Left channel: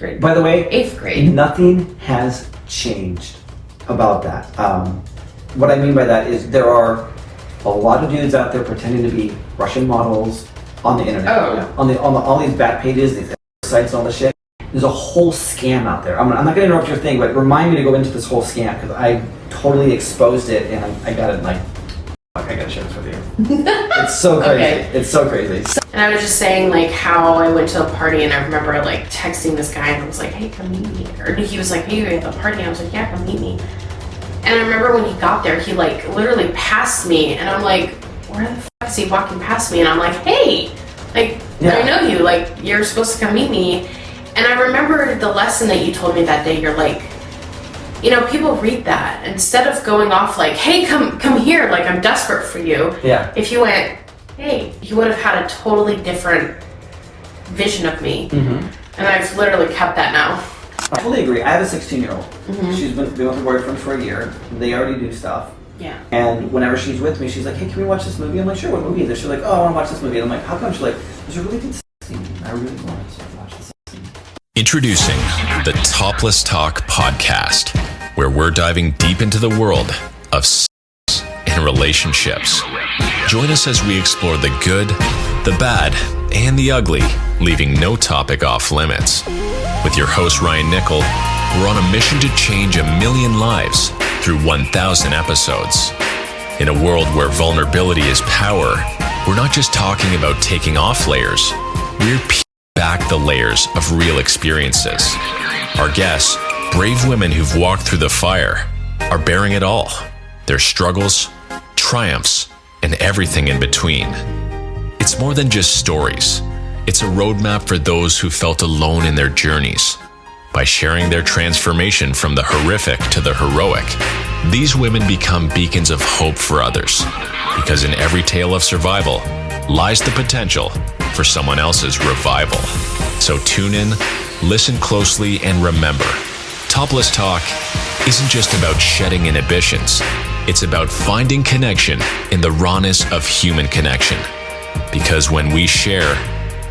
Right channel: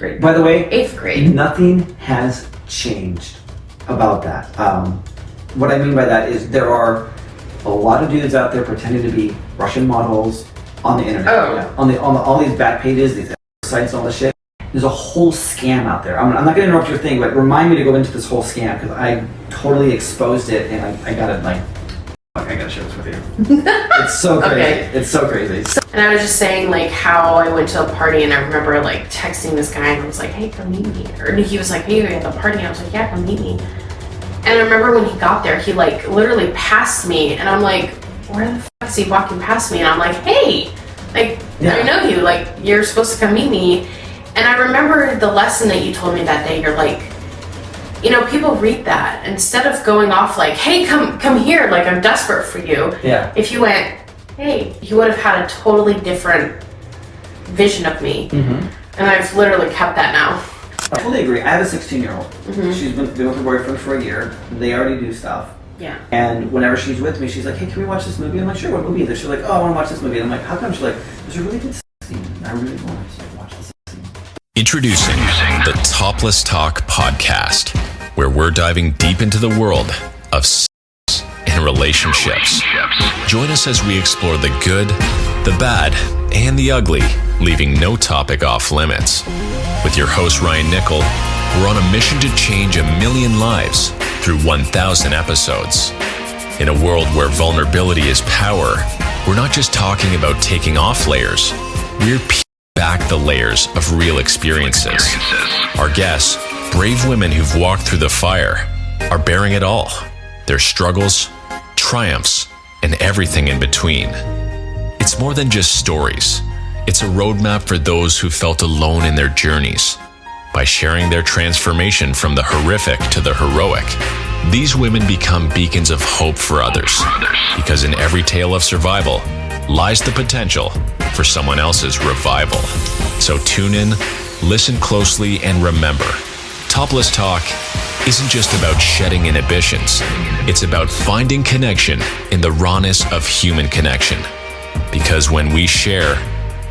grade. By the way, 8th grade. Nothing has changed about that. What I mean by that is there are a lot of dudes out there pretending to be Russian models on the internet. On all these back pages, these sites, all this shit. There's a whole scam out there. I'm not going to interrupt your thing, but remind me to go into this whole scam because I totally exposed it and I got it I gotta share this with you. It's so crazy. Okay. It's so crazy. And I was just saying how I went to a party and I remember texting this guy and I was like, hey, come meet me. Or he was like, hey, you're at the party. I was like, yeah, come meet me. And I remember when he got there, he literally passed me and I'm like, where the fuck is he walking past me? And I'm like, hey, I know you, you're supposed to come meet me. And I remember the lesson that you told me that day. You're like, people read that instead of going off hey, come here, I'm desperate for you. Yeah. If you went, hey, you would have had a totally different vision of me. Mm-hmm. And I've literally kept that now. I totally agree. I have a 16-year-old. Mm-hmm. She's been with her boyfriend for a year. They already do stuff. Yeah. And whenever she's with me, she's like, hey, can we watch this movie? I'm like, sure, what movie is it? She's like, oh, I want to watch this movie. And I'm like, how come? She's like, there's a really good sex scene. I really want to watch the sex scene. Introducing the ToplessTalk podcast, where we're diving deep into the world of sex and relationships. Join us as we explore the good, the bad, and the ugly, leaving no topic off limits. With your host, Ryan Nickel, we're on a mission to change 1 million lives through 1,000 episodes. In a world where vulnerability is power, we're not just talking about taking off layers, we're peeling back the layers of real experiences. Our guests, brave women who've walked through the fire, are bearing it all. Their struggles, triumphs, and everything in between. It's more than just stories. It's a roadmap for those who felt alone in their journeys. By sharing their transformation from the horrific to the heroic, these women become beacons of hope for others. Because in every tale of survival lies the potential for someone else's revival. So tune in, listen closely, and remember, ToplessTalk isn't just about shedding inhibitions. It's about finding connection in the rawness of human connection. Because when we share,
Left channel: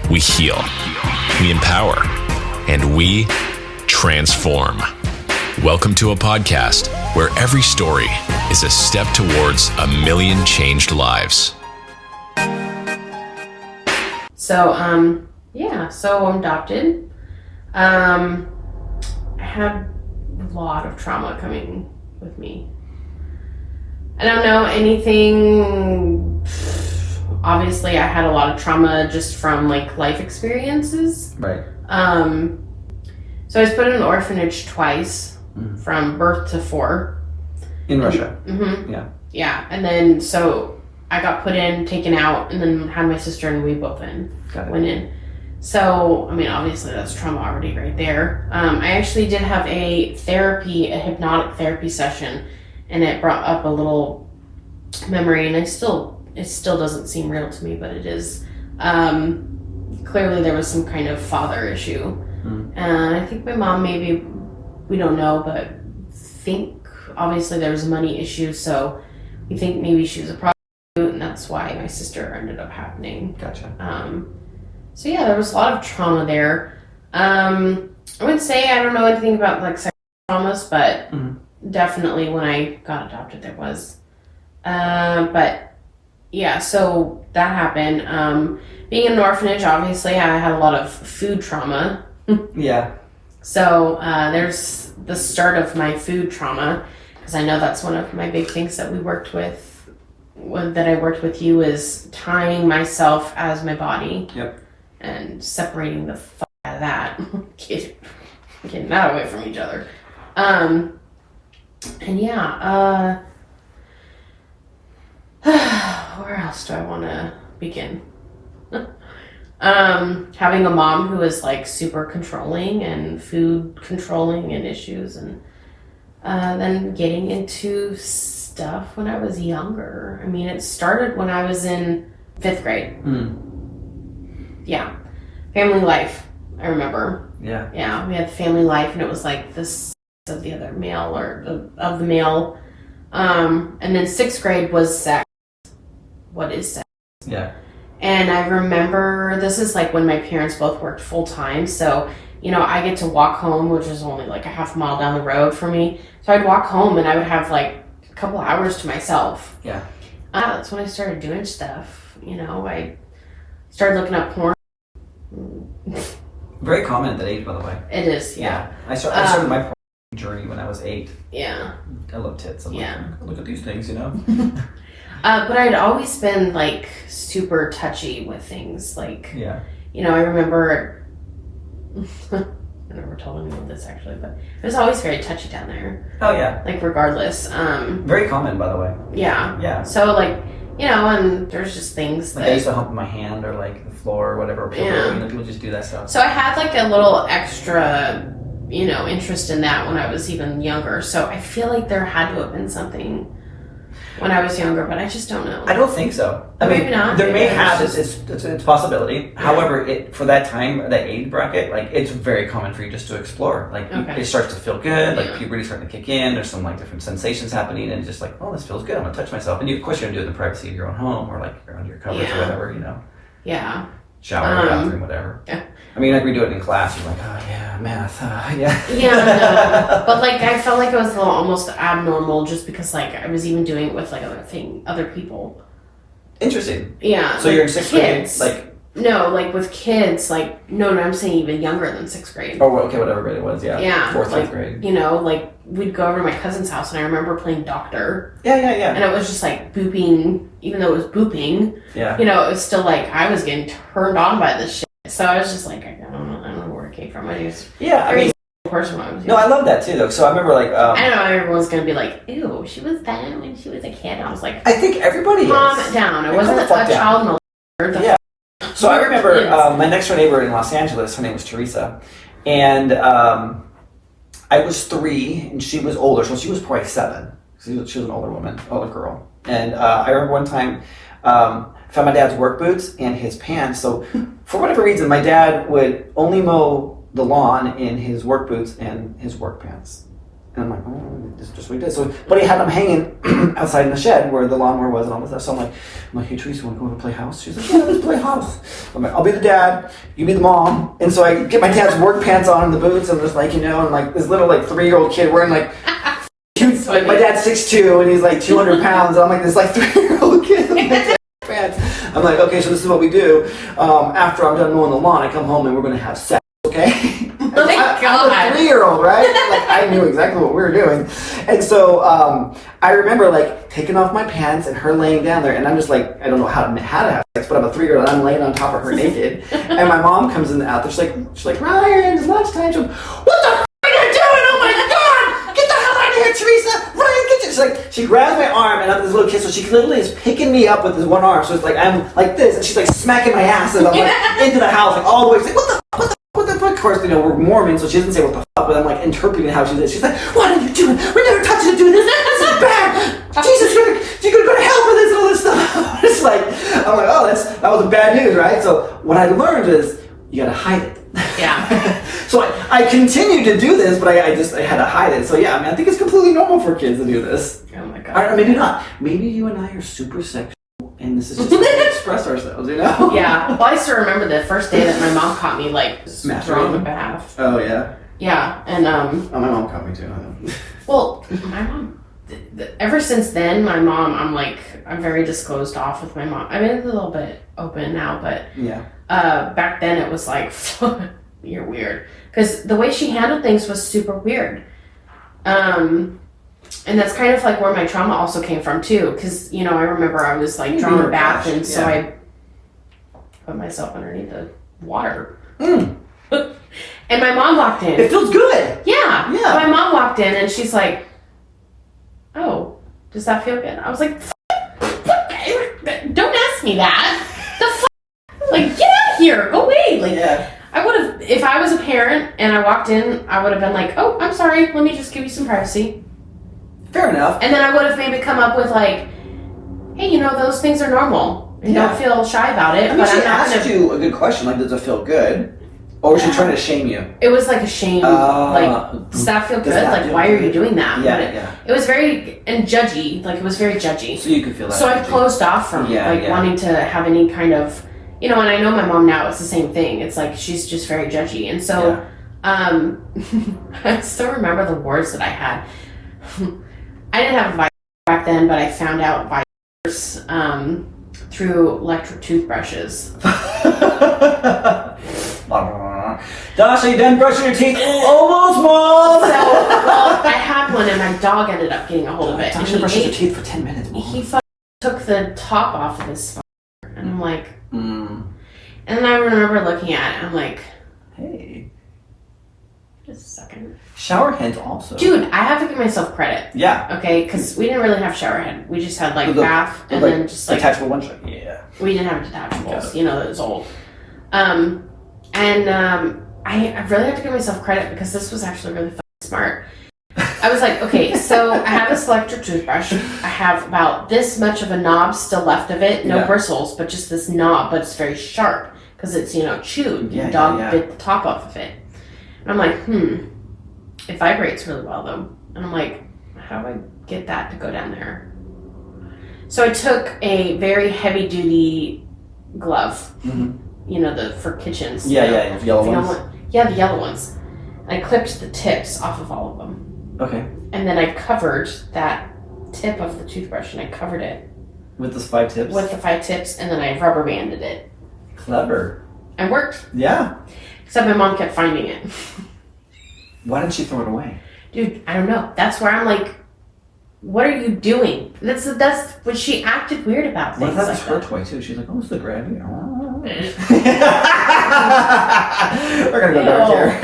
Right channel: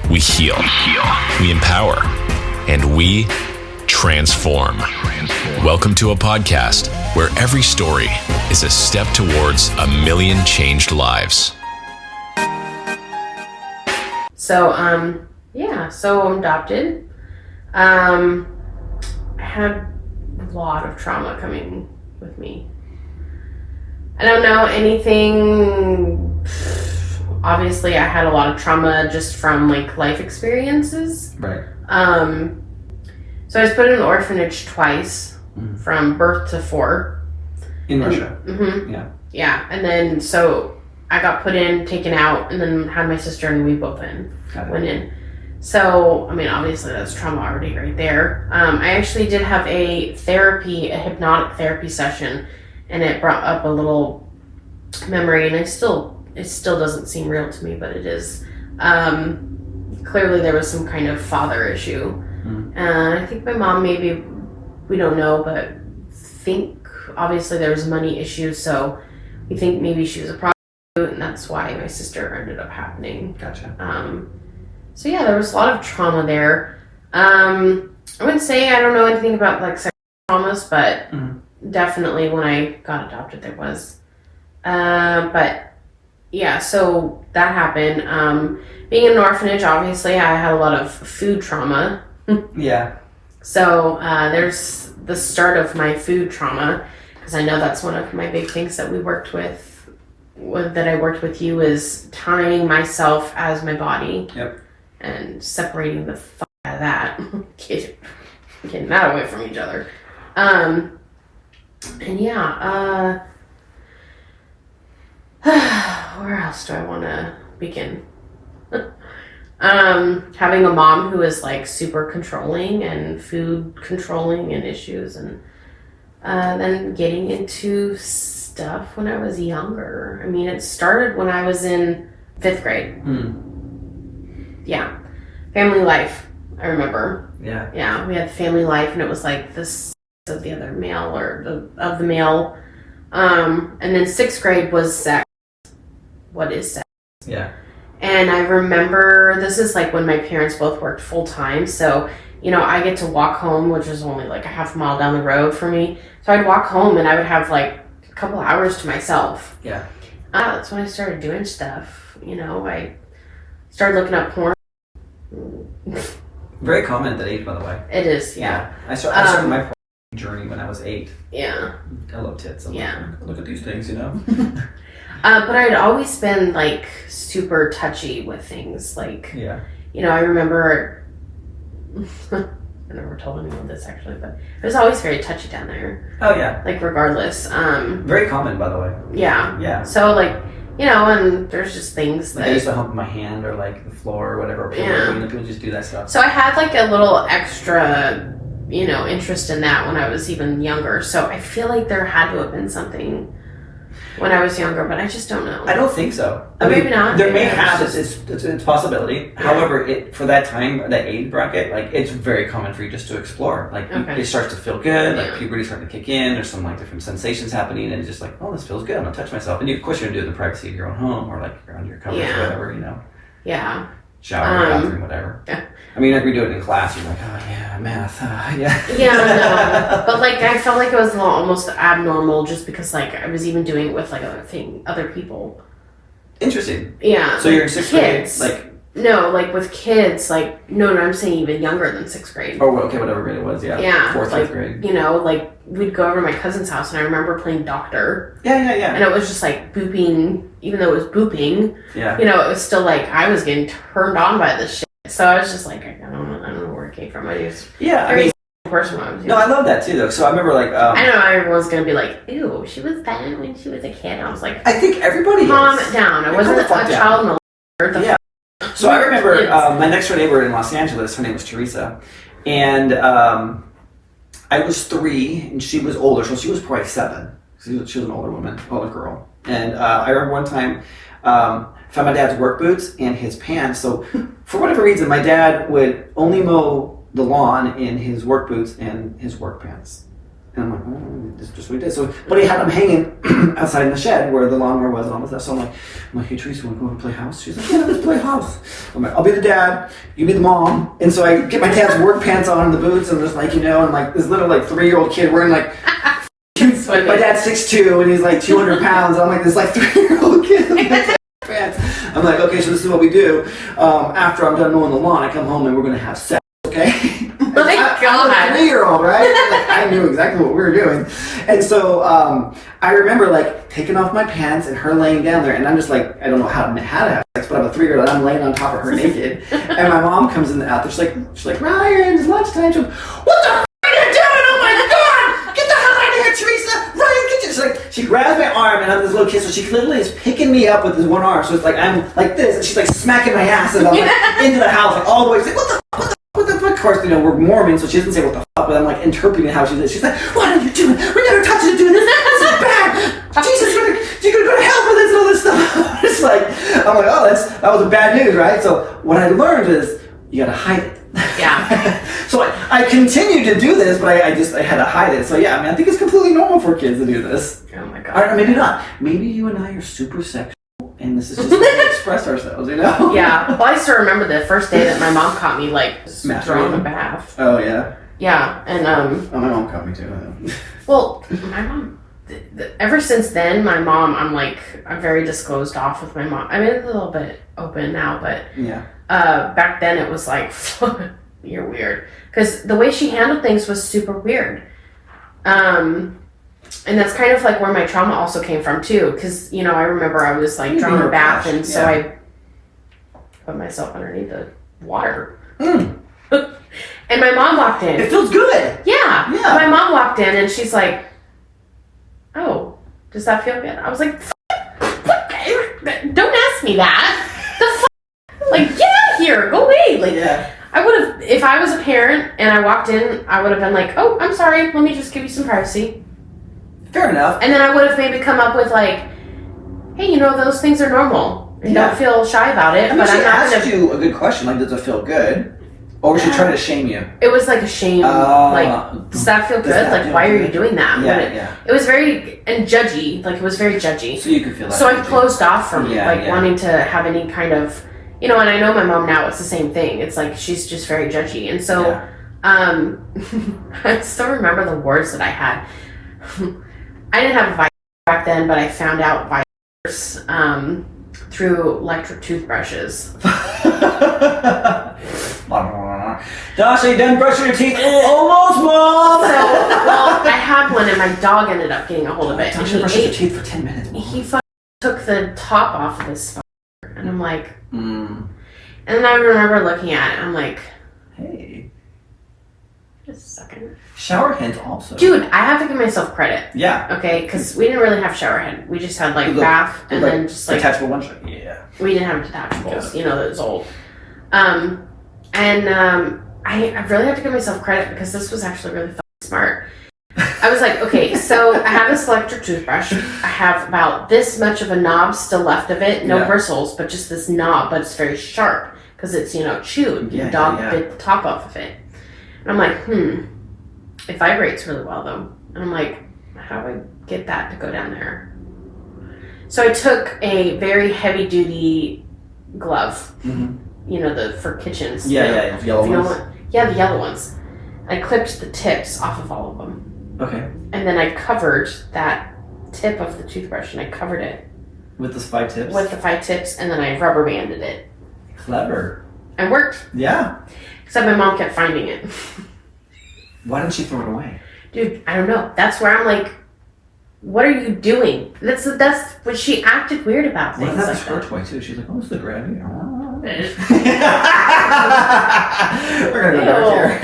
we heal, we empower, and we transform. Welcome to a podcast where every story is a step towards 1 million changed lives. So, so I'm adopted. I had a lot of trauma coming with me. I don't know anything. Obviously, I had a lot of trauma just from life experiences. Right. So I was put in an orphanage twice, from birth to 4. In Russia. Mm-hmm. Yeah. Yeah, and then so I got put in, taken out, and then had my sister and we both went in. So, obviously that's trauma already right there. I actually did have a hypnotic therapy session, and it brought up a little memory, and it still doesn't seem real to me, but it is. Clearly there was some kind of father issue. And I think my mom maybe, we don't know, but think obviously there was money issues, so we think maybe she was a prostitute, and that's why my sister ended up happening. Gotcha. So yeah, there was a lot of trauma there. I would say I don't know anything about sexual traumas, but definitely when I got adopted there was. But yeah, so that happened. Being in an orphanage, obviously I had a lot of food trauma. Yeah. So there's the start of my food trauma, because I know that's one of my big things that we worked that I worked with you, is tying myself as my body. Yep. And separating the fuck out of that. Getting that away from each other. And yeah, where else do I want to begin? Having a mom who is super controlling and food controlling and issues, and then getting into stuff when I was younger. It started when I was in 5th grade. Yeah. Family life, I remember. Yeah. Yeah, we had family life, and it was the sex of the other male, or of the male. And then 6th grade was sex. What is sex? Yeah. And I remember, this is when my parents both worked full time, so you know, I get to walk home, which is only like a half mile down the road for me. So I'd walk home and I would have like a couple hours to myself. Yeah. That's when I started doing stuff. You know, I started looking up porn. Very common at that age, by the way. It is, yeah. I started my porn journey when I was 8. Yeah. I love tits. I'm Yeah. like, look at these things, you know? But I'd always been like super touchy with things. Like, Yeah. you know, I remember, I never told anyone this actually, but it was always very touchy down there. Oh, yeah. Like, regardless. Very common, by the way. Yeah. Yeah. So, like, you know, and there's just things Like that. I used to hump my hand or like the floor or whatever. Or pillow, Yeah. you know, people just do that stuff. So I had like a little extra, you know, interest in that when I was even younger. So I feel like there had to have been something when I was younger, but I just don't know. I don't think so. I Maybe mean, not. there may Maybe have it's it's a possibility. However, for that time, that age bracket, like it's very common for you just to explore. Like Okay. it starts to feel good. Like Yeah. puberty starting to kick in. There's some like different sensations happening, and it's just like, oh, this feels good. I'm gonna touch myself. And of course, you're gonna do it in the privacy of your own home or like around your covers Yeah. or whatever. You know, Yeah. shower, bathroom, whatever. Yeah. I mean, like we do it in class. You're like, oh yeah, math. Yeah. Yeah, no. But like I felt like it was a little almost abnormal just because like I was even doing it with like other people. Interesting. Yeah. So you're in 6th grade, kids. like, No, like with kids, like no, I'm saying even younger than 6th grade. oh, okay, whatever grade it was, yeah. Yeah. 4th, like, 5th grade. You know, like we'd go over to my cousin's house and I remember playing doctor. Yeah, yeah, yeah. And it was just like booping, even though it was booping, Yeah. you know, it was still like I was getting turned on by this shit. So I was just like, I don't know where it came from. I was Yeah, I mean, a person when I was no, I love that too, though. So I remember, like, I know everyone's gonna be like, ew, she was that when she was a kid. I was like, I think everybody calm is. it down. I Yeah, wasn't calm a the fuck down. child molester. Yeah. So I remember Kids. my next door neighbor in Los Angeles, her name was Teresa, and I was 3 and she was older, so she was probably 7. She was an older woman, older girl. And I remember one time, found my dad's work boots and his pants. So for whatever reason, my dad would only mow the lawn in his work boots and his work pants. And I'm like, oh, this is just what he did. So, but he had them hanging outside in the shed where the lawnmower was and all this stuff. So I'm like, hey, Teresa, want to go over and play house? She's like, yeah, let's play house. I'm like, I'll be the dad, you be the mom. And so I get my dad's work pants on and the boots and just like, you know, and like this little like 3-year-old kid wearing like, like my dad's 6'2" and he's like 200 pounds. And I'm like this like 3-year-old kid in my dad's pants. I'm like, okay, so this is what we do. After I'm done mowing the lawn, I come home and we're going to have sex, okay? Oh my I'm God. a 3-year-old, right? Like I knew exactly what we were doing. And so I remember like taking off my pants and her laying down there and I'm just like, I don't know how to have sex, but I'm a 3-year-old and I'm laying on top of her naked. And my mom comes in out there, she's like, Ryan, it's lunchtime. She's like, what the f*** are you doing? Oh my God! Get the hell out of here, Teresa! Ryan, get you! She's like, she grabs my arm and I'm this little kid, so she literally is picking me up with this one arm. So it's like I'm like this and she's like smacking my ass and I'm like into the house, like all the way. She's like, what the fuck? Of course, you know, we're Mormon, so she doesn't say what the fuck, but I'm like interpreting how she did. She's like, what are you doing? We never touched you doing this. This is bad. Jesus, you're gonna go to hell for this and all this stuff. It's like, I'm like, oh, that was bad news, right? So what I learned is you gotta hide it. Yeah. So I continued to do this, but I had to hide it. So yeah, I mean, I think it's completely normal for kids to do this. Oh my God. Or maybe not. Maybe you and I are super sexual, and this is just how we express ourselves, you know? Yeah. Well, I still remember the first day that my mom caught me like throwing a bath. Oh yeah. Yeah, and Oh, my mom caught me too. well, my mom. Ever since then, my mom, I'm very disclosed off with my mom. I mean, it's a little bit open now, but Yeah. back then it was like, you're weird. Because the way she handled things was super weird. And that's kind of like where my trauma also came from too. Because, you know, I remember I was like drawing a bath and so I put myself underneath the water. Mm. And my mom walked in. It feels good. Yeah. Yeah. My mom walked in and she's like, oh, does that feel good? I was like, don't ask me that. The f-? Like, get out of here. Go away. Like, Yeah. I would have, if I was a parent and I walked in, I would have been like, oh, I'm sorry. Let me just give you some privacy. Fair enough. And then I would have maybe come up with like, hey, you know, those things are normal. And Yeah. don't feel shy about it. I mean, but she I'm not asked you a good question, like, does it feel good? Or was she trying to shame you? It was like a shame. Like, does that feel Does good? that Like, feel why are good? you doing that? Yeah, But yeah. It was very, and judgy. Like, it was very judgy. So you could feel that. So I energy. closed off from Yeah. wanting to have any kind of, you know, and I know my mom now, it's the same thing. It's like, she's just very judgy. And so, I still remember the words that I had. I didn't have Vice back then, but I found out Vice through electric toothbrushes. Dasha, you done brushing your teeth? Almost, Mom! So, I had one and my dog ended up getting a hold of it. Dasha brushes your teeth for 10 minutes, Mom. He took the top off of his phone. And I'm like... Mm. And then I remember looking at it, I'm like... Hey. Just a second. Shower heads also. Dude, I have to give myself credit. Yeah. Okay, because we didn't really have shower head. We just had like Look, bath and like, then just like... detachable ones? Yeah. We didn't have detachables. You know, it was old. I really have to give myself credit because this was actually really fucking smart. I was like, okay, so I have this electric toothbrush. I have about this much of a knob still left of it. No bristles, but just this knob, but it's very sharp because it's, you know, chewed. Yeah, the dog bit the top off of it. And I'm like, it vibrates really well though. And I'm like, how do I get that to go down there? So I took a very heavy duty glove, you know, for kitchens. Yeah, yellow ones. Yeah, the yellow ones. And I clipped the tips off of all of them. Okay. And then I covered that tip of the toothbrush and I covered it. With the 5 tips? With the 5 tips, and then I rubber banded it. Clever. And worked. Yeah. Except my mom kept finding it. Why didn't she throw it away? Dude, I don't know. That's where I'm like, what are you doing? That's when she acted weird about What things. if that was like her that. toy too? She's like, oh, it's the gravy. We're gonna go dark here.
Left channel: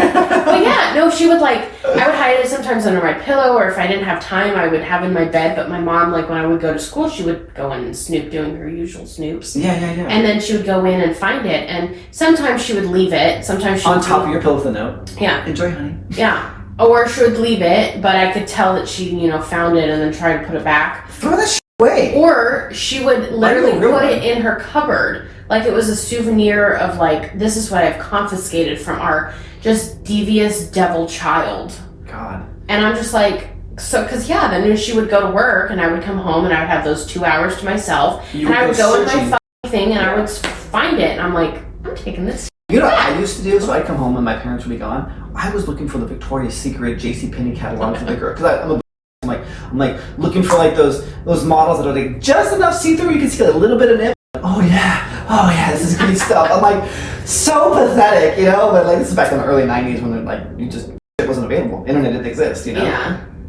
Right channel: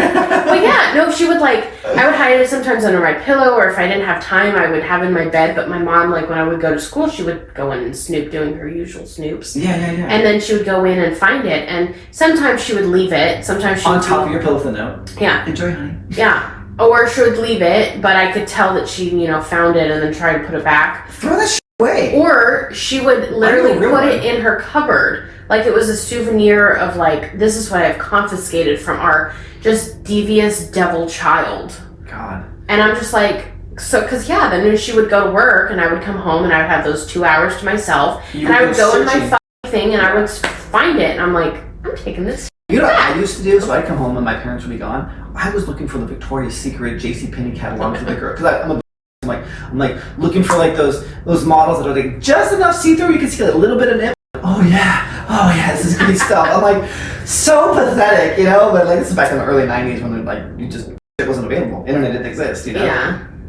Well, yeah, no, she would like, I would hide it sometimes under my pillow, or if I didn't have time, I would have it in my bed. But my mom, like when I would go to school, she would go in and snoop, doing her usual snoops. Yeah. And then she would go in and find it, and sometimes she would leave it. Sometimes she on would top of your pillow with a note. Yeah. Enjoy, honey. Yeah. Or she would leave it, but I could tell that she, you know, found it and then tried to put it back. Throw that shit away. Or she would literally put it in her cupboard, like it was a souvenir of like, this is what I've confiscated from our just devious devil child. God. And I'm just like, so, cause then she would go to work and I would come home and I would have those 2 hours to myself. And I would go in my fucking thing and I would find it and I'm like, I'm taking this. You know what I used to do? So I'd come home and my parents would be gone. I was looking for the Victoria's Secret JCPenney catalogs with the girl. Cause I'm like looking for like those models that are like just enough see-through you can see a little bit of nip. Oh yeah, this is good stuff. I'm like, so pathetic, you know? But like this is back in the early 90s when like it wasn't available. Internet didn't exist, you know?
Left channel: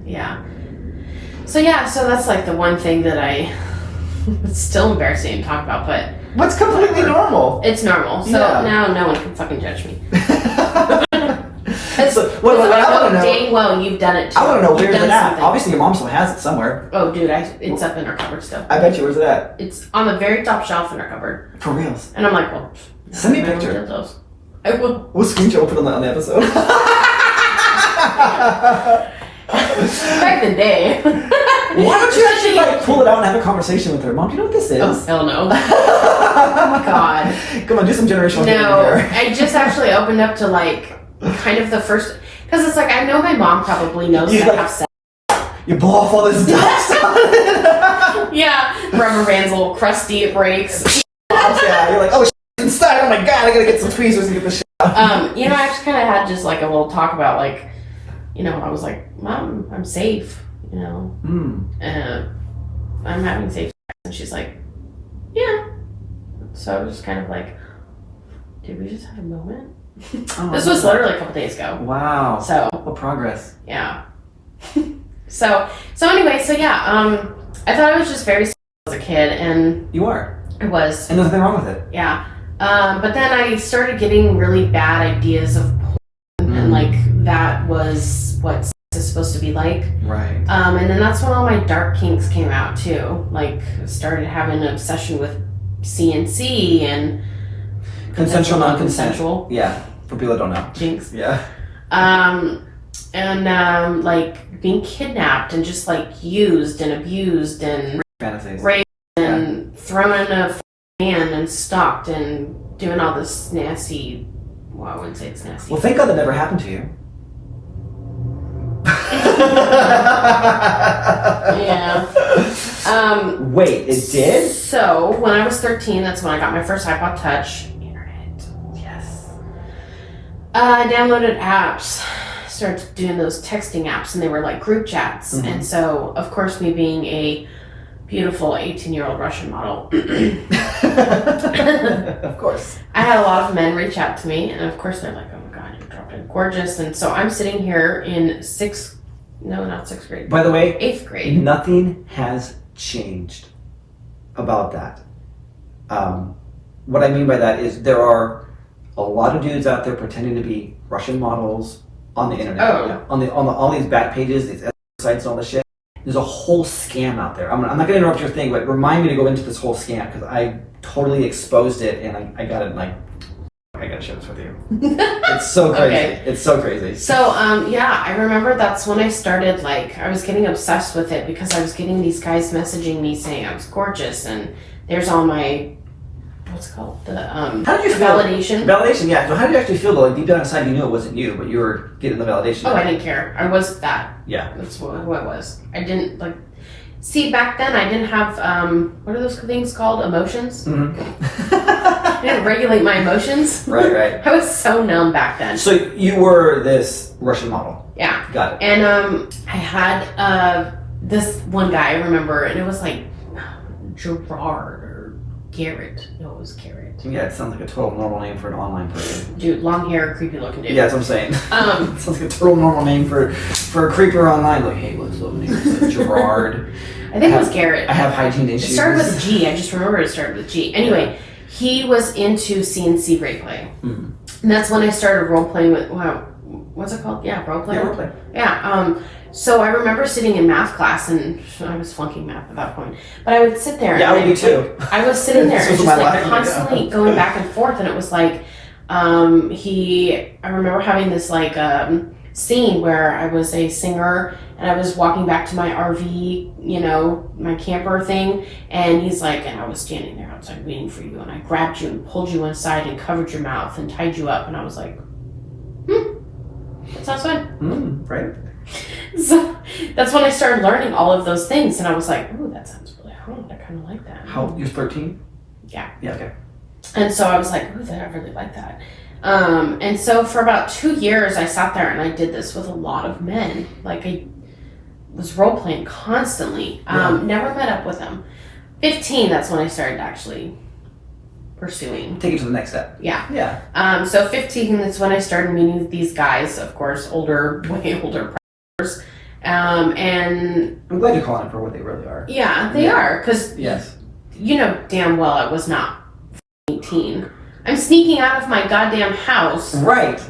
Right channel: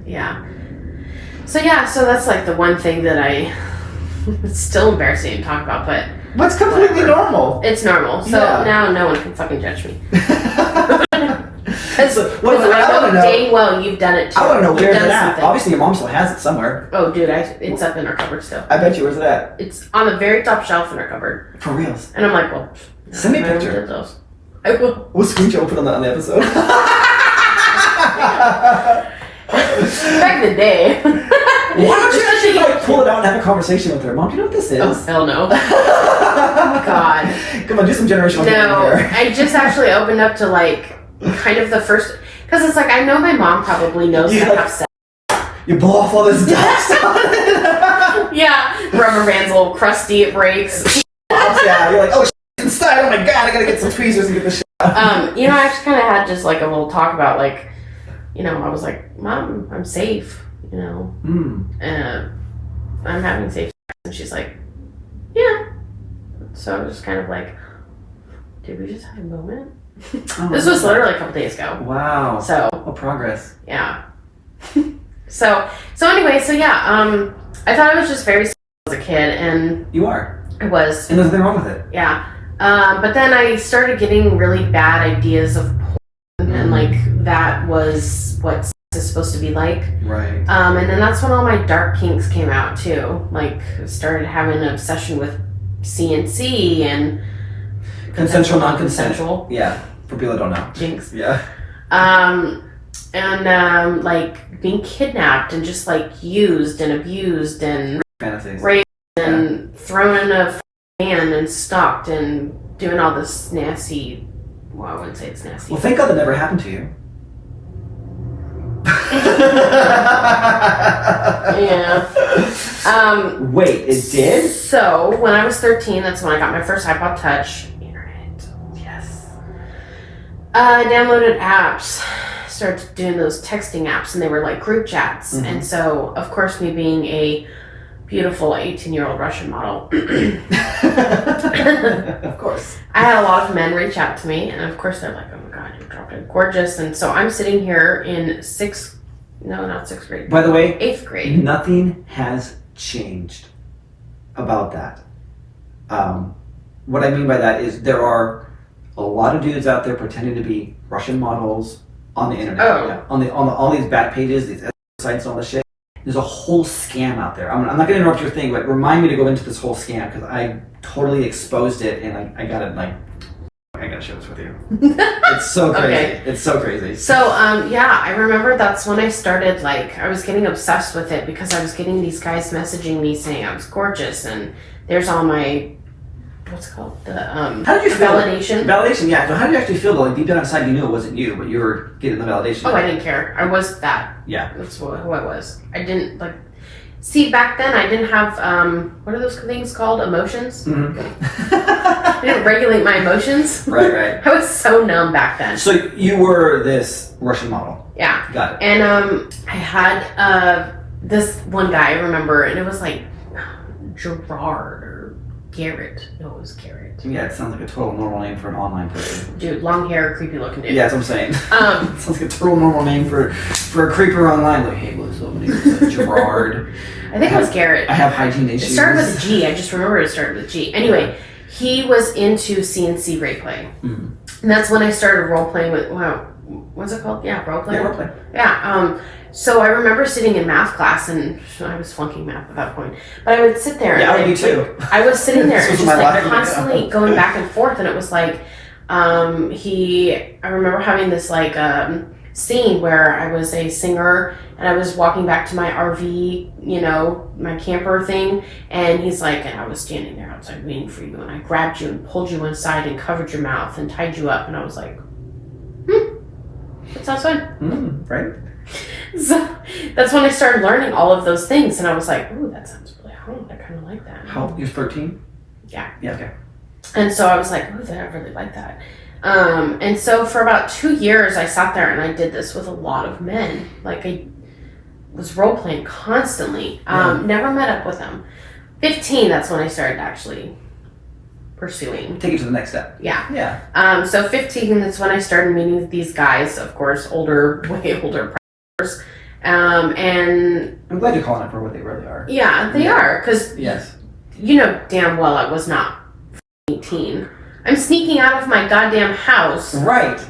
Yeah. So that's like the one thing that it's still embarrassing to talk about, but what's completely normal? It's normal. So now no one can fucking judge me. So, what I want to know, dang well you've done it too. I want to know where's it at. Obviously your mom still has it somewhere. Oh dude, it's up in her cupboard still. I bet you. Where's it at? It's on the very top shelf in her cupboard. For reals? And I'm like, well, send me a picture. I will. We'll screenshot. We'll put on the episode. Back the day. Why don't you actually like pull it out and have a conversation with her? Mom, do you know what this is? Oh hell no. Oh God. Come on, do some generational here. No, I just actually opened up to like kind of the first, because it's like I know my mom probably knows that I have sex. You blow off all this dust on it. Yeah, rubber band's a little crusty, it breaks. Yeah, you're like, oh shit, it's inside. Oh my God, I gotta get some tweezers and get this shit out. You know, I actually kind of had just like a little talk about like, you know, I was like, Mom, I'm safe, you know, I'm having safe sex, and she's like, yeah. So I was just kind of like, did we just have a moment? This was literally a couple days ago. Wow. So what progress? Yeah. so anyway, I thought I was just very as a kid, and you are. I was. And there's nothing wrong with it. Yeah. But then I started getting really bad ideas of porn, and like that was what sex is supposed to be like. Right. And then that's when all my dark kinks came out too. Like started having an obsession with CNC and consensual, non-consensual. Consensual. Yeah. For people that don't know. Jinx. Yeah. And like being kidnapped and just like used and abused and fantasies. Raped and thrown in a van and stalked and doing all this nasty. Well, I wouldn't say it's nasty. Well, thank God that never happened to you. Yeah. Wait, it did? So when I was 13, that's when I got my first iPod Touch. Internet. Yes. I downloaded apps, started doing those texting apps, and they were like group chats. Mhm. And so, of course, me being a beautiful 18-year-old Russian model, Of course. I had a lot of men reach out to me, and of course they're like, "Oh my God, you're probably gorgeous." And so I'm sitting here in not sixth grade. By the way, 8th grade. nothing has changed about that. What I mean by that is there are a lot of dudes out there pretending to be Russian models on the internet. Oh. On all these back pages, these sites, all this shit. There's a whole scam out there. I'm not going to interrupt your thing, but remind me to go into this whole scam because I totally exposed it, and I got it I gotta share this with you. It's so crazy. Okay. It's so crazy. So, I remember that's when I started, I was getting obsessed with it because I was getting these guys messaging me saying I was gorgeous, and there's all my, what's it called? How did you feel? Validation. Validation, yeah. So how did you actually feel though? Like deep down inside you knew it wasn't you, but you were getting the validation. Oh, I didn't care. I was that. Yeah. That's what it was. I didn't, see, back then I didn't have, what are those things called? Emotions? Mm-hmm. I didn't regulate my emotions. Right. I was so numb back then. So you were this Russian model. Yeah. Got it. And I had this one guy, I remember, and it was like Gerard or Garrett. No, it was Garrett. Yeah, it sounds like a total normal name for an online person. Dude, long hair, creepy looking dude. Yeah, that's what I'm saying. It sounds like a total normal name for a creeper online. Like, hey, what's up? My name is Gerard. I think it was Garrett. I have hygiene issues. It started with a G. I just remember it started with a G. Anyway, he was into CNC role play. Mm-hmm. And that's when I started role playing with, what's it called? Yeah, role play. Yeah, role play. Yeah. So I remember sitting in math class, and I was flunking math at that point. But I would sit there. Yeah, and I would be too. I was sitting there This and was just my life. constantly going back and forth, and it was like, I remember having this scene where I was a singer and I was walking back to my RV, my camper thing, and he's like, and I was standing there outside waiting for you, and I grabbed you and pulled you inside and covered your mouth and tied you up, and I was like, that sounds fun. Right? So that's when I started learning all of those things, and I was like, ooh, that sounds really hard. I kind of like that. How? You're 13? Yeah. Yeah, okay. And so I was like, ooh, I really like that. And so for about 2 years, I sat there and I did this with a lot of men. I was role playing constantly. Never met up with them. 15, that's when I started actually pursuing. Take it to the next step. Yeah. Yeah. So 15, that's when I started meeting these guys, of course, way older predators. And I'm glad you're calling it for what they really are. yeah, they are. Because Yes. you know damn well I was not 18. I'm sneaking out of my goddamn house. Right.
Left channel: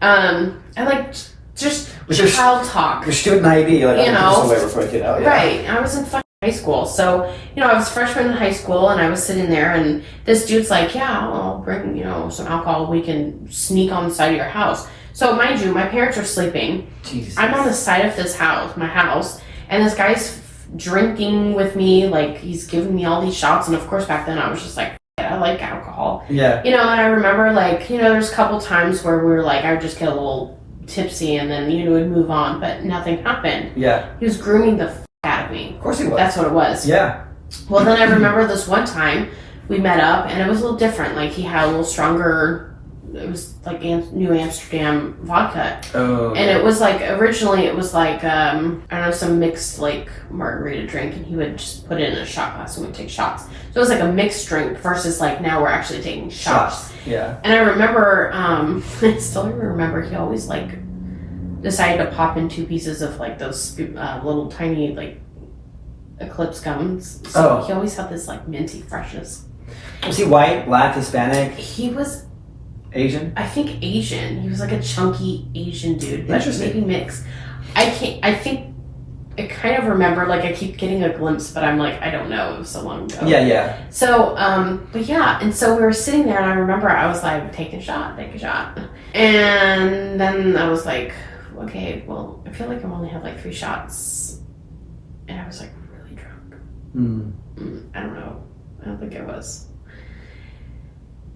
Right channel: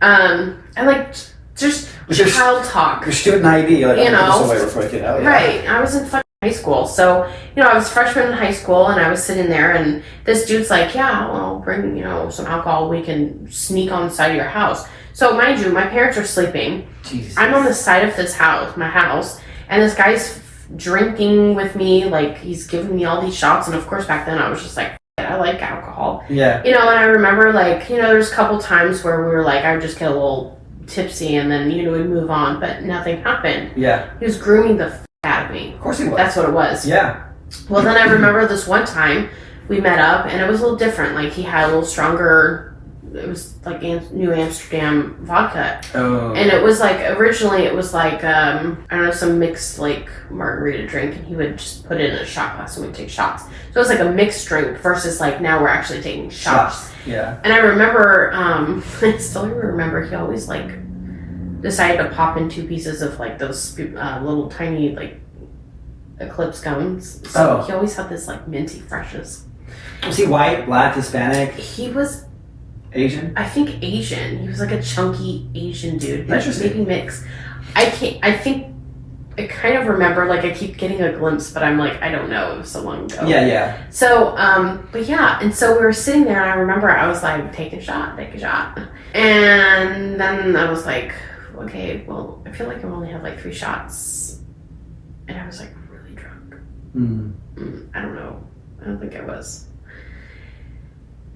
I just With your child talk. Your student ID, You know. Yeah. Right. I was in fucking high school. So, I was a freshman in high school, and I was sitting there, and this dude's like, yeah, I'll bring, some alcohol. We can sneak on the side of your house. So, mind you, my parents are sleeping. Jesus. I'm on the side of my house, and this guy's drinking with me. He's giving me all these shots. And of course, back then, I was just like, I like alcohol. Yeah. And I remember, there's a couple times where we were I would just get a little tipsy, and then, we'd move on, but nothing happened. Yeah. He was grooming the out of me. Of course he was. That's what it was. Yeah. Well, then I remember this one time we met up, and it was a little different. He had a little stronger, it was New Amsterdam vodka. Oh. And it was originally it was I don't know, some mixed margarita drink, and he would just put it in a shot glass and we'd take shots. So it was a mixed drink versus now we're actually taking shots. Yeah. And I remember, I still remember he always decided to pop in 2 pieces of those little tiny Eclipse gums. So he always had this minty freshness. Was he white, black, Hispanic? He was Asian? I think Asian. He was a chunky Asian dude. But Interesting. maybe mixed. I think I kind of remember, I keep getting a glimpse, but I'm I don't know, it was so long ago. Yeah. So, but yeah, and so we were sitting there, and I remember I was take a shot. And then I was okay, well, I feel I only have 3 shots. And I was really drunk. I don't know. I don't think I was.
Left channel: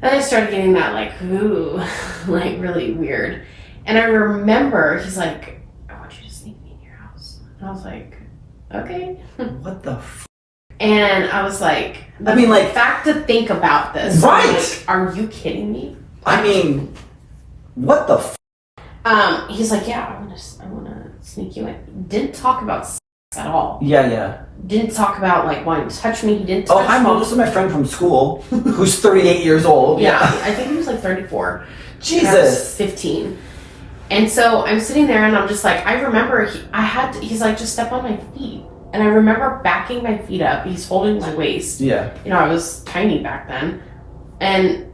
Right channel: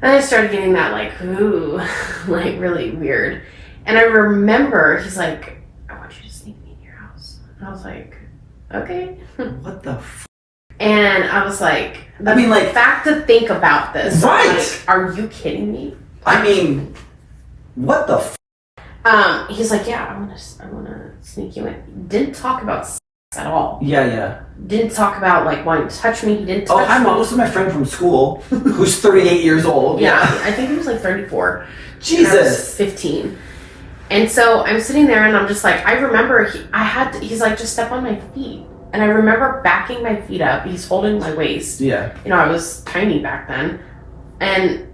Then I started getting that ooh, really weird. And I remember he's I want you to sneak me in your house. And I was okay. What the f? And I was the fact to think about this. Right. Are you kidding me? I mean, What the He's like, yeah, I want to sneak you in. Didn't talk about sex at all. Yeah. Didn't talk about like wanting to touch me. He didn't touch me. Oh, hi, Mom. This is my friend from school who's 38 years old. Yeah, I think he was like 34. Jesus. And I was 15. And so I'm sitting there and I'm just like, I remember he's like, just step on my feet. And I remember backing my feet up. He's holding my waist. Yeah. You know, I was tiny back then. And,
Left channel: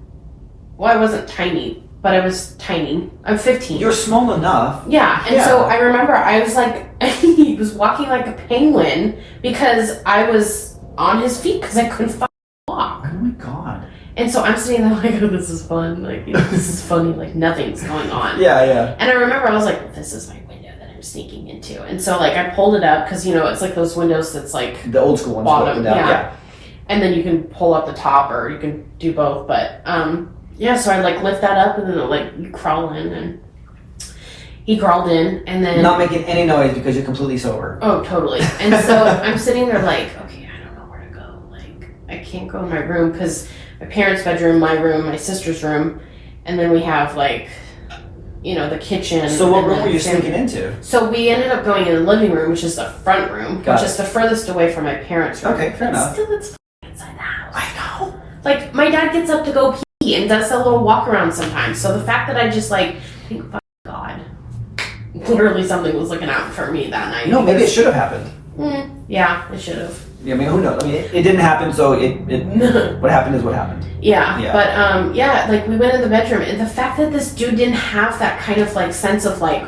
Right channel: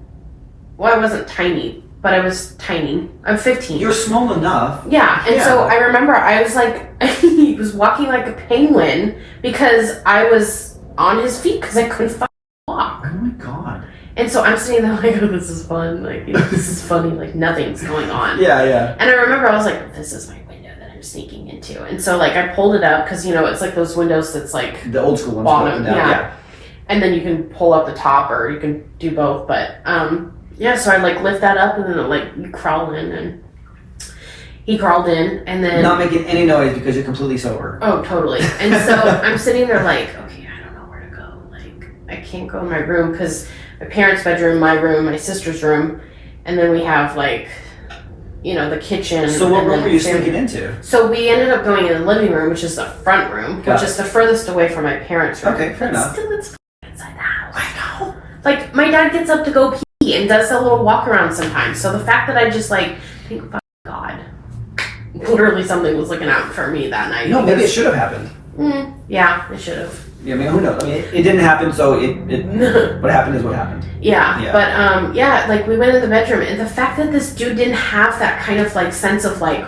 well, I wasn't tiny, but I was tiny. I'm 15. You're small enough. Yeah. And so I remember I was like, he was walking like a penguin because I was on his feet because I couldn't fucking walk. Oh my God. And so I'm sitting there like, oh, this is fun. Like, this is funny. Like, nothing's going on. Yeah. And I remember I was like, this is my window that I'm sneaking into. And so, like, I pulled it up because, you know, it's like those windows that's like the old school ones. bottom. Yeah. And then you can pull up the top or you can do both. But, so I, like, lift that up and then, like, you crawl in. And he crawled in and then... Not making any noise because you're completely sober. Oh, totally. And so I'm sitting there like, okay, I don't know where to go. Like, I can't go in my room because... my parents' bedroom, my room, my sister's room, and then we have like, you know, the kitchen. So what room were you sneaking into? So we ended up going in the living room, which is the front room, which is the furthest away from my parents' room. Okay, fair enough. Still, it's inside the house. I know. Like, my dad gets up to go pee and does a little walk around sometimes. So the fact that I just like think, fuck God, literally something was looking out for me that night. No, maybe it should have happened. Yeah, it should have. Yeah, I mean, who knows? I mean, it didn't happen, so what happened is what happened. Yeah, but like we went in the bedroom, and the fact that this dude didn't have that kind of like sense of like,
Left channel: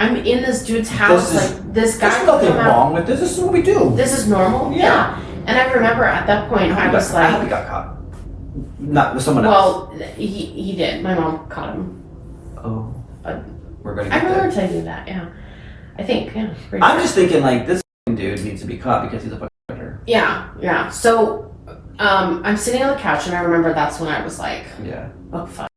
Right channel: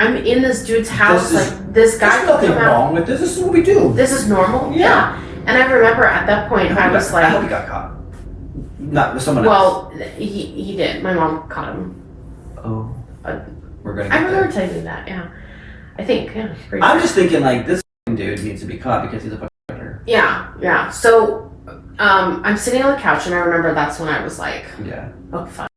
I'm in this dude's house, this guy. There's nothing wrong with this. This is what we do. This is normal. Yeah. And I remember at that point, I was like, I hope he got caught. Not with someone else. Well, he did. My mom caught him. Oh, we're gonna. I remember telling you that. Yeah, I think. Yeah. I'm just thinking like this dude needs to be caught because he's a fucking predator. Yeah. So. I'm sitting on the couch and I remember that's when I was like, oh fuck.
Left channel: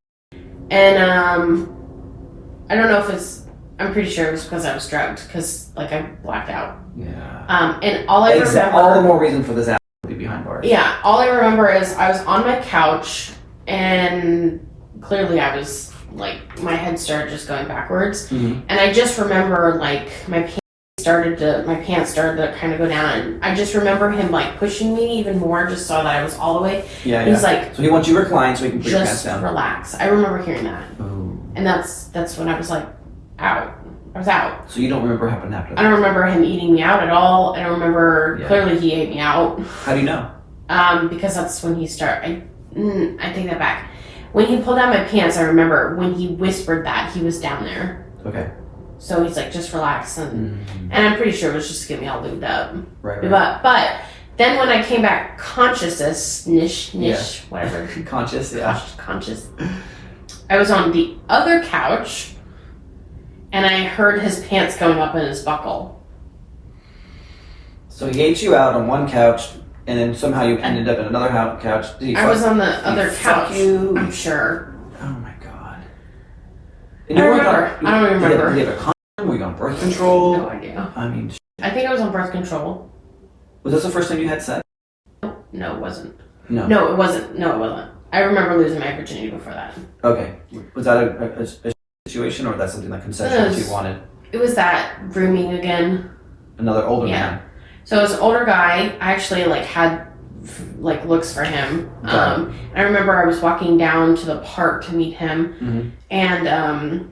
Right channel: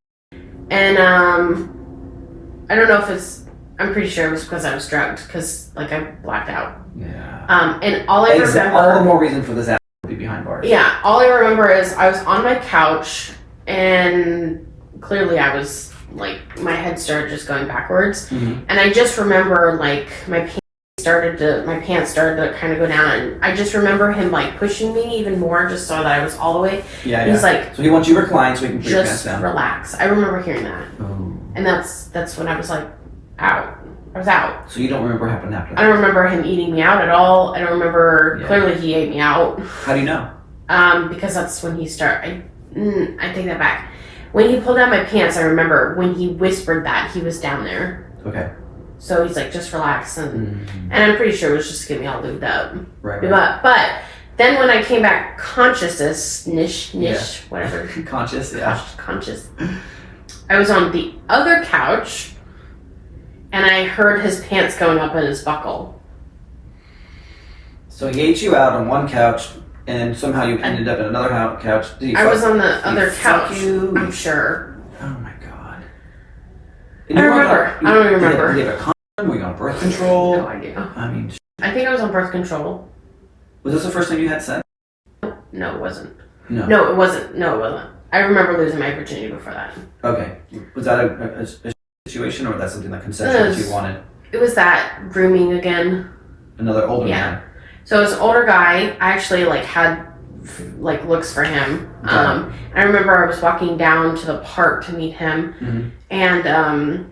And I don't know if I'm pretty sure it was because I was drugged because like I blacked out. Yeah. And all I remember, all the more reason for this ass to be behind bars. Yeah, all I remember is I was on my couch and clearly I was like my head started just going backwards, and I just remember like my pants started to kind of go down, and I just remember him like pushing me even more just so that I was all the way. Yeah. He's like, so he wants you reclined so he can put your pants just down. relax. I remember hearing that, Oh. and that's when I was like, out. I was out. So you don't remember what happened after that? I don't remember him eating me out at all. I don't remember. Clearly he ate me out. How do you know? Because that's when he started. I take that back. When he pulled down my pants, I remember when he whispered that he was down there. Okay. So he's like, just relax, and I'm pretty sure it was just to get me all lubed up. Right. But then when I came back conscious, whatever. Conscious, yeah. Conscious. I was on the other couch, and I heard his pants going up in his buckle. So he ate you out on one couch, and then somehow you ended up in another couch. I was on the other couch. You? I'm sure. Oh my God. I don't remember. Did you have a condom? Were you on birth control? No idea. I mean, I think I was on birth control. was this the first time you had sex? No, it wasn't. No, it wasn't. I remember losing my virginity before that. Okay. Was that a situation, or that's something like consensual that you wanted? It was that grooming again. Another older man. So it was an older guy. I actually had looks for him. I remember I was walking down to the park to meet him, and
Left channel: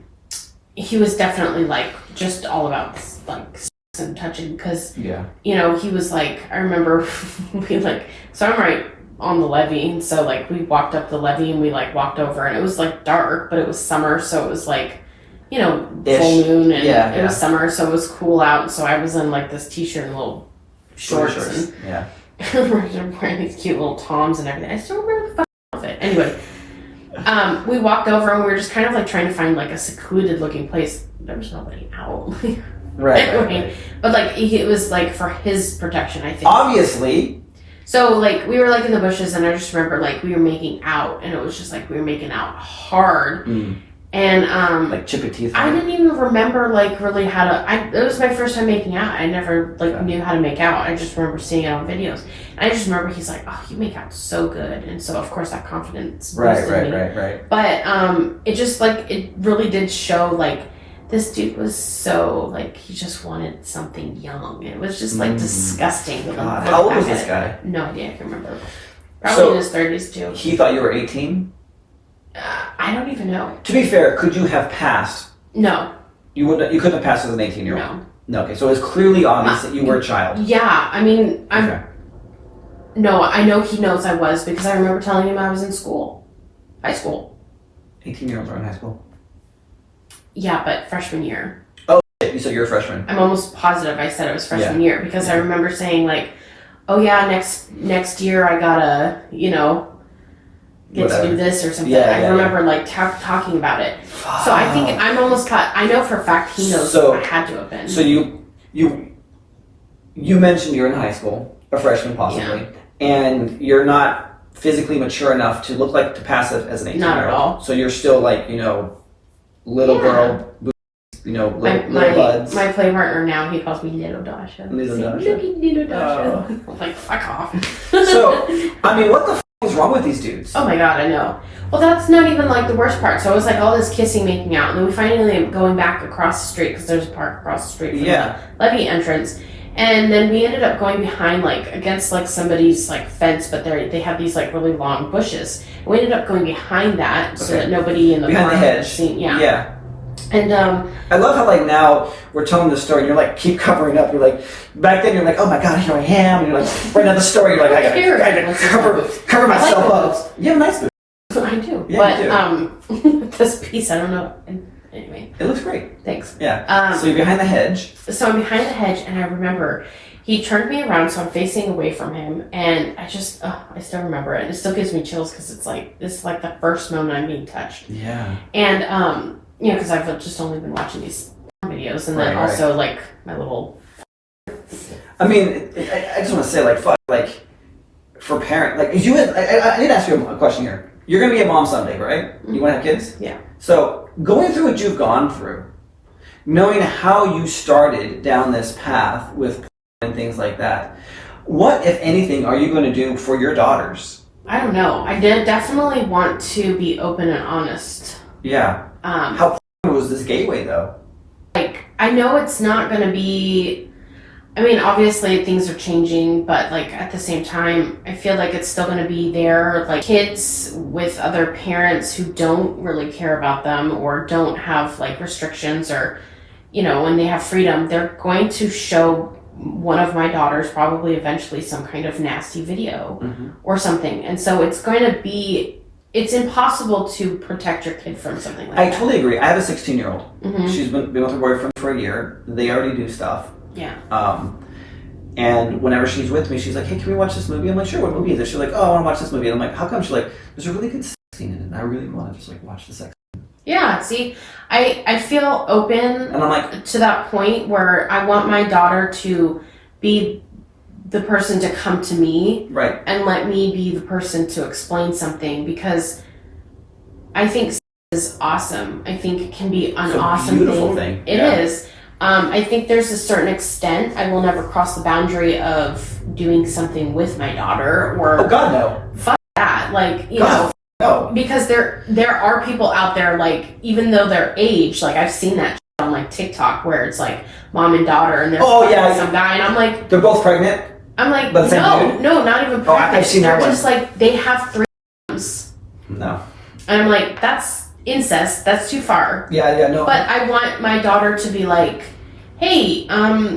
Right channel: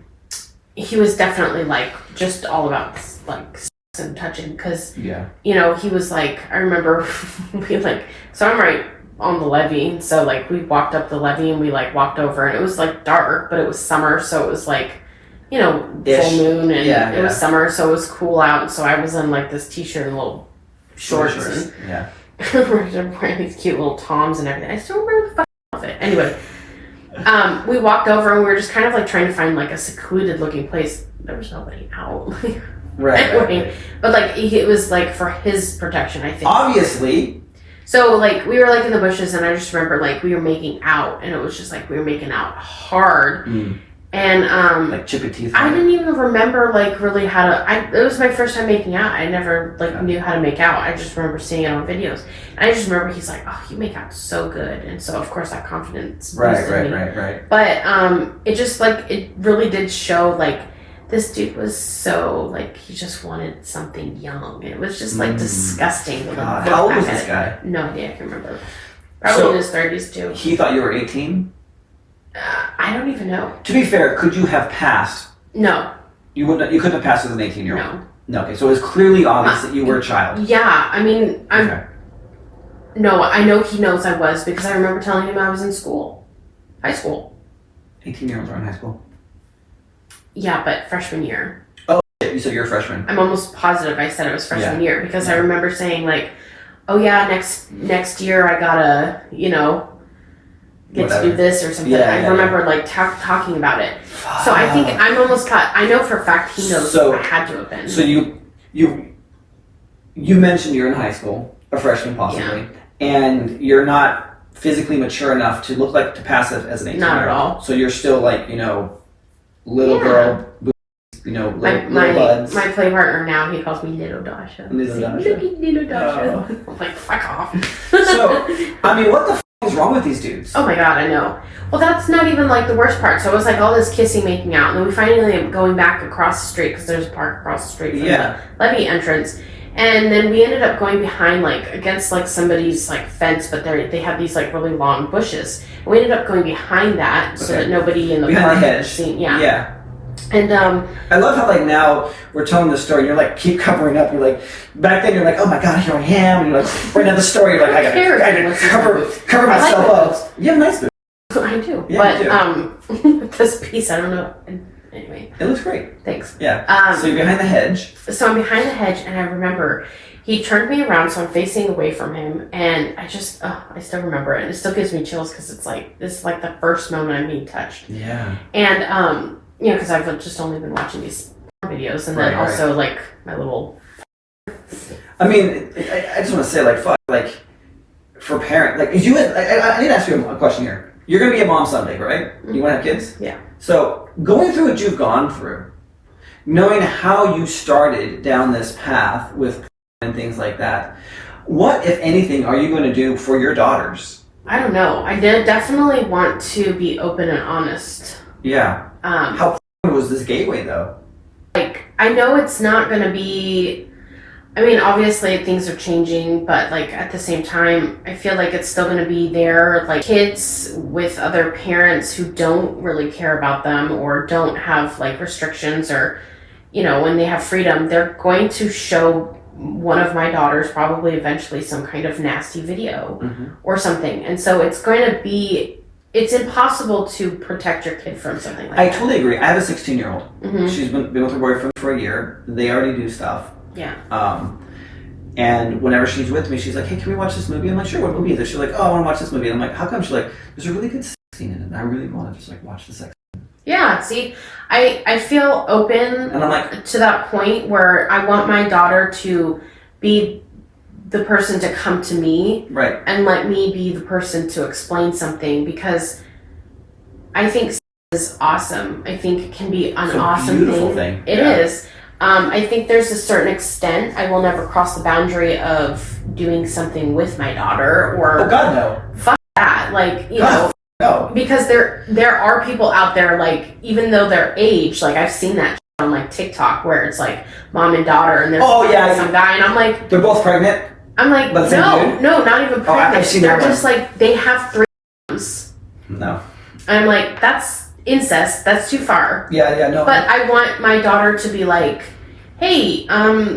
he was definitely just all about sex and touching because he was I remember so I'm right on the levee, so we walked up the levee and we walked over, and it was dark, but it was summer, so it was full moon, and it was summer, so it was cool out, so I was in this t-shirt and little shorts. And I'm wearing these cute little Toms and everything. I still remember the fucking outfit. Anyway, we walked over and we were just kind of trying to find a secluded looking place. There was nobody out. Right. But it was for his protection, I think. Obviously. So we were in the bushes, and I just remember we were making out, and it was just we were making out hard. And like chippy teeth. I didn't even remember like really how to. It was my first time making out. I never like knew how to make out. I just remember seeing it on videos. And I just remember he's like, "Oh, you make out so good," and so of course that confidence. boosted me. Right. But it just like it really did show like this dude was so like he just wanted something young. It was just like disgusting. God. How old was this guy? No idea. I can remember. Probably in his 30s too. He thought you were 18. I don't even know. To be fair, could you have passed? No. You wouldn't. You couldn't have passed as an 18-year-old. No. No. Okay, so it was clearly obvious that you were a child. Yeah, I mean, Okay. No, I know he knows I was because I remember telling him I was in school, high school. 18-year-olds are in high school. Yeah, but freshman year. Oh, you said you're a freshman. I'm almost positive I said it was freshman year because I remember saying like, "Oh yeah, next year I gotta get to do this or something." I remember like talking about it. So I think I'm almost I know for a fact he knows I had to have been. So you mentioned you're in high school, a freshman possibly, and you're not physically mature enough to look like to pass it as an 18-year-old. Not at all. So you're still like little girl, little buds. My play partner now, he calls me Little Dasha. Little Dasha. Little Dasha. I'm like, fuck off. So, I mean, what the is wrong with these dudes? Oh my god, I know. Well, that's not even like the worst part. So it was like all this kissing, making out, and then we finally end up going back across the street because there's a park across the street from the levee entrance. And then we ended up going behind, like, against, like, somebody's, like, fence, but they have these, like, really long bushes. And we ended up going behind that so that nobody in the behind park the hedge. Seen, yeah. And, I love how, like, now we're telling the story, and you're, like, keep covering up. You're, like, back then you're, like, oh, my God, here I am. And you're, like, right now the story, you're, like, I gotta cover myself up. You have a nice boot. I do. Yeah, but, you do. this piece, I don't know. Anyway. It looks great. Thanks. Yeah. So you're behind the hedge. So I'm behind the hedge, and I remember he turned me around, so I'm facing away from him, and I still remember it. It still gives me chills because it's like the first moment I'm being touched. Yeah. And because I've just only been watching these videos, and then also like my little. I mean, I just want to say, like, fuck, like, for parent, like, I need to ask you a question here. You're gonna be a mom someday, right? You want to have kids? Yeah. So going through what you've gone through, knowing how you started down this path with and things like that, what, if anything, are you going to do for your daughters? I don't know. I definitely want to be open and honest. Yeah. How was this gateway though? Like, I know it's not going to be. I mean, obviously things are changing, but like at the same time, I feel like it's still going to be there. Like kids with other parents who don't really care about them or don't have like restrictions or, when they have freedom, they're going to show one of my daughters probably eventually some kind of nasty video or something. And so it's impossible to protect your kid from something like that. I totally agree. I have a 16-year-old. She's been with her boyfriend for a year. They already do stuff. Yeah. And whenever she's with me, she's like, hey, can we watch this movie? I'm like, sure, what movie is it? She's like, oh, I want to watch this movie. And I'm like, how come? She's like, there's a really good sex scene in it. And I really want to just like watch the sex scene. Yeah, see, I feel open and I'm like, to that point where I want my daughter to be the person to come to me. Right. And let me be the person to explain something because I think sex is awesome. I think it can be an awesome beautiful thing. It is. I think there's a certain extent I will never cross the boundary of doing something with my daughter or oh God no. Fuck that. Like, no. Because there are people out there like even though their age, like I've seen that on like TikTok where it's like mom and daughter and they're some guy and I'm like they're both pregnant? I'm like but no, not even pregnant. I've seen that one. Just like they have 3 moms. No. And I'm like, that's incest, that's too far. Yeah, no. But I want my daughter to be like, hey,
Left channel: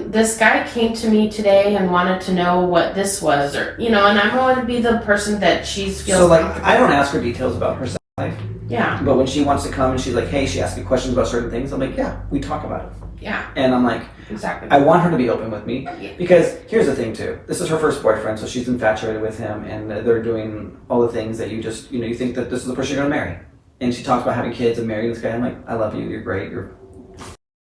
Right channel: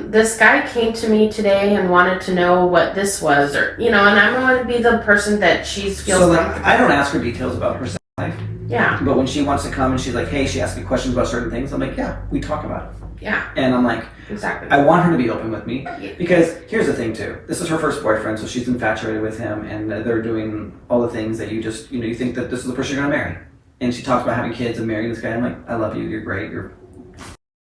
this guy came to me today and wanted to know what this was, or and I want to be the person that she feels. So like, I don't ask her details about her sex life. Yeah. But when she wants to come and she's like, hey, she asks me questions about certain things, I'm like, yeah, we talk about it. Yeah. And I'm like, exactly. I want her to be open with me because here's the thing too. This is her first boyfriend, so she's infatuated with him, and they're doing all the things that you just, you think that this is the person you're gonna marry. And she talks about having kids and marrying this guy. I'm like, I love you. You're great. You're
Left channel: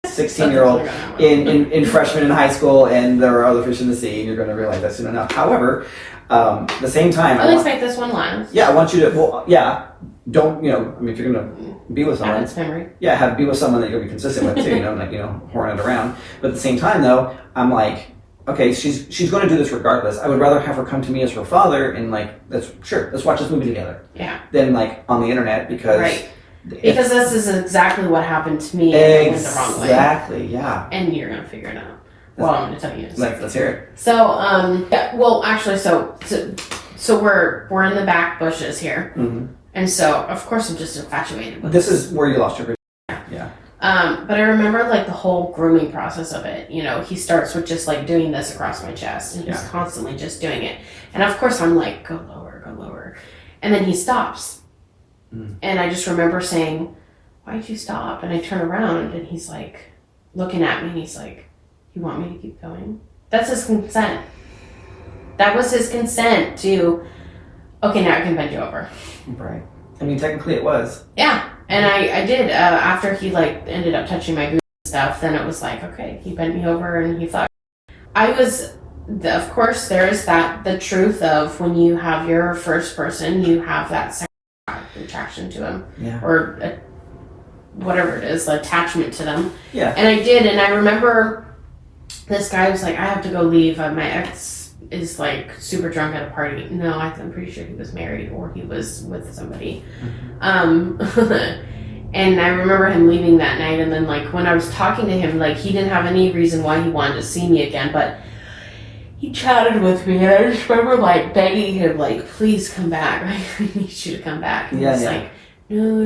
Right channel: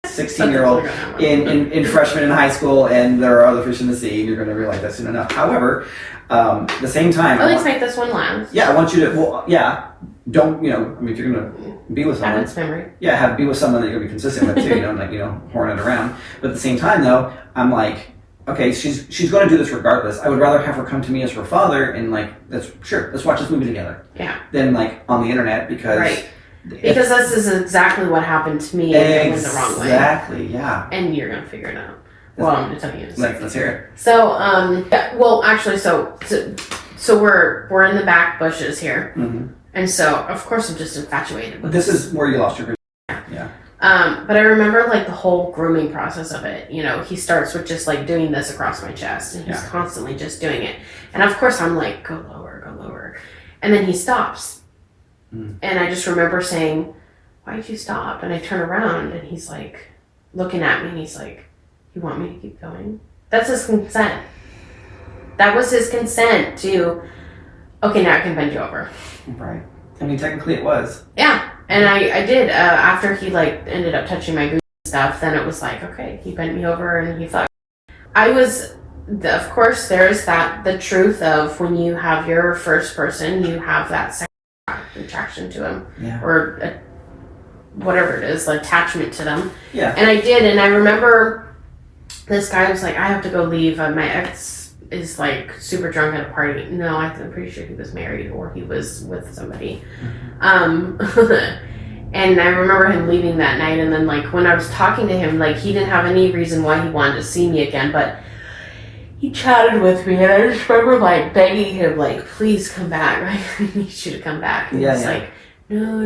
16-year-old in freshman in high school, and there are other fish in the sea, and you're going to realize that soon enough. However, the same time, let's make this one last. Yeah, I want you to. Well, yeah, don't, you know, I mean, if you're going to be with someone, memory. Yeah, be with someone that you're going to be consistent with too, you know, like, you know, horn it around. But at the same time, though, I'm like, okay, she's going to do this regardless. I would rather have her come to me as her father and like, let's watch this movie together. Yeah. Than like on the internet because. Right. Because this is exactly what happened to me in the wrong way. Exactly, yeah. And you're going to figure it out. Well, I'm going to tell you. Let's hear it. So, yeah, well, actually, so we're in the back bushes here. Mm-hmm. And so, of course, I'm just infatuated with this. Is where you lost your virginity. Yeah. But I remember, like, the whole grooming process of it. You know, he starts with just, like, doing this across my chest. And he's constantly just doing it. And, of course, I'm like, go lower, go lower. And then he stops. And I just remember saying, why'd you stop? And I turn around, and he's, like, looking at me, and he's like, you want me to keep going? That's his consent. That was his consent to, okay, now I can bend you over. Right. I mean, technically it was. Yeah. And I did. After he, like, ended up touching my goose and stuff, then it was like, okay, he bent me over and he thought. Of course, there is the truth of when you have your first person, you have that sexual attraction to him. Yeah. Or whatever it is, attachment to them. Yeah. And I did. And I remember this guy was like, I have to go leave. My ex is like super drunk at a party. No, I'm pretty sure he was married or he was with somebody. Mm-hmm. And I remember him leaving that night. And then like when I was talking to him, like he didn't have any reason why he wanted to see me again, but he chatted with me. And I just remember like begging him, like, please come back. I need you to come back. And he's like, no,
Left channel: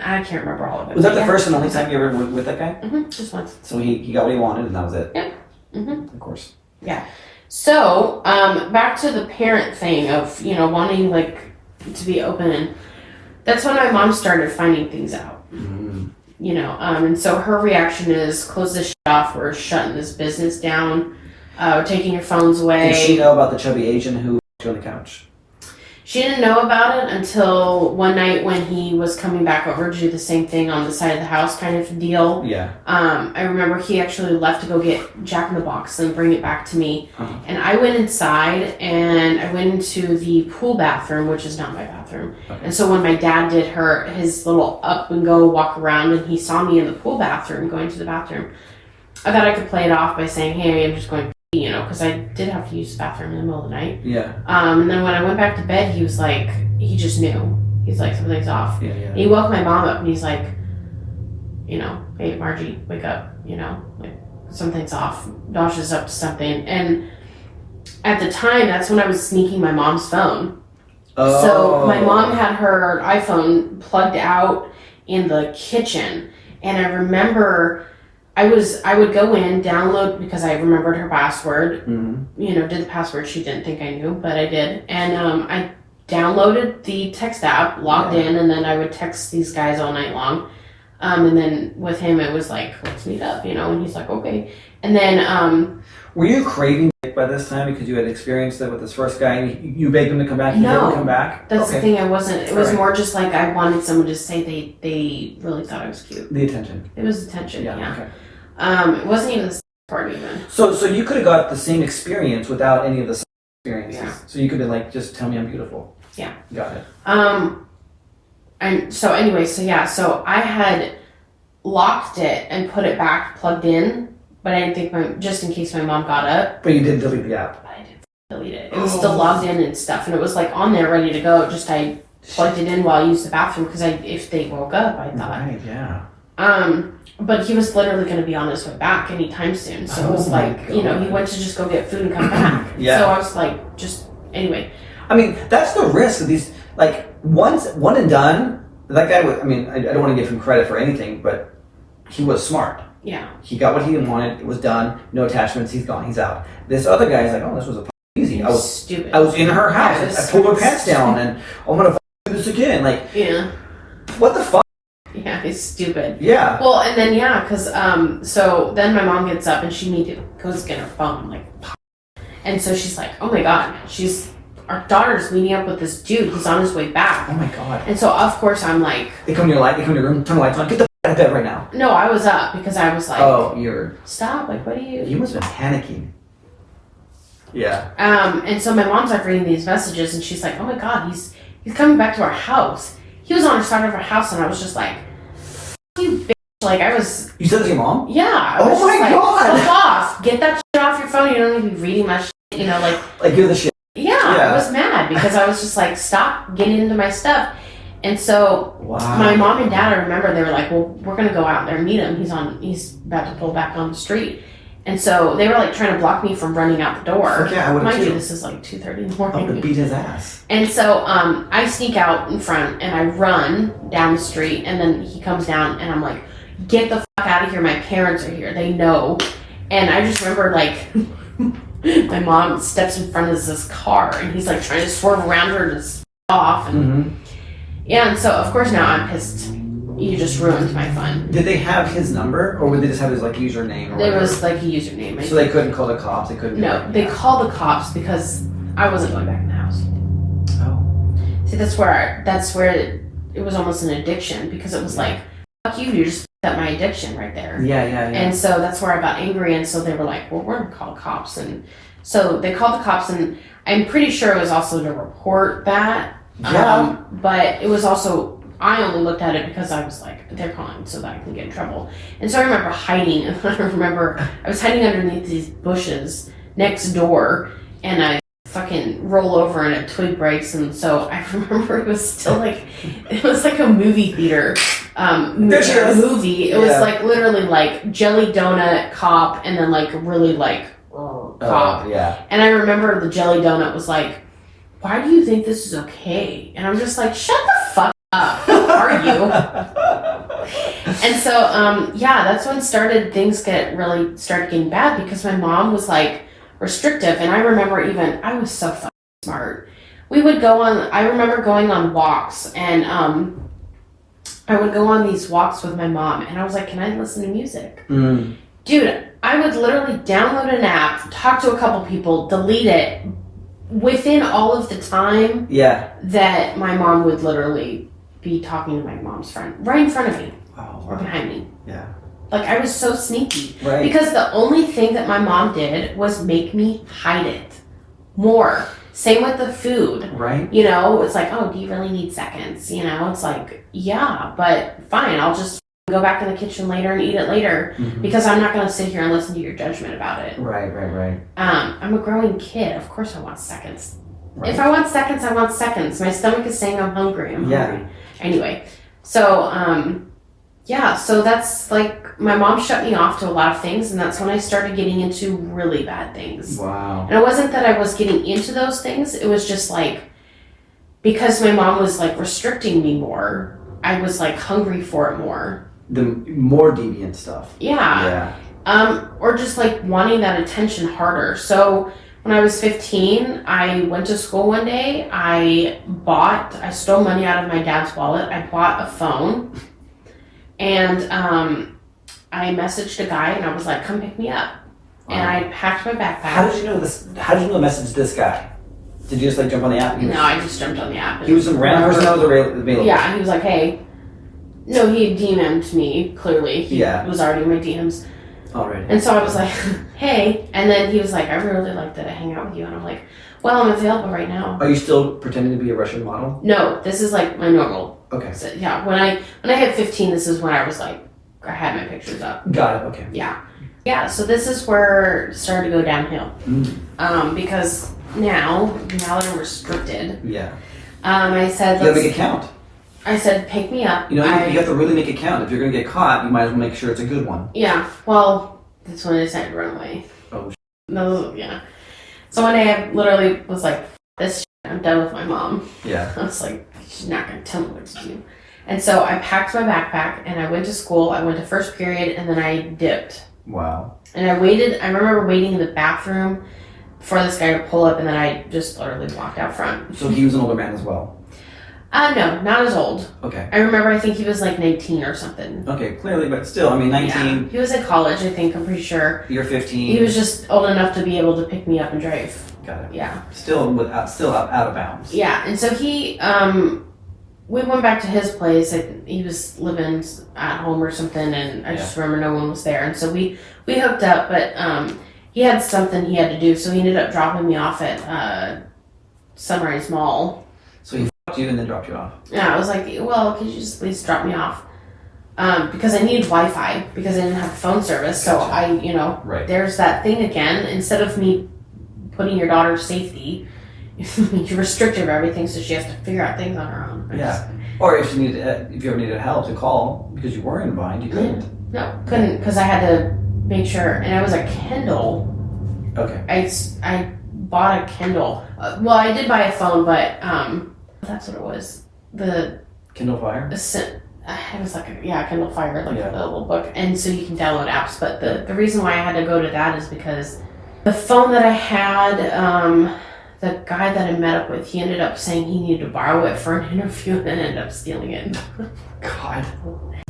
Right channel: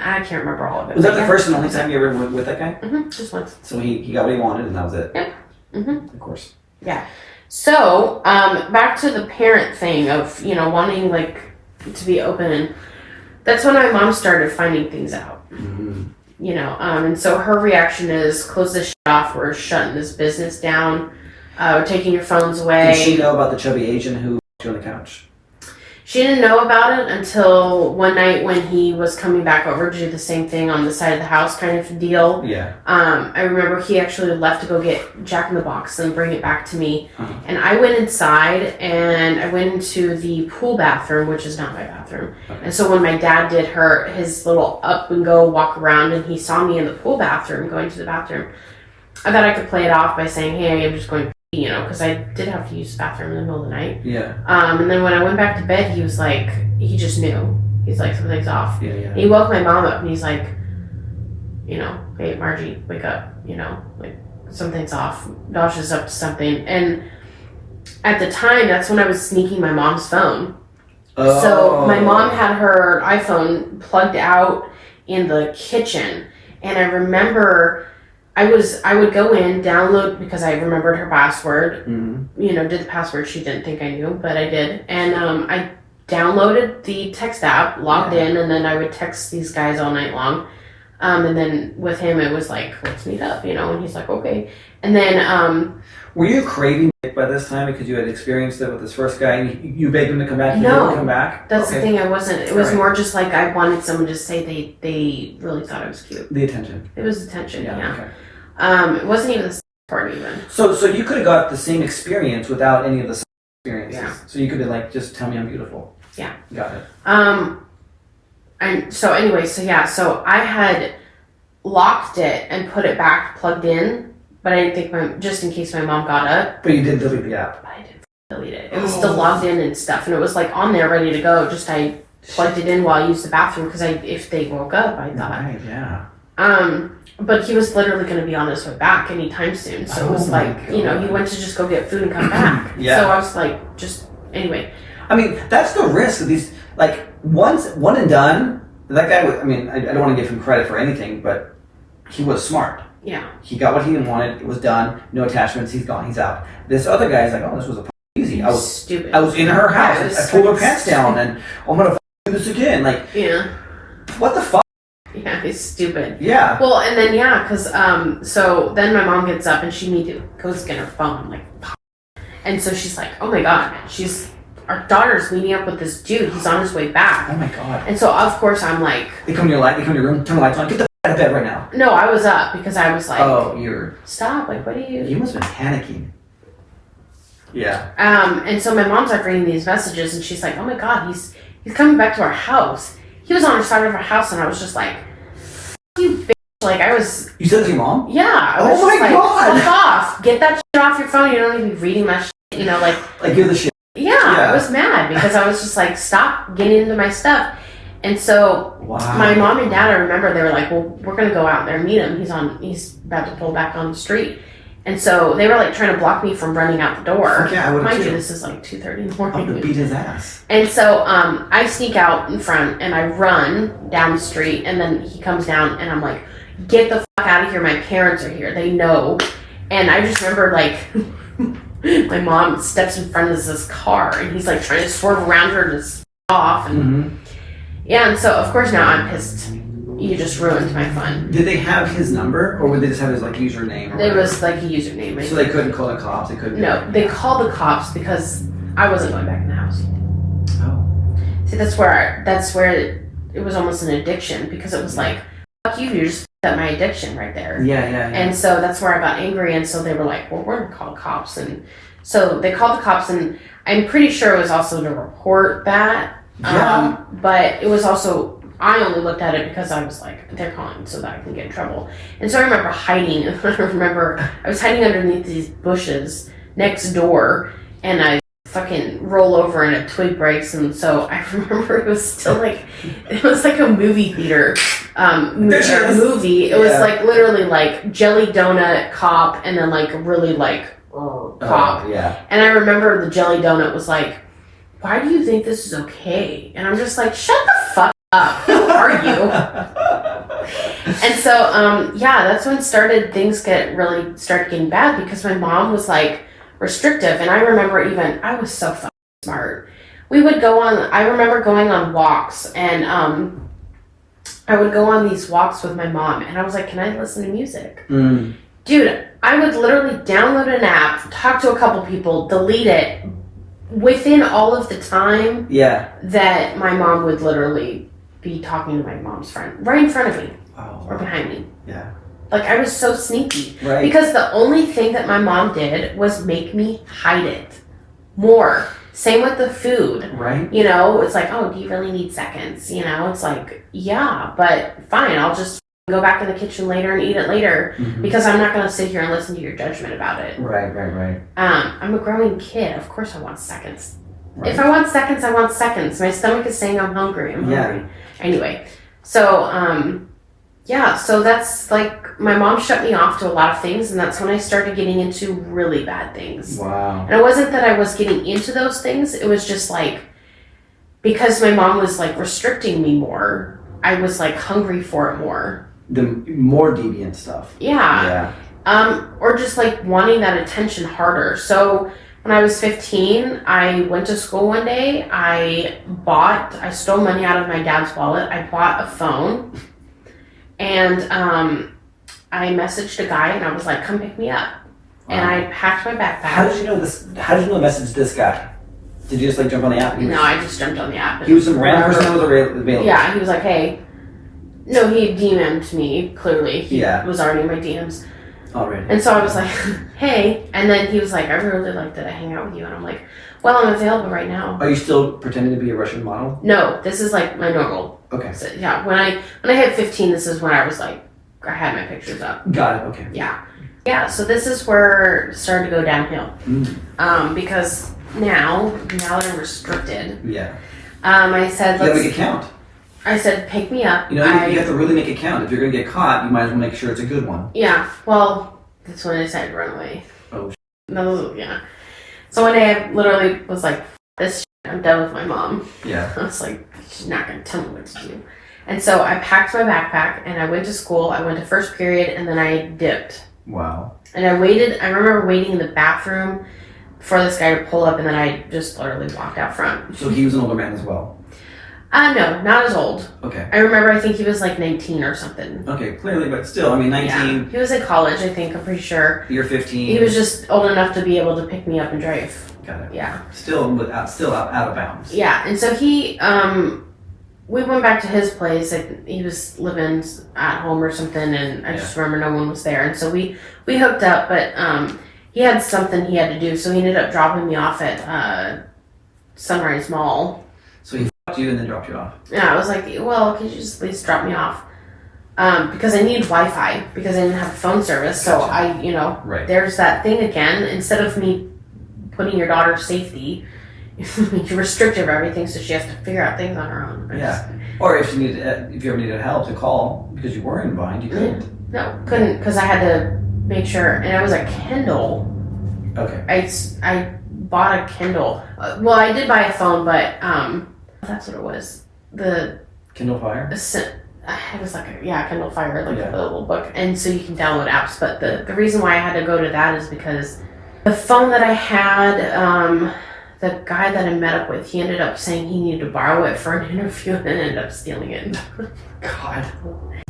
I can't remember all of it. Was that the first and only time you ever went with that guy? Mm-hmm, just once. So he got what he wanted and that was it? Yeah. Mm-hmm. Of course. Yeah. So, back to the parent thing of, you know, wanting, like, to be open. And that's when my mom started finding things out. Mm-hmm. You know, and so her reaction is, close this shit off. We're shutting this business down. We're taking your phones away. Did she know about the chubby Asian who was on the couch? She didn't know about it until one night when he was coming back over to do the same thing on the side of the house kind of deal. Yeah. I remember he actually left to go get Jack in the Box and bring it back to me. Uh-huh. And I went inside and I went into the pool bathroom, which is not my bathroom. Okay. And so when my dad did his little up and go walk around and he saw me in the pool bathroom going to the bathroom, I thought I could play it off by saying, hey, I'm just going to pee, you know, because I did have to use the bathroom in the middle of the night. Yeah. And then when I went back to bed, he was like, he just knew. He's like, something's off. Yeah. And he woke my mom up and he's like, you know, hey, Margie, wake up, you know, like something's off. Dasha's up to something. And at the time, that's when I was sneaking my mom's phone. Oh. So my mom had her iPhone plugged out in the kitchen. And I remember I would go in, download, because I remembered her password, you know, did the password. She didn't think I knew, but I did. And I downloaded the text app, logged in, and then I would text these guys all night long. And then with him, it was like, let's meet up, you know, and he's like, okay. And then... Were you craving dick by this time because you had experienced it with this first guy and you begged him to come back? He didn't come back? That's the thing. I wasn't. It was more just like I wanted someone to say they really thought I was cute. The attention. It was attention, yeah. Okay. It wasn't even the second part even. So you could have got the same experience without any of the experiences. Yeah. So you could be like, just tell me I'm beautiful. Yeah. Got it. And so anyway, so I had locked it and put it back plugged in, but I didn't think just in case my mom got up. But you did delete the app. But I didn't delete it. It was still logged in and stuff, and it was like on there ready to go. Just I plugged it in while I used the bathroom because if they woke up, I thought. Right. Yeah. But he was literally going to be on his way back anytime soon. So it was like, you know, he went to just go get food and come back. Yeah. So I was like, just, anyway. I mean, that's the risk of these, like, one and done, that guy, I mean, I don't want to give him credit for anything, but he was smart. Yeah. He got what he wanted, it was done, no attachments, he's gone, he's out. This other guy's like, oh, this was easy. I was stupid. I was in her house, I pulled her pants down, and I'm going to do this again. Like, yeah. What the fuck? Yeah, he's stupid. Yeah. Well, and then, because, so then my mom gets up and she immediately goes to get her phone, like, and so she's like, oh my God, our daughter's meeting up with this dude, he's on his way back. Oh my God. And so, of course, I'm like. They come to your room, turn the lights on, get the out of bed right now. No, I was up because I was like. Oh, you're. Stop, like, what are you. You must have been panicking. Yeah. And so my mom's like reading these messages and she's like, oh my God, he's coming back to our house. he was on the side of our house, and I was just like, you bitch. Like, I was... You said that to your mom? Yeah. Oh my God! Fuck off. Get that shit off your phone. You don't need to be reading that shit, you know, like... Like, you're the shit. Yeah, I was mad because I was just like, stop getting into my stuff. And so my mom and dad, I remember, they were like, well, we're going to go out there and meet him. He's about to pull back on the street. And so they were like trying to block me from running out the door. Okay, I would have Mind too. you, this is like 2:30 in the I morning. would have beat his ass. And so I sneak out in front and I run down the street, and then he comes down and I'm like, get the fuck out of here. My parents are here. They know. And I just remember like my mom steps in front of this car and he's like trying to swerve around her to off. And yeah, and so of course now I'm pissed. You just ruined my fun. Did they have his number, or would they just have his like username or whatever? It was like a username. So they couldn't call the cops. They couldn't. No, they called the cops because I wasn't going back in the house. Oh. See, that's where it was almost an addiction, because it was like, fuck you just f***ed up my addiction right there. Yeah. And so that's where I got angry, and so they were like, well, we're gonna call cops. And so they called the cops, and I'm pretty sure it was also to report that. Yeah. But it was also, I only looked at it because I was like, they're calling so that I can get in trouble. And so I remember hiding. I was hiding underneath these bushes next door, and I fucking roll over and a twig breaks. And so I remember it was still like, it was like a movie theater movie. It was like literally like jelly donut cop, and then like really like cop. Yeah. And I remember the jelly donut was like, why do you think this is okay? And I'm just like, shut the fuck up. Who are you? And so, that's when things started getting bad, because my mom was like restrictive. And I remember I was so fucking smart. I remember going on walks, and I would go on these walks with my mom, and I was like, can I listen to music? Dude, I would literally download an app, talk to a couple people, delete it, within all of the time that my mom would literally be talking to my mom's friend right in front of me or behind me. Yeah. Like, I was so sneaky. Right. Because the only thing that my mom did was make me hide it more. Same with the food. Right. You know, it's like, oh, do you really need seconds? You know, it's like, yeah, but fine, I'll just go back in the kitchen later and eat it later, because I'm not going to sit here and listen to your judgment about it. Right. I'm a growing kid. Of course I want seconds. Right. If I want seconds, I want seconds. My stomach is saying I'm hungry. I'm hungry. Anyway, so, so that's like, my mom shut me off to a lot of things, and that's when I started getting into really bad things. Wow. And it wasn't that I was getting into those things. It was just like, because my mom was like restricting me more, I was like hungry for it more. The more deviant stuff. Yeah. Or just like wanting that attention harder. So when I was 15, I went to school one day. I stole money out of my dad's wallet. I bought a phone, and I messaged a guy, and I was like, come pick me up. Wow. And I packed my backpack. How did you know this? How did you know to message this guy? Did you just like jump on the app? No, I just jumped on the app. He was some random person that was available. Yeah, he was like, hey. No, he DM'd me, clearly. He was already in my DMs. Already. And so I was like, hey. And then he was like, I really like that I hang out with you. And I'm like, well, I'm available right now. Are you still pretending to be a Russian model? No, this is like my normal. Okay. So, yeah, when I hit 15, this is when I was like, I had my pictures up. Got it, okay. Yeah. Yeah, so this is where it started to go downhill. Because now that I'm restricted. Yeah. I said, you have a big account. I said, pick me up. You know, you have to really make a count. If you're going to get caught, you might as well make sure it's a good one. Yeah, well, that's when I decided to run away. Oh, no, yeah. So one day I literally was like, this shit, I'm done with my mom. Yeah. I was like, she's not going to tell me what to do. And so I packed my backpack, and I went to school. I went to first period, and then I dipped. Wow. And I remember waiting in the bathroom for this guy to pull up, and then I just literally walked out front. So he was an older man as well? No, not as old. Okay. I remember, I think he was like 19 or something. Okay, clearly, but still, I mean, 19. Yeah. He was in college, I think, I'm pretty sure. You're 15. He was just old enough to be able to pick me up and drive. Got it. Yeah. Still out of bounds. Yeah, and so he, we went back to his place. He was living at home or something, and I just remember no one was there. And so we hooked up, but he had something he had to do, so he ended up dropping me off at Sunrise Mall. So he f***ed talked to you and then dropped you off. Yeah, I was like, well, could you just please drop me off? Because I need Wi-Fi because I didn't have phone service. So Gotcha. Right. There's that thing again. Instead of me putting your daughter's safety, you're restrictive of everything, so she has to figure out things on her own. Or if you ever needed help to call because you were in a bind, you couldn't. No, couldn't, because I had to make sure, and it was a Kindle. Okay. I bought a Kindle. Well, I did buy a phone, but that's what it was. The Kindle Fire? It was like a Kindle Fire, like a little book. And so you can download apps, but the reason why I had to go to that is because the phone that I had, the guy that I met up with, he ended up saying he needed to borrow it for an interview and ended up stealing it. God.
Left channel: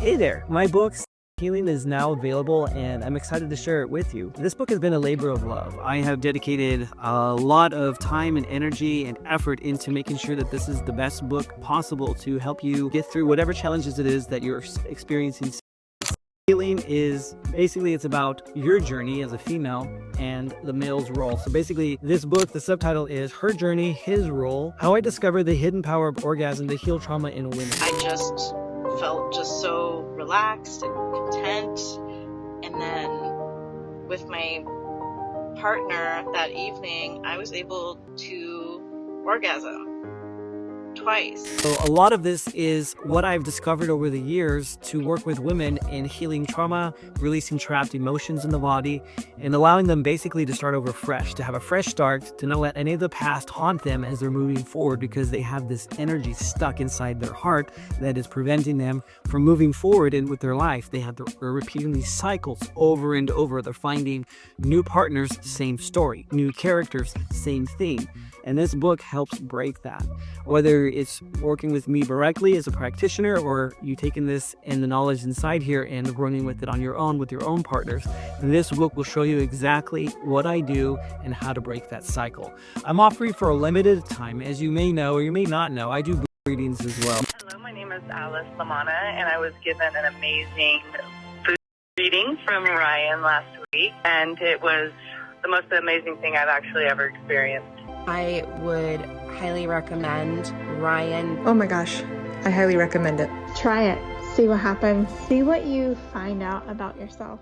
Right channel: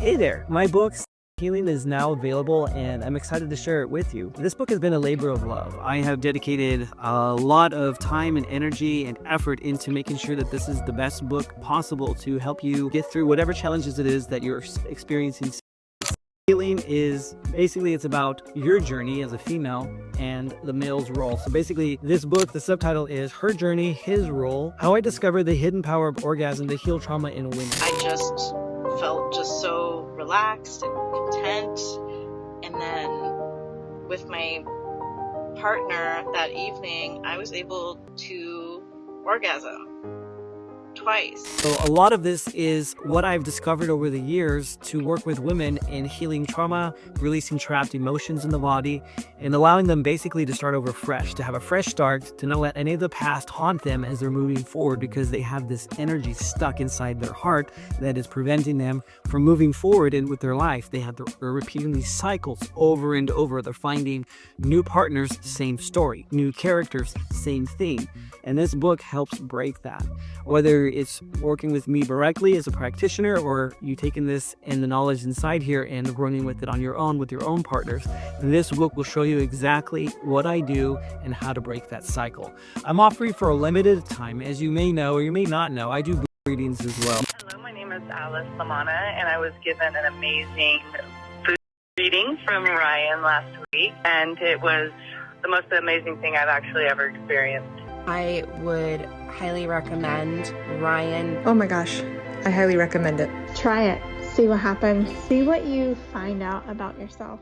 Hey there, my book Healing is now available and I'm excited to share it with you. This book has been a labor of love. I have dedicated a lot of time and energy and effort into making sure that this is the best book possible to help you get through whatever challenges it is that you're experiencing. Healing is basically, it's about your journey as a female and the male's role. So basically this book, the subtitle is Her Journey, His Role, How I Discovered the Hidden Power of Orgasm to Heal Trauma in Women. I just felt just so relaxed and content. And then with my partner that evening, I was able to orgasm twice. So a lot of this is what I've discovered over the years to work with women in healing trauma, releasing trapped emotions in the body, and allowing them basically to start over fresh, to have a fresh start, to not let any of the past haunt them as they're moving forward because they have this energy stuck inside their heart that is preventing them from moving forward with their life. They're repeating these cycles over and over. They're finding new partners, same story, new characters, same theme. And this book helps break that. Whether it's working with me directly as a practitioner or you taking this and the knowledge inside here and running with it on your own with your own partners, this book will show you exactly what I do and how to break that cycle. I'm offering for a limited time. As you may know or you may not know, I do readings as well. Hello, my name is Alice Lamana, and I was given an amazing food reading from Ryan last week, and it was the most amazing thing I've actually ever experienced. I would highly recommend Ryan. Oh my gosh, I highly recommend it. Try it. See what happens. See what you find out about yourself.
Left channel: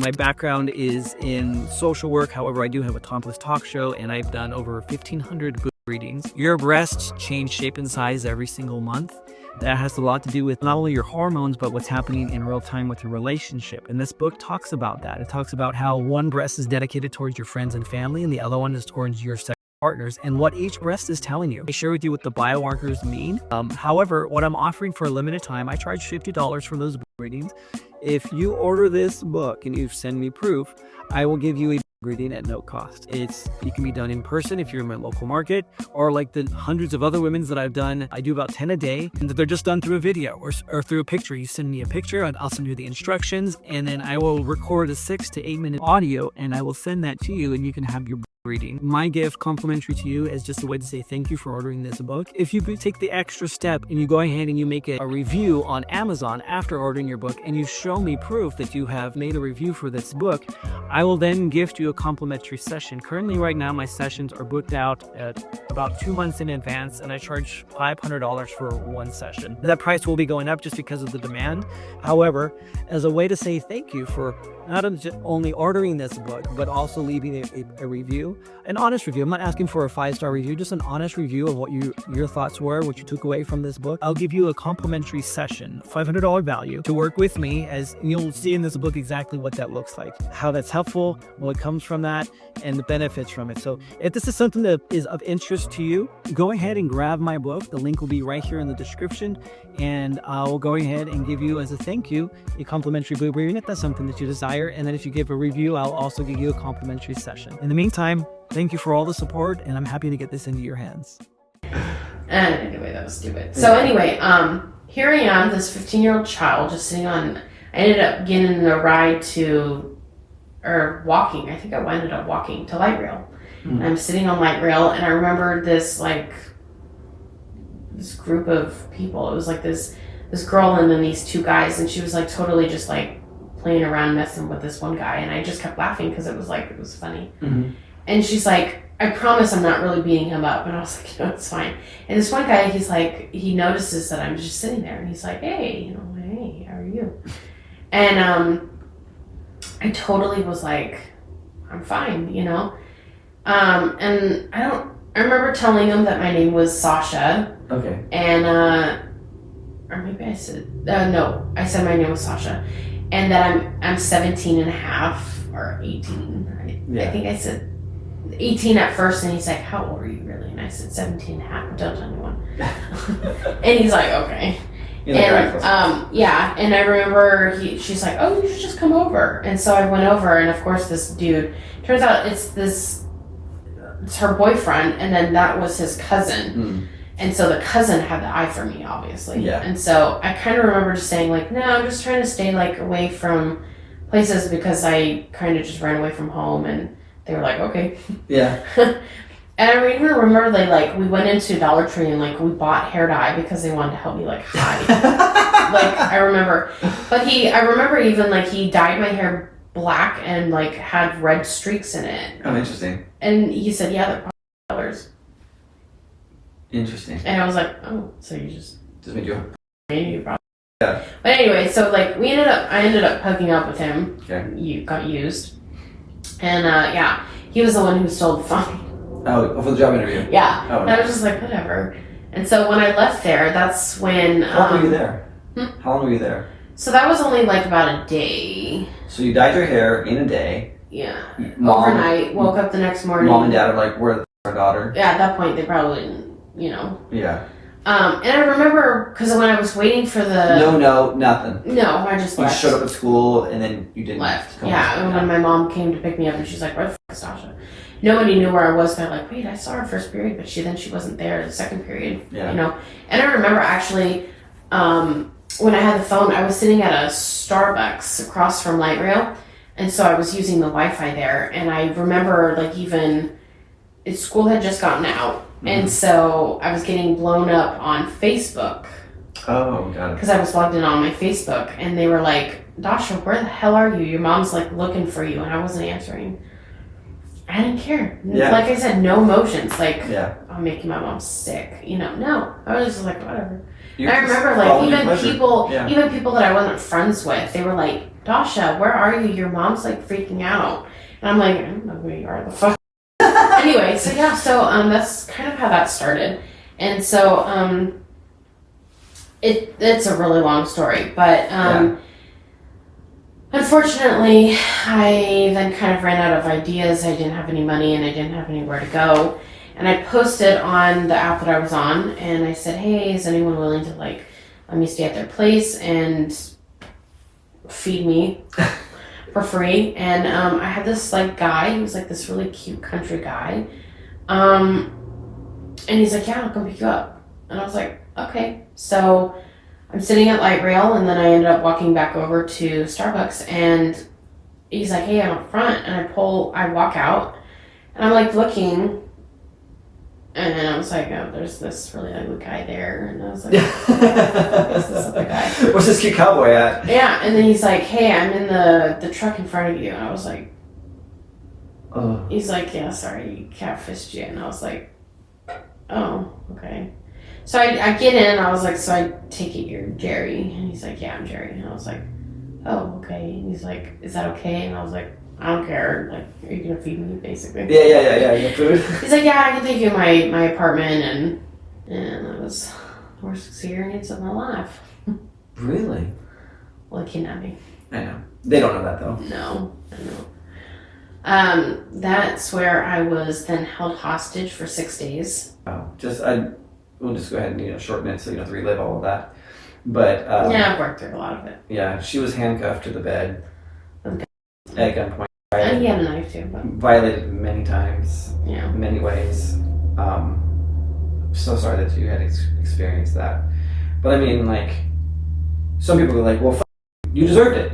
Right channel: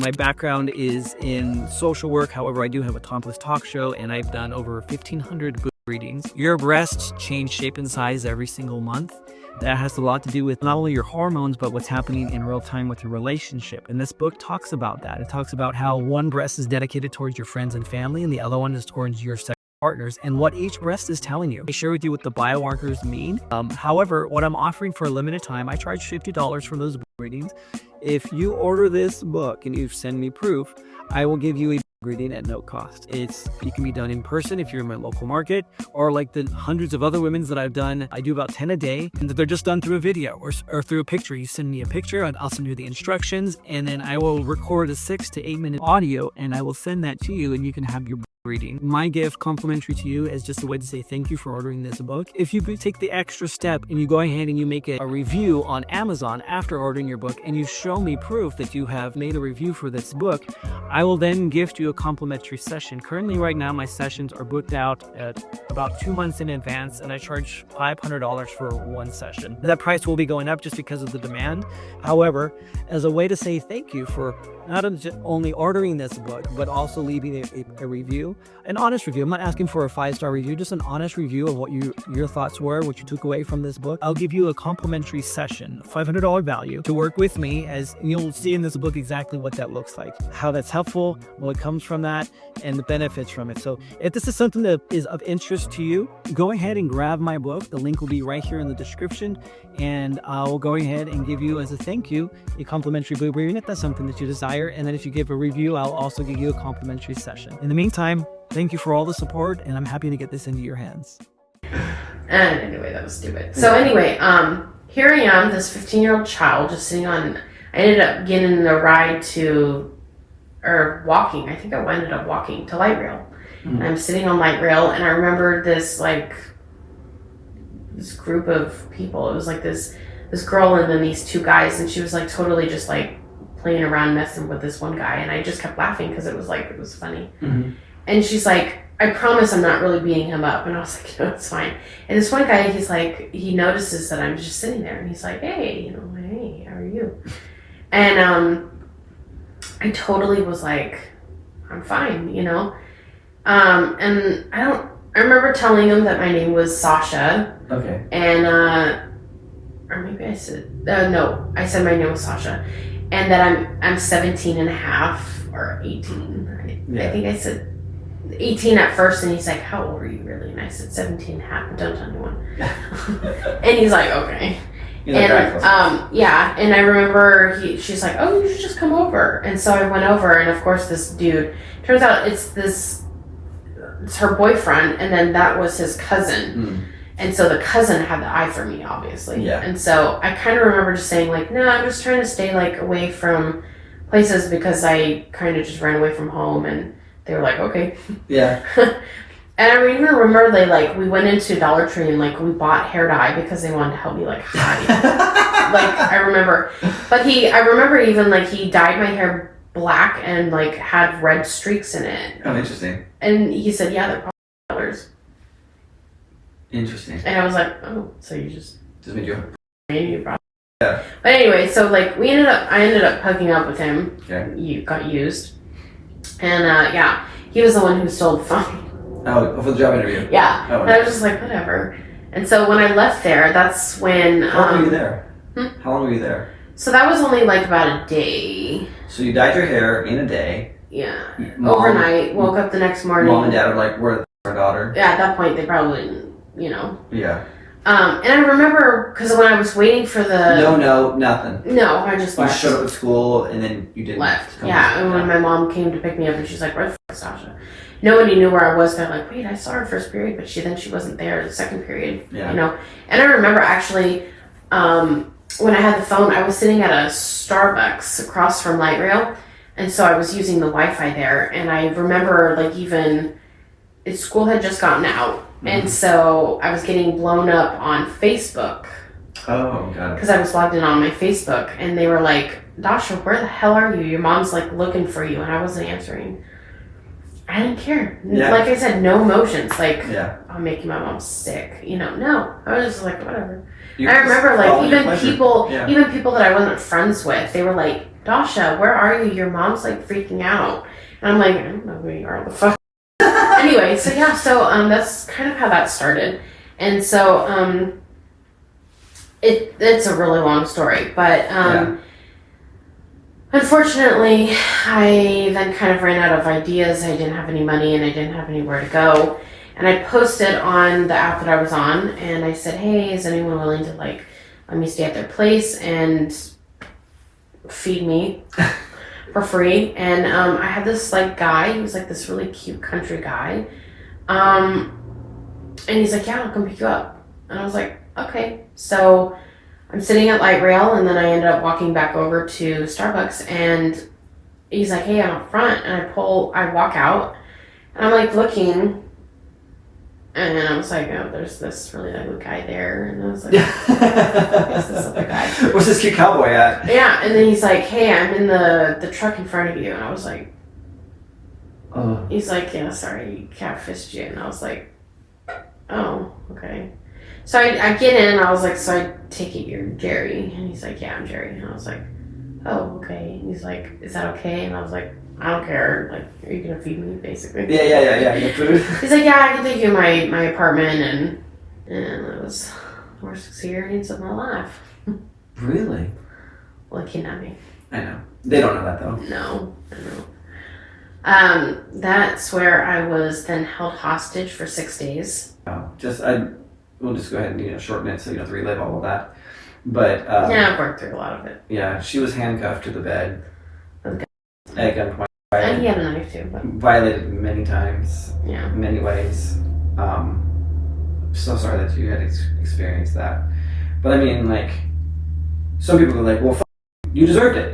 My background is in social work. However, I do have a ToplessTalk show and I've done over 1,500 book readings. Your breasts change shape and size every single month. That has a lot to do with not only your hormones, but what's happening in real time with your relationship. And this book talks about that. It talks about how one breast is dedicated towards your friends and family and the other one is towards your sexual partners and what each breast is telling you. I share with you what the biomarkers mean. However, what I'm offering for a limited time, I charge $50 for those book readings. If you order this book and you send me proof, I will give you a reading at no cost. It can be done in person if you're in my local market, or like the hundreds of other women's that I've done. I do about 10 a day, and they're just done through a video or through a picture. You send me a picture, and I'll send you the instructions, and then I will record a 6 to 8 minute audio, and I will send that to you, and you can have your reading. My gift complimentary to you is just a way to say thank you for ordering this book. If you take the extra step and you go ahead and you make a review on Amazon after ordering your book and you show me proof that you have made a review for this book, I will then gift you a complimentary session. Currently right now my sessions are booked out at about 2 months in advance and I charge $500 for one session. That price will be going up just because of the demand. However, as a way to say thank you for not only ordering this book, but also leaving a review, an honest review. I'm not asking for a 5-star review, just an honest review of what your thoughts were, what you took away from this book. I'll give you a complimentary session, $500 value, to work with me, as you'll see in this book exactly what that looks like, how that's helpful, what comes from that, and the benefits from it. So if this is something that is of interest to you, go ahead and grab my book. The link will be right here in the description, and I'll go ahead and give you, as a thank you, a complimentary book reading if that's something that you desire. And then if you give a review, I'll also give you a complimentary session. In the meantime, thank you for all the support, and I'm happy to get this into your hands. And anyway, that was stupid. So anyway, here I am, this 15-year-old child just sitting on, I ended up getting a ride walking. I think I ended up walking to light rail. And I'm sitting on light rail, and I remember this group of people. It was like this girl and then these two guys, and she was like totally just like playing around messing with this one guy, and I just kept laughing because it was funny. and she's like, I promise I'm not really beating him up. And I was like, no, it's fine. And this one guy, he's like, he notices that I'm just sitting there, and he's like, hey, hey, how are you? And I totally was like, I'm fine, and I remember telling him that my name was Sasha. Okay. And or maybe I said no, I said my name was Sasha, and that I'm 17 and a half or 18. I think I said 18 at first, and he's like, how old are you really? And I said 17 and a half, but don't tell anyone. And he's like, okay. And yeah, and I remember she's like, oh, you should just come over. And so I went over, and of course this dude, turns out it's her boyfriend, and then that was his cousin. And so the cousin had the eye for me, obviously. Yeah. And so I kind of remember just saying like, no, I'm just trying to stay like away from places because I kind of just ran away from home. And they were like, okay. Yeah. And I even remember we went into Dollar Tree and we bought hair dye because they wanted to help me hide. I remember, but I remember even he dyed my hair black and had red streaks in it. Oh, interesting. And he said, yeah, they're probably colors. Interesting. And I was like, oh, so you just made you. maybe probably. Yeah. But anyway, so I ended up hooking up with him. Okay. You got used, and yeah, he was the one who stole the phone. Oh, for the job interview. Yeah. Oh, and I was just like, whatever. And so when I left there, that's when. How long were you there? How long were you there? So that was only about a day. So you dyed your hair in a day. Yeah. Mom, overnight. Woke up the next morning. Mom and dad are like, where's our daughter? Yeah, at that point they probably didn't, Yeah. And I remember, because when I was waiting for the... No, nothing. No, I just left. You showed up at school and then you didn't... Left. Yeah, and when my mom came to pick me up and she's like, where the f*** is Dasha? Nobody knew where I was. They're like, wait, I saw her first period, but she wasn't there the second period. Yeah. And I remember actually, when I had the phone, I was sitting at a Starbucks across from Light Rail, and so I was using the Wi-Fi there, and I remember school had just gotten out, and so I was getting blown up on Facebook. Oh, got it. Because I was logged in on my Facebook, and they were like, Dasha, where the hell are you? Your mom's looking for you, and I wasn't answering. I didn't care. Yeah. Like I said, no emotions. Yeah. I'm making my mom sick. No. I was just like, whatever. You're I remember even even people that I wasn't friends with, they were like, Dasha, where are you? Your mom's freaking out. And I'm like, I don't know where you are. The fuck. Anyway, so yeah, that's kind of how that started. And so it's a really long story, but unfortunately, I then kind of ran out of ideas. I didn't have any money and I didn't have anywhere to go. And I posted on the app that I was on, and I said, hey, is anyone willing to let me stay at their place and feed me for free? And I had this guy, he was this really cute country guy. And he's like, yeah, I'll come pick you up. And I was like, okay. So I'm sitting at Light Rail, and then I ended up walking back over to Starbucks, and he's like, hey, I'm up front. And I walk out, and I'm looking, and I was like, oh, there's this really ugly guy there. And I was like, where's this other guy? Where's this cute cowboy at? Yeah, and then he's like, hey, I'm in the truck in front of you. And I was like, he's like, yeah, sorry, you catfished you. And I was like, oh, okay. So I get in, and I was like, so I take it you're Jerry? And he's like, yeah, I'm Jerry. And I was like, oh, okay. And he's like, is that okay? And I was like, I don't care. Are you gonna feed me, basically? Yeah. You got food? He's like, yeah, I can take you to my apartment, and it was the worst experience of my life. Really? Well, he kidnapped me. I know. They don't know that, though. No, I know. That's where I was then held hostage for 6 days. Oh, we'll just go ahead and shorten it so you don't have to relive all of that. But yeah, I've worked through a lot of it. Yeah, she was handcuffed to the bed Okay. at gunpoint. And he had a knife too. But... Violated many times. Yeah. In many ways. So sorry that you had experienced that. But I mean, some people are like, well, you deserved it,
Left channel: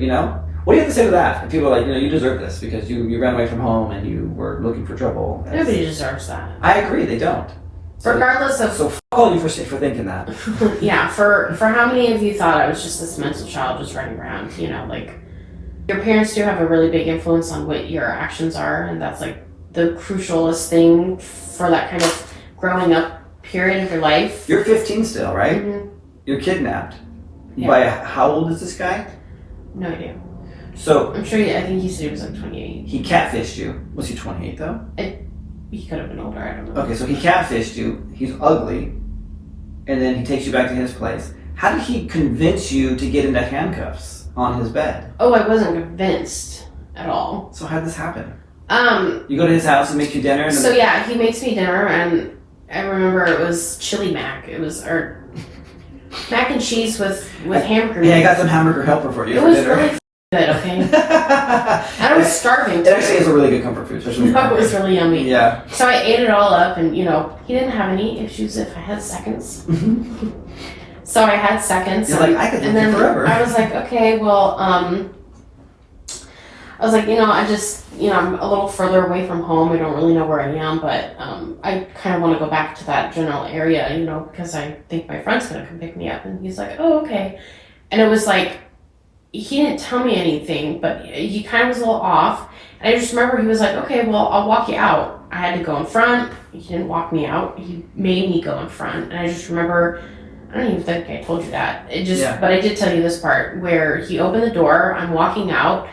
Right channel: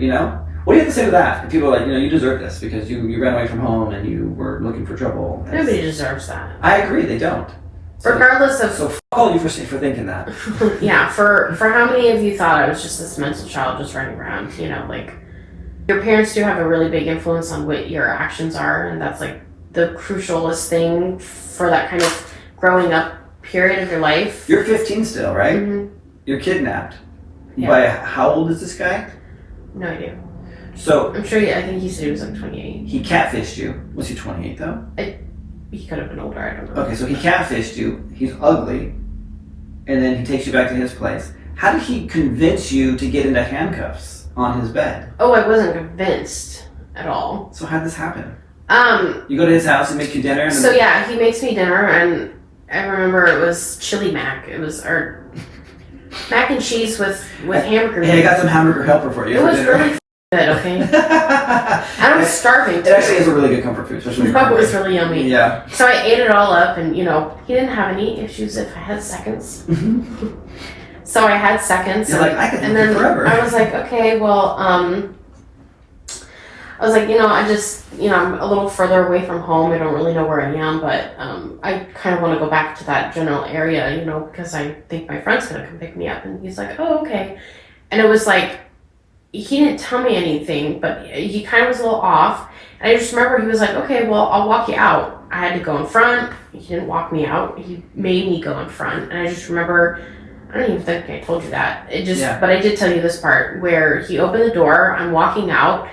What do you have to say to that? And people are like, you deserve this because you ran away from home and you were looking for trouble. Nobody deserves that. I agree, they don't. Regardless of... So f*** all you for thinking that. Yeah, for how many of you thought I was just this mental child just running around, your parents do have a really big influence on what your actions are, and that's the crucialest thing for that kind of growing up period of your life. You're 15 still, right? Mm-hmm. You're kidnapped. Yeah. By how old is this guy? No idea. So I'm sure. I think he said he was like 28. he catfished you. Was he 28 though? He could have been older. I don't know. Okay, so he catfished you. He's ugly, and then he takes you back to his place. How did he convince you to get into handcuffs on his bed? Oh, I wasn't convinced at all. So how did this happen? You go to his house and make you dinner. And so yeah, he makes me dinner, and I remember it was chili mac. It was mac and cheese with hamburger. Yeah, I got some hamburger helper for you It for was dinner. really good. Okay, and I was starving. It actually is a really good comfort food, especially when you're It was hungry. really yummy. Yeah. So I ate it all up, and he didn't have any issues if I had seconds. So I had seconds. You're like, I could and live then forever. I was like, okay, well, I was like, I just, I'm a little further away from home. I don't really know where I am, but I kind of want to go back to that general area, because I think my friend's gonna come pick me up. And he's like, oh, okay. And it was like, he didn't tell me anything, but he kind of was a little off. And I just remember he was like, okay, well, I'll walk you out. I had to go in front. He didn't walk me out. He made me go in front. And I just remember, I don't even think I told you that. But I did tell you this part where he opened the door. I'm walking out,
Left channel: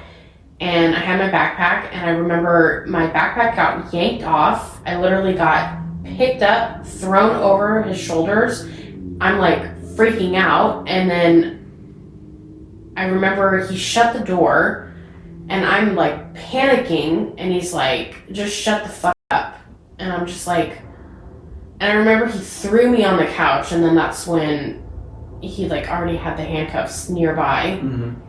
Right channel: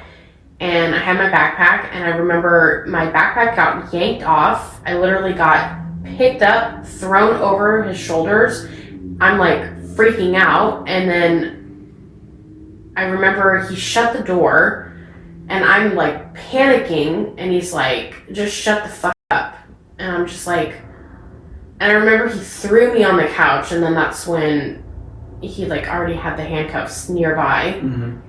and I had my backpack, and I remember my backpack got yanked off. I literally got picked up, thrown over his shoulders. I'm like freaking out, and then I remember he shut the door, and I'm like panicking, and he's like, just shut the fuck up. And I'm just like, and I remember he threw me on the couch, and then that's when he like already had the handcuffs nearby. Mm-hmm.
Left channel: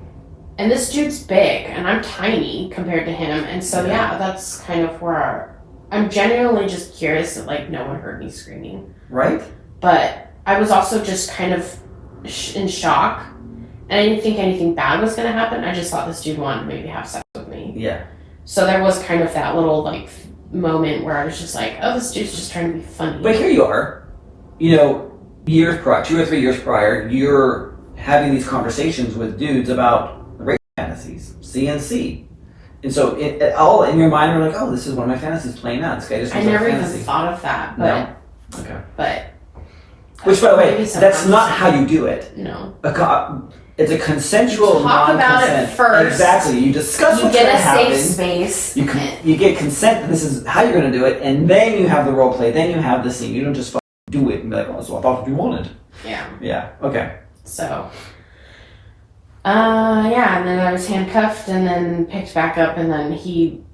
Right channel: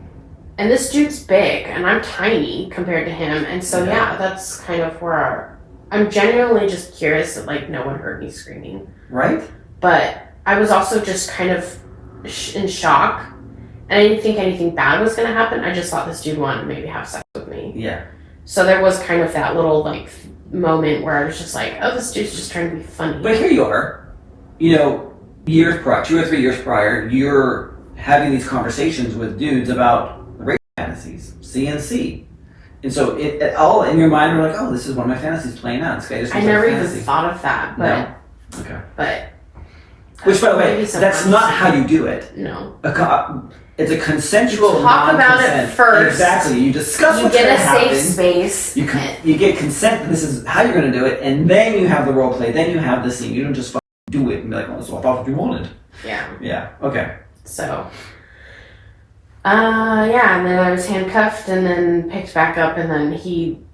And this dude's big, and I'm tiny compared to him. And so yeah, that's kind of where I'm genuinely just curious that like no one heard me screaming. Right? But I was also just kind of in shock. And I didn't think anything bad was going to happen. I just thought this dude wanted to maybe have sex with me. Yeah. So there was kind of that little like moment where I was just like, oh, this dude's just trying to be funny. But here you are, years prior, 2 or 3 years prior, you're having these conversations with dudes about rape fantasies, CNC. And so it all in your mind are like, oh, this is one of my fantasies playing out. This guy just I never even thought of that. But, No? Okay. But. Which, by the way, maybe that's not how you do it. No. It's a consensual You talk non-consent. about it first. Exactly. You discuss You what's going get to a happen. safe space. You get consent. This is how you're going to do it, and then you have the role play. Then you have the scene. You don't just do it and be like, "Oh, so I thought what you wanted." Yeah. Yeah. Okay. So. And then I was handcuffed, and then picked back up, and then he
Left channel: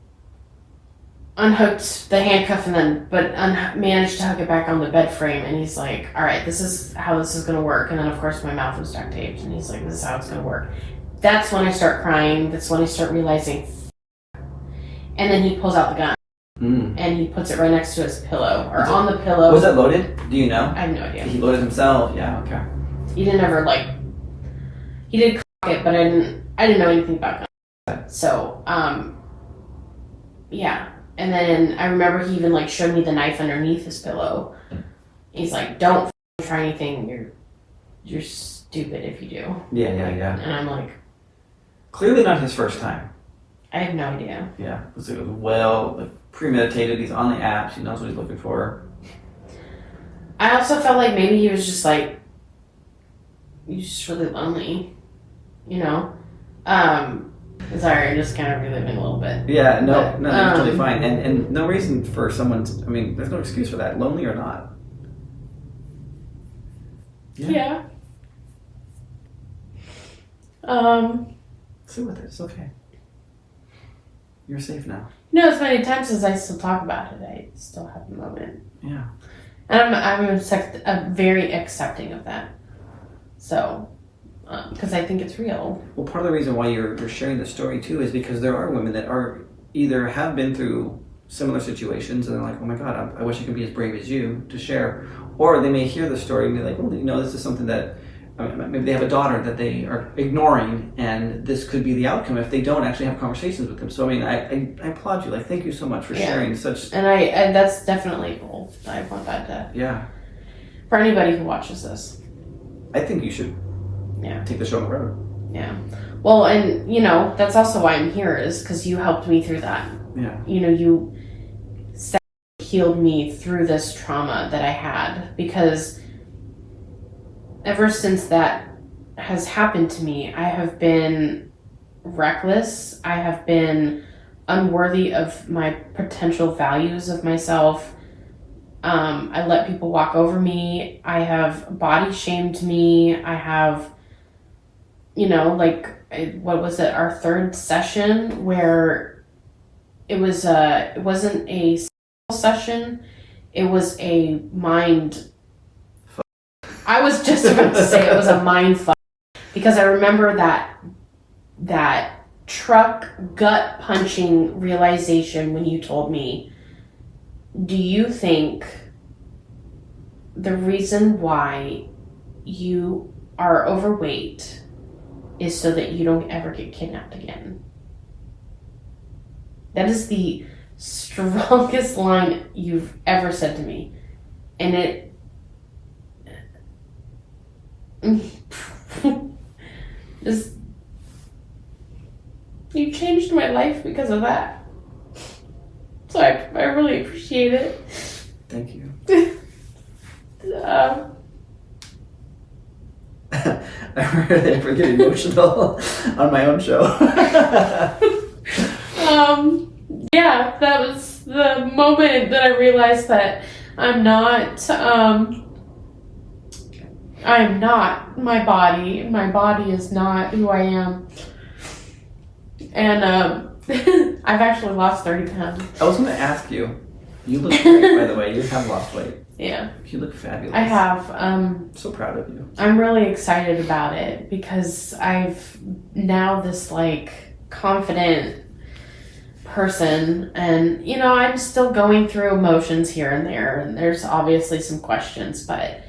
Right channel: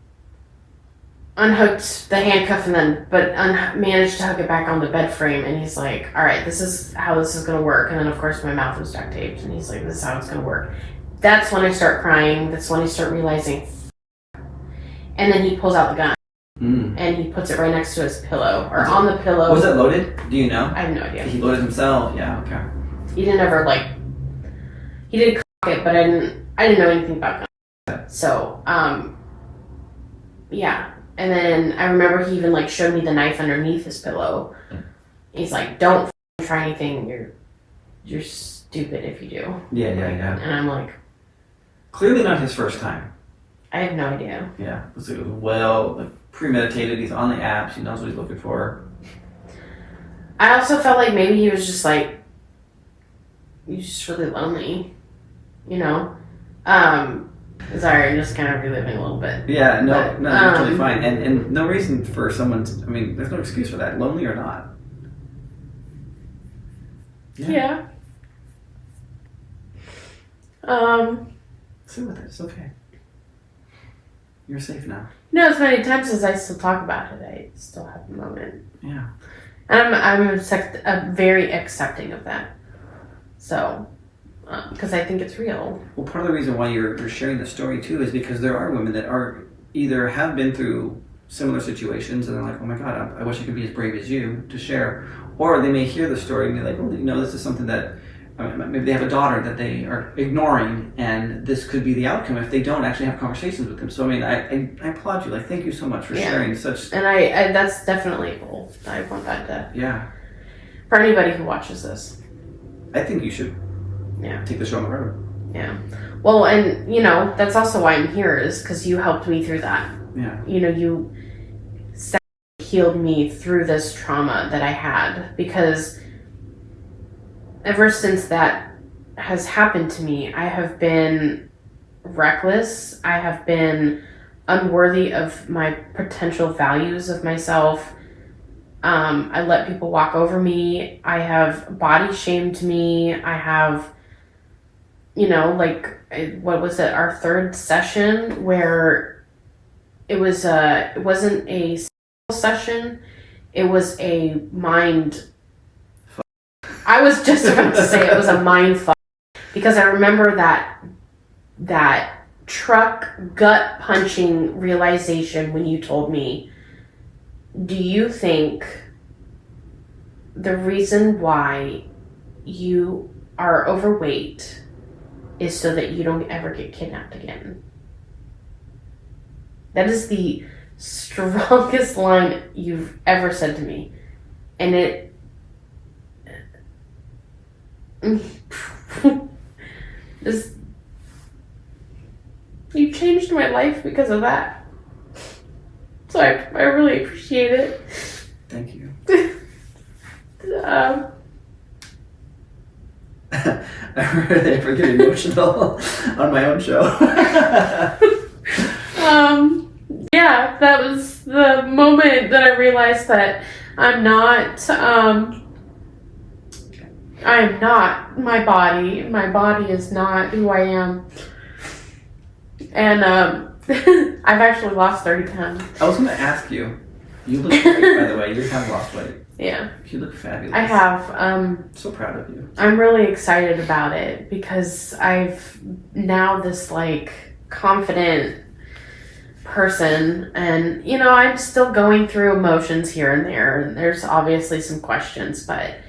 unhooked the handcuff, and then managed to hook it back on the bed frame. And he's like, all right, this is how this is going to work. And then of course my mouth was duct taped, and he's like, this is how it's going to work. That's when I start crying. That's when I start realizing. And then he pulls out the gun, and he puts it right next to his pillow, or on the pillow. Was it loaded? Do you know? I have no idea. He loaded himself. Yeah. Okay. He didn't ever he did cock it, but I didn't know anything about that. So yeah. And then I remember he even showed me the knife underneath his pillow. He's like, don't try anything. You're stupid if you do. Yeah. And I'm like, clearly not his first time. I have no idea. Yeah. It was premeditated. He's on the apps. He knows what he's looking for. I also felt like maybe he was just he's just really lonely, Sorry, I'm just kind of reliving a little bit. Yeah, no, you're totally fine. And no reason for someone there's no excuse for that, lonely or not. Yeah. Sit with it, it's okay. You're safe now. As many times as I still talk about it, I still have a moment. Yeah. And I'm very accepting of that. So, because I think it's real. Well, part of the reason why you're sharing the story too is because there are women that are either have been through similar situations and they're like, oh my God, I wish I could be as brave as you to share. Or they may hear the story and be like, well, this is something that maybe they have a daughter that they are ignoring, and this could be the outcome if they don't actually have conversations with them. So I applaud you. Thank you so much for sharing such. And I that's definitely a goal. I want that to. For anybody who watches this. I think you should. Take the show on the road. Yeah. Well, and that's also why I'm here, is because you helped me through that. Yeah. healed me through this trauma that I had, because ever since that has happened to me, I have been reckless. I have been unworthy of my potential values of myself. I let people walk over me. I have body shamed me. I have, what was it, our third session where it wasn't a session, it was a mind. I was just about to say it was a mind fuck, because I remember that truck gut punching realization when you told me, do you think the reason why you are overweight is so that you don't ever get kidnapped again? That is the strongest line you've ever said to me. And it just, you changed my life because of that. So I really appreciate it. Thank you. I really ever get emotional on my own show. Yeah, that was the moment that I realized that I am not my body. My body is not who I am. And I've actually lost 30 pounds. I was going to ask you. You look great, by the way. You have lost weight. Yeah. You look fabulous. I have. I'm so proud of you. I'm really excited about it because I've now this confident person, and I'm still going through emotions here and there, and there's obviously some questions, but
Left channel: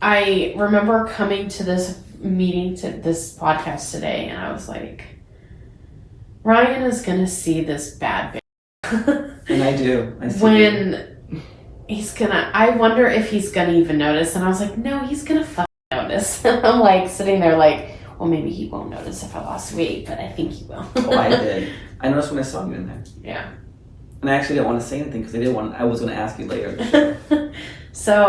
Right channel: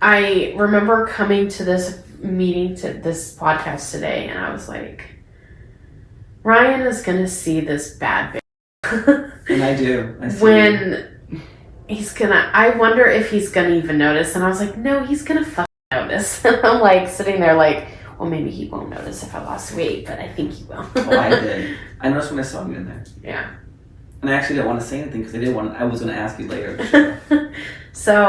I remember coming to this meeting, to this podcast today, and I was like, Ryan is gonna see this bad bitch. And I do. I see when he's gonna, I wonder if he's gonna even notice, and I was like, no, he's gonna fucking notice. And I'm sitting there well, maybe he won't notice if I lost weight, but I think he will. Oh, I did. I noticed when I saw you in there. Yeah. And I actually didn't want to say anything because I was going to ask you later. So,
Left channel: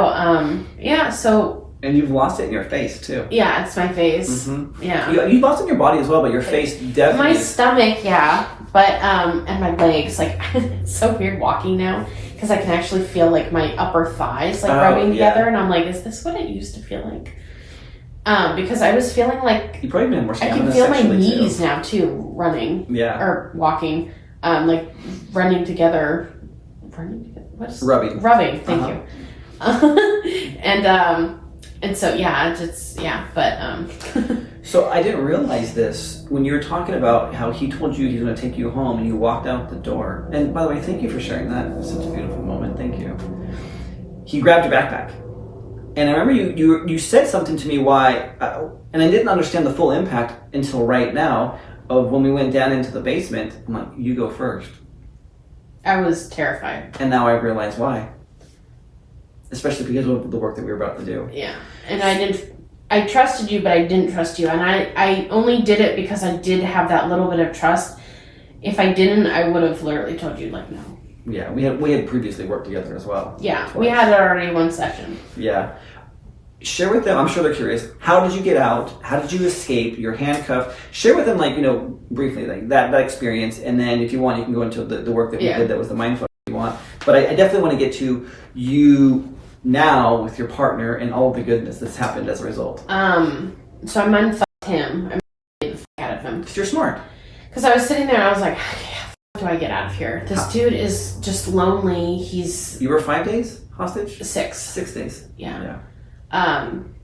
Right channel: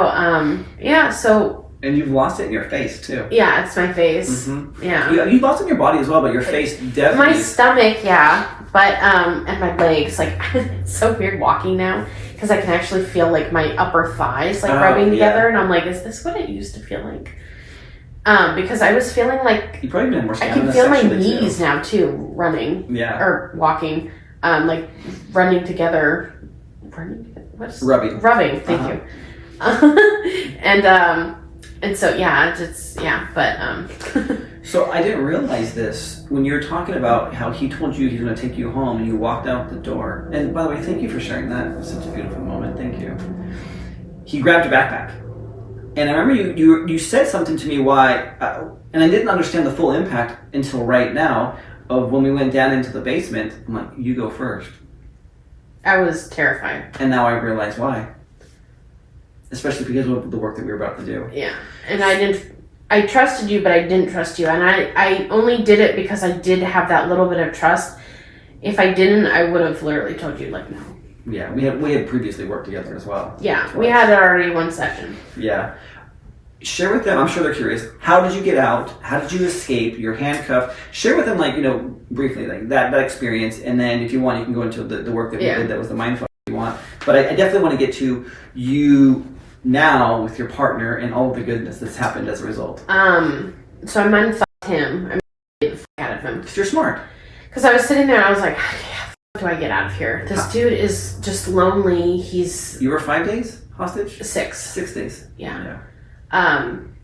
And you've lost it in your face, too. Yeah, it's my face. Mm-hmm. Yeah. You lost it in your body as well, but your face definitely. My stomach, yeah. But, and my legs, it's so weird walking now because I can actually feel, my upper thighs, rubbing together. And I'm like, is this what it used to feel like? Because I was feeling you probably been more I can feel my knees now too, running. Yeah. Or walking, running together. Running together? What's rubbing? Rubbing. Thank you. And so but. So I didn't realize this when you were talking about how he told you he's going to take you home, and you walked out the door. And by the way, thank you for sharing that. It was such a beautiful moment. Thank you. He grabbed your backpack. And I remember you said something to me and I didn't understand the full impact until right now of when we went down into the basement. I'm like, you go first. I was terrified. And now I realize why. Especially because of the work that we were about to do. Yeah. And I trusted you, but I didn't trust you. And I only did it because I did have that little bit of trust. If I didn't, I would have literally told you, no. Yeah, we had previously worked together as well. Yeah, twice. We had already one session. Yeah. Share with them, I'm sure they're curious, how did you get out? How did you escape? You're handcuffed. Share with them, briefly, that experience. And then if you want, you can go into the work that we did that was the mindfuck you want. But I definitely want to get to you now with your partner and all of the goodness that's happened as a result. So I mindfucked him. I made the fuck out of him. Because you're smart. Because I was sitting there and I was like, how do I get out of here? This dude is just lonely. You were 5 days hostage? 6. 6 days. Yeah.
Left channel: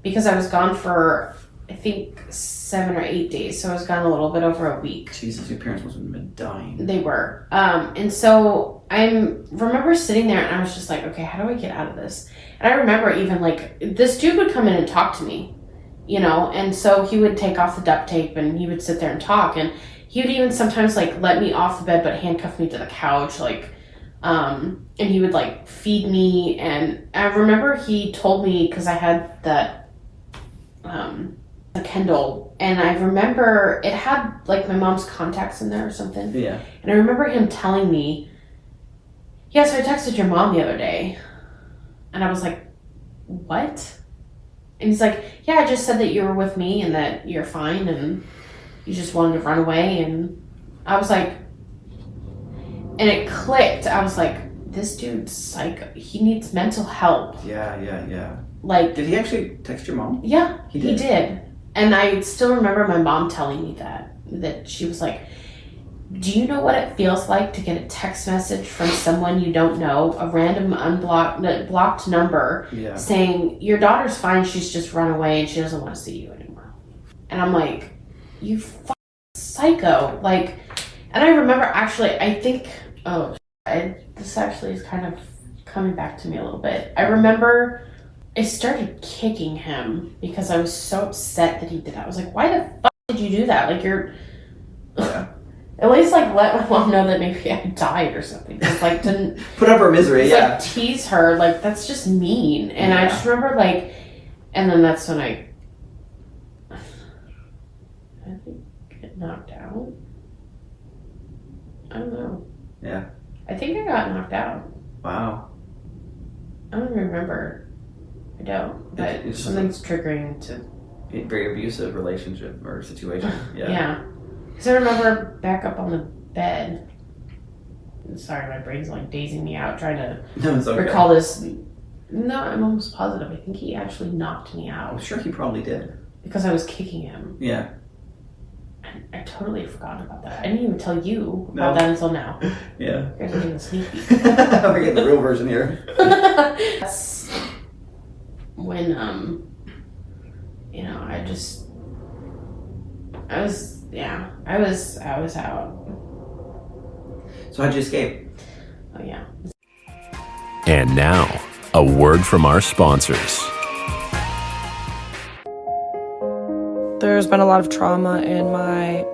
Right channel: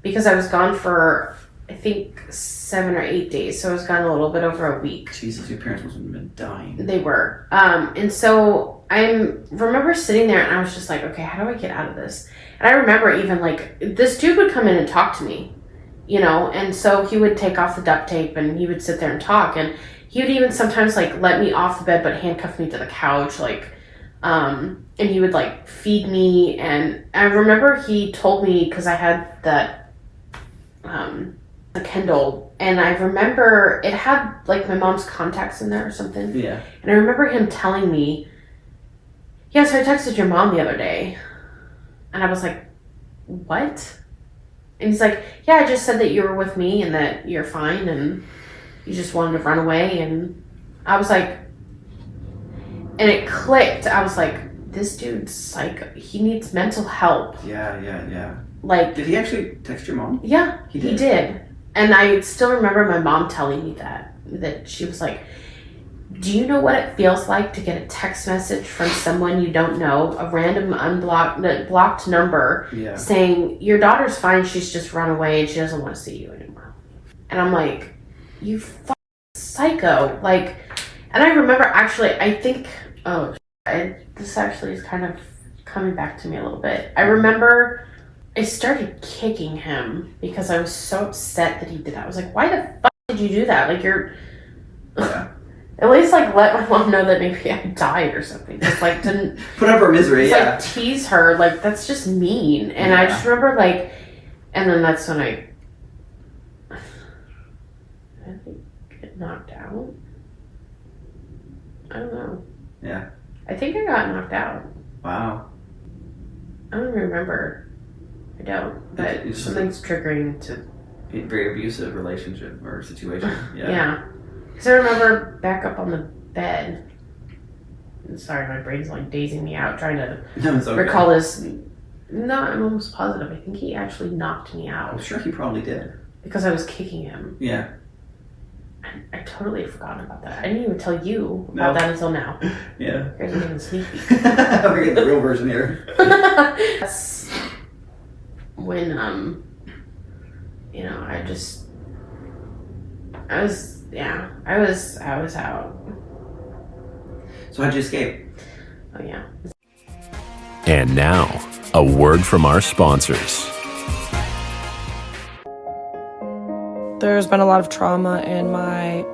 Because I was gone for, I think, 7 or 8 days. So I was gone a little bit over a week. Jesus, your parents must have been dying. They were. And so I remember sitting there and I was just like, okay, how do I get out of this? And I remember even this dude would come in and talk to me, and so he would take off the duct tape and he would sit there and talk. And he would even sometimes let me off the bed but handcuff me to the couch, and he would feed me. And I remember he told me, because I had that a Kindle, and I remember it had my mom's contacts in there or something. Yeah. And I remember him telling me, yeah, so I texted your mom the other day. And I was like, what? And he's like, yeah, I just said that you were with me and that you're fine and you just wanted to run away. And I was like, and it clicked. I was like, this dude's psycho. He needs mental help. Yeah. Like, did he actually text your mom? Yeah, he did. And I still remember my mom telling me that she was like, do you know what it feels like to get a text message from someone you don't know, a random blocked number, saying your daughter's fine, she's just run away and she doesn't want to see you anymore? And I'm like, you fucking psycho. Like, and I remember actually, I think, this actually is kind of coming back to me a little bit. I remember I started kicking him because I was so upset that he did that. I was like, why the fuck did you do that? Like, you're... At least, like, let my mom know that maybe I died or something. Like, to put up her misery, like, tease her, like, that's just mean. And I just remember, like, and then that's when I think get knocked out. I don't know. Yeah. I think I got knocked out. Wow. I don't remember. I don't. But something's triggering to a very abusive relationship or situation. Yeah. Because I remember back up on the bed. Sorry, my brain's like dazing me out trying to recall this. No, I'm almost positive. I think he actually knocked me out. I'm sure he probably did. Because I was kicking him. Yeah. I totally forgot about that. I didn't even tell you about that until now. Yeah. You guys are getting the sneak peek. We're getting the real version here. That's when, you know, I was out. So how'd you escape? Oh, yeah. And now, a word from our sponsors. There's been a lot of trauma in my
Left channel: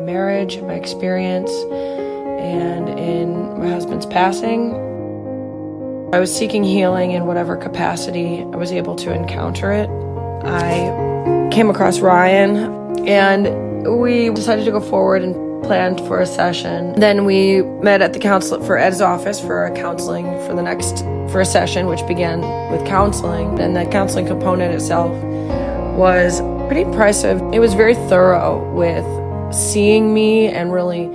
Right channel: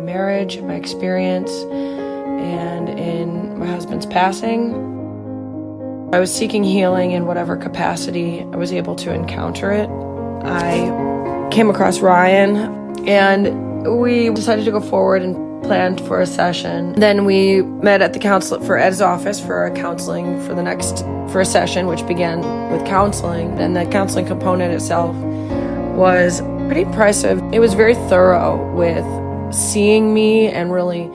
marriage, in my experience, and in my husband's passing. I was seeking healing in whatever capacity I was able to encounter it. I came across Ryan, and we decided to go forward and planned for a session. Then we met at the counselor for Ed's office for a counseling for a session, which began with counseling. And the counseling component itself was pretty impressive. It was very thorough with seeing me, and really,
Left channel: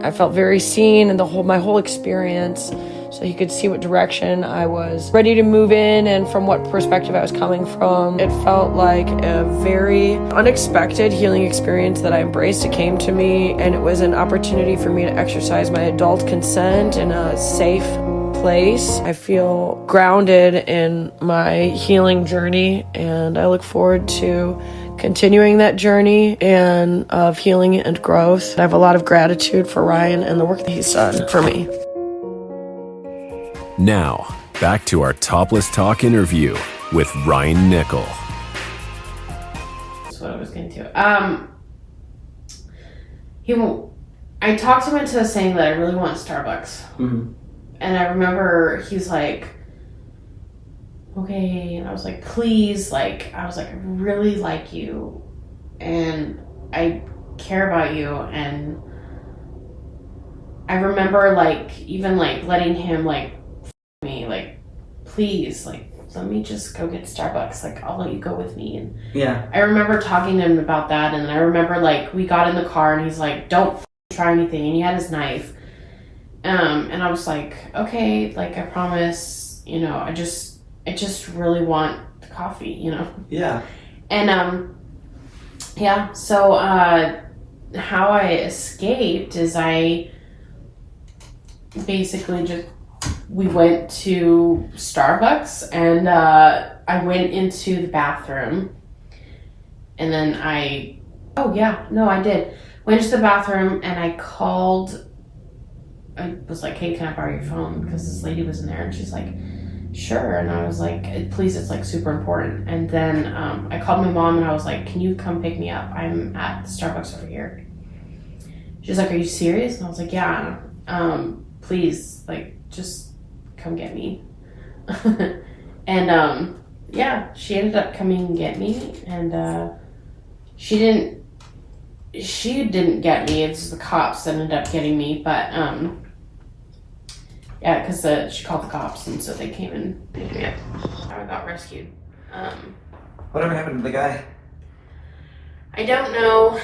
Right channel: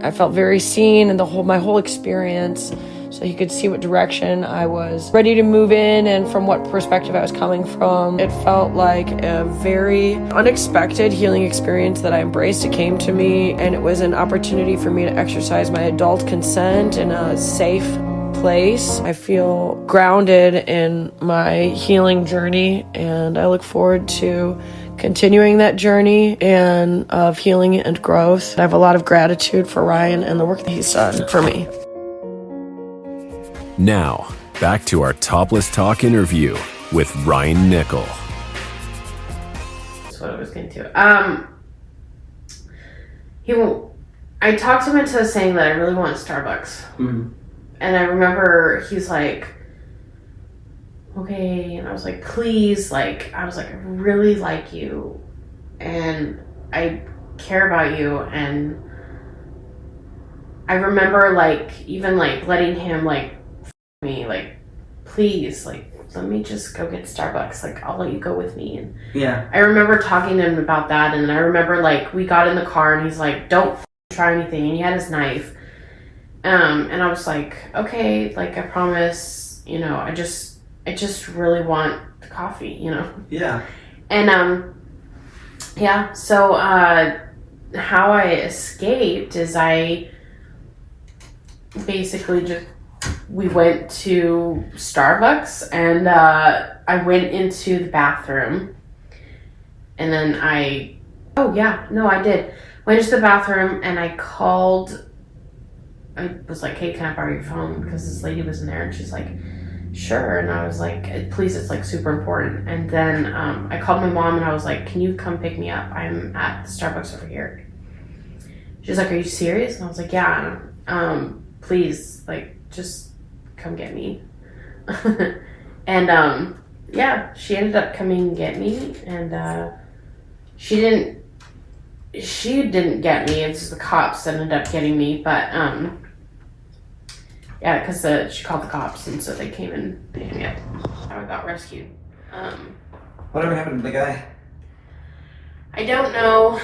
I felt very seen in my whole experience. So he could see what direction I was ready to move in and from what perspective I was coming from. It felt like a very unexpected healing experience that I embraced. It came to me, and it was an opportunity for me to exercise my adult consent in a safe place. I feel grounded in my healing journey, and I look forward to continuing that journey and of healing and growth. I have a lot of gratitude for Ryan and the work that he's done for me. Now, back to our Topless Talk interview with Ryan Nickel. That's what I was getting to. I talked him into saying that I really want Starbucks. Mm-hmm. And I remember he's like, okay, and I was like, please, like, I really like you, and I care about you, and I remember, like, even, like, letting him, like, me, like, please, like, let me just go get Starbucks, like, I'll let you go with me. And yeah, I remember talking to him about that, and I remember, like, we got in the car, and he's like, don't try anything, and he had his knife, and I was like, okay, like, I promise, you know, I just really want the coffee, you know? Yeah. And, yeah, so, how I escaped is I basically we went to Starbucks, and, I went into the bathroom, and then I did. Went into the bathroom, and I was like, hey, can I borrow your phone? Because this lady was in there, and she's like, sure. And I was like, please, it's like super important. And then I called my mom, and I was like, can you come pick me up? I'm at Starbucks over here. She's like, are you serious? And I was like, yeah, please, like, just come get me. And yeah, she ended up coming and get me, and she didn't get me. It's the cops that ended up getting me, but Yeah, because she called the cops, and so they came and picked me up. I got rescued. Whatever happened to the guy? I don't know.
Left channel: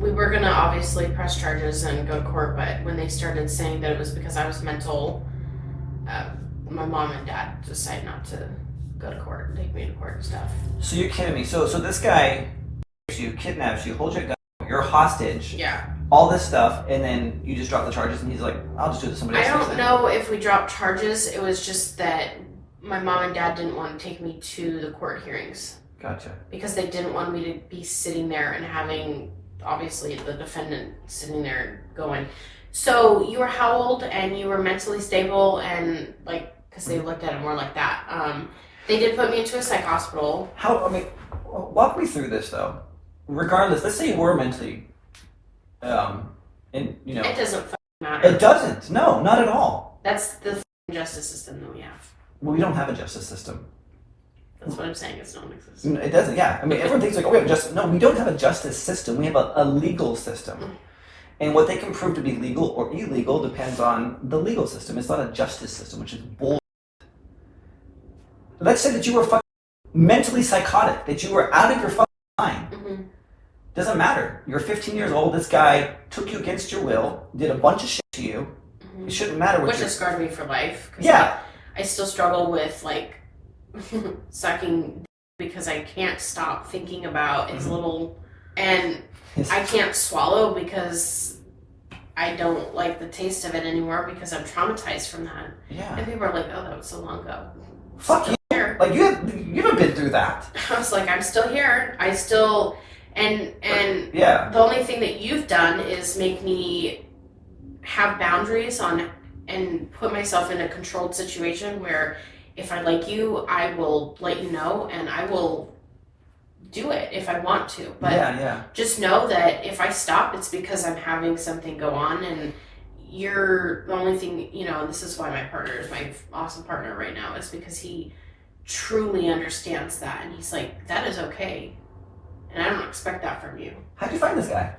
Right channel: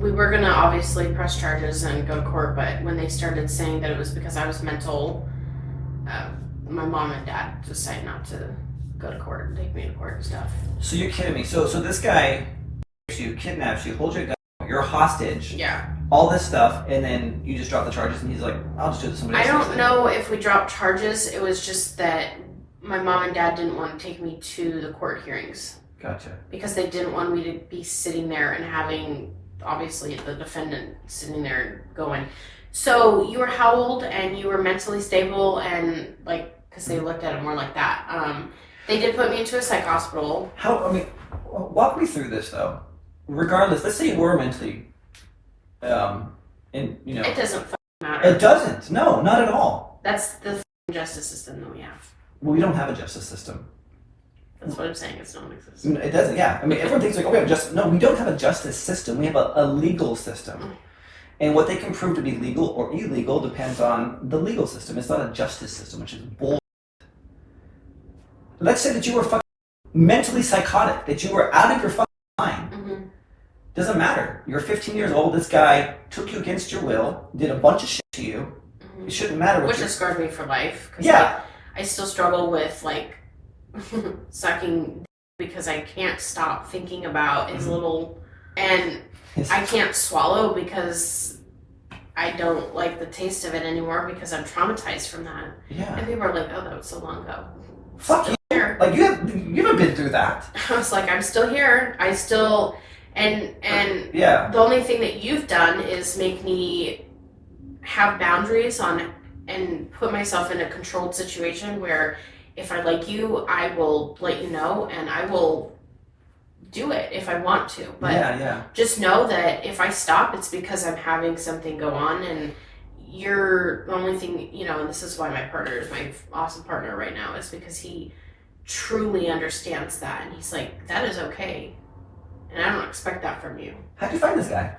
We were gonna obviously press charges and go to court, but when they started saying that it was because I was mental, my mom and dad decided not to go to court and take me to court and stuff. So you're kidding me. So this guy, you kidnaps you, holds your gun, you're a hostage. Yeah. All this stuff, and then you just drop the charges, and he's like, I'll just do it to somebody else. I don't know if we dropped charges. It was just that my mom and dad didn't want to take me to the court hearings. Gotcha. Because they didn't want me to be sitting there and having, obviously, the defendant sitting there and going, so you were how old and you were mentally stable, and like, because they looked at it more like that. They did put me into a psych hospital. Walk me through this though. Regardless, let's say you were mentally, It doesn't matter. It doesn't. No, not at all. That's the justice system that we have. Well, we don't have a justice system. That's what I'm saying. It's non-existent. It doesn't. Yeah. I mean, everyone thinks like, oh, we have a justice. No, we don't have a justice system. We have a legal system, and what they can prove to be legal or illegal depends on the legal system. It's not a justice system, which is bull. Let's say that you were fucking mentally psychotic, that you were out of your fucking mind. Mm-hmm. Doesn't matter. You're 15 years old. This guy took you against your will, did a bunch of shit to you. Mm-hmm. It shouldn't matter what. Which has scarred me for life. Yeah. I still struggle with like sucking because I can't stop thinking about his little, and I can't swallow because I don't like the taste of it anymore because I'm traumatized from that. Yeah. And people are like, "Oh, that was so long ago." Fuck you. Like you haven't been through that. I was like, I'm still here. I still, and yeah. The only thing that you've done is make me have boundaries on and put myself in a controlled situation where if I like you, I will let you know and I will do it if I want to. But just know that if I stop, it's because I'm having something go on, and you're the only thing, and this is why my partner is my awesome partner right now, is because he truly understands that, and he's like, that is okay, and I don't expect that from you. How'd you find this guy?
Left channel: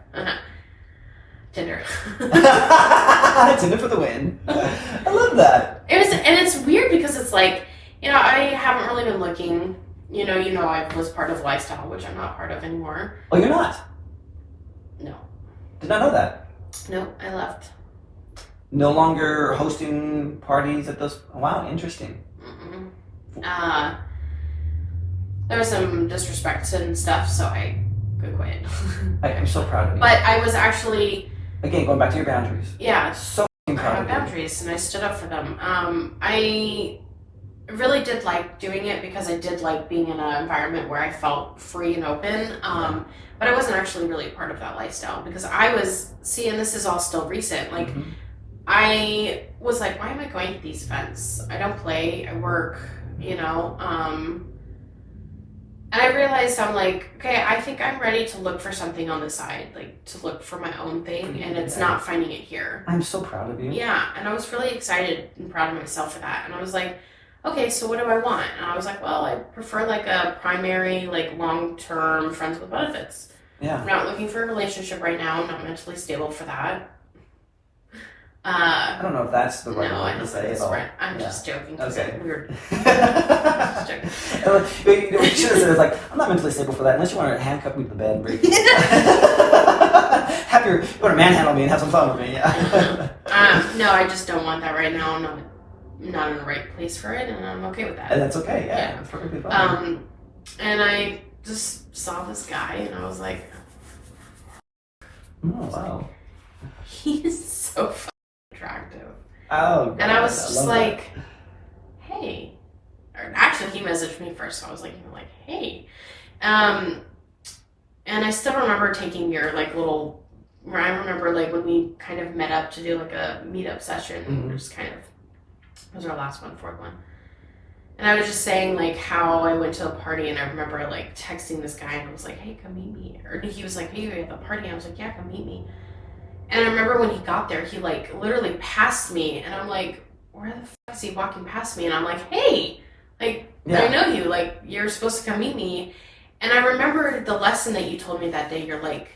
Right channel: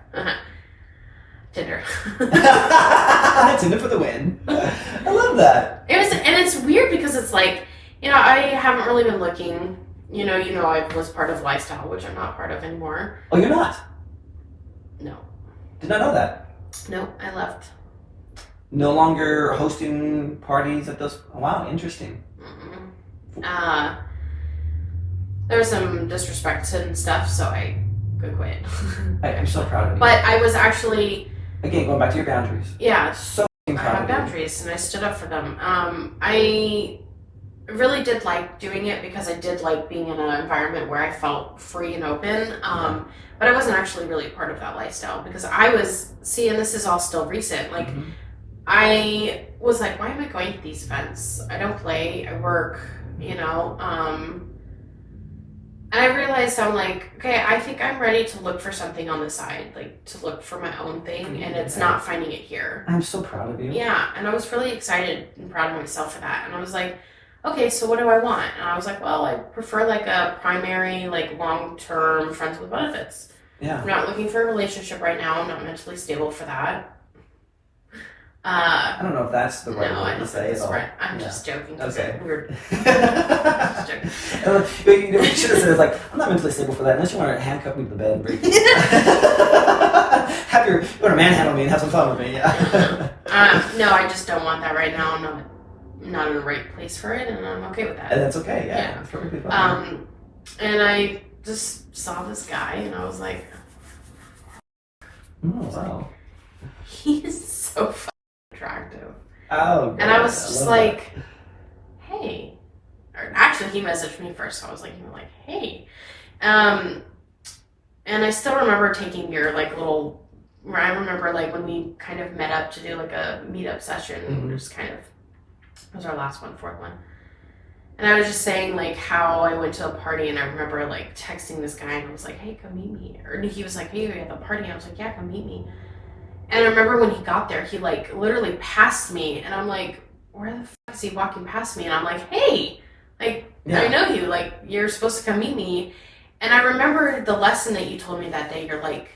Tinder. Tinder for the win. I love that. And it's weird because it's like, I haven't really been looking. I was part of Lifestyle, which I'm not part of anymore. Oh, you're not? No. Did not know that. No, I left. No longer hosting parties at those. Wow, interesting. There was some disrespect and stuff, so I could quit. I'm so proud of you. But I was actually, again, going back to your boundaries. Yeah, so I proud have of boundaries, and I stood up for them. I really did like doing it because I did like being in an environment where I felt free and open. But I wasn't actually really a part of that lifestyle because I was, and this is all still recent, like, I was like, why am I going to these events? I don't play, I work, and I realized I'm like, okay, I think I'm ready to look for something on the side, like to look for my own thing, and it's not finding it here. I'm so proud of you. Yeah, and I was really excited and proud of myself for that. And I was like, okay, so what do I want? And I was like, well, I prefer like a primary, like long-term friends with benefits. Yeah. I'm not looking for a relationship right now. I'm not mentally stable for that. I don't know if that's the right word to say. Right. I'm just joking. Okay. It's weird. Just joking. You should have said, like, I'm not mentally stable for that unless you want to handcuff me to the bed and break me. You want to manhandle me and have some fun with me. Yeah. No, I just don't want that right now. I'm not in the right place for it, and I'm okay with that. And that's okay. Yeah. That's perfectly fine. And I just saw this guy, and I was like, oh, wow. He's so fucking attractive. Oh, God. And I was just like, hey. Or actually, he messaged me first, so I was like, hey. And I still remember taking your, like, little, where I remember, like, when we kind of met up to do, like, a meetup session, just kind of, it was our last one, fourth one. And I was just saying, like, how I went to a party, and I remember, like, texting this guy, and I was like, hey, come meet me. Or he was like, hey, you're at the party. And I was like, yeah, come meet me. And I remember when he got there, he, like, literally passed me, and I'm like, where the fuck is he walking past me? And I'm like, hey, like, I know you. Like, you're supposed to come meet me. And I remember the lesson that you told me that day. You're like,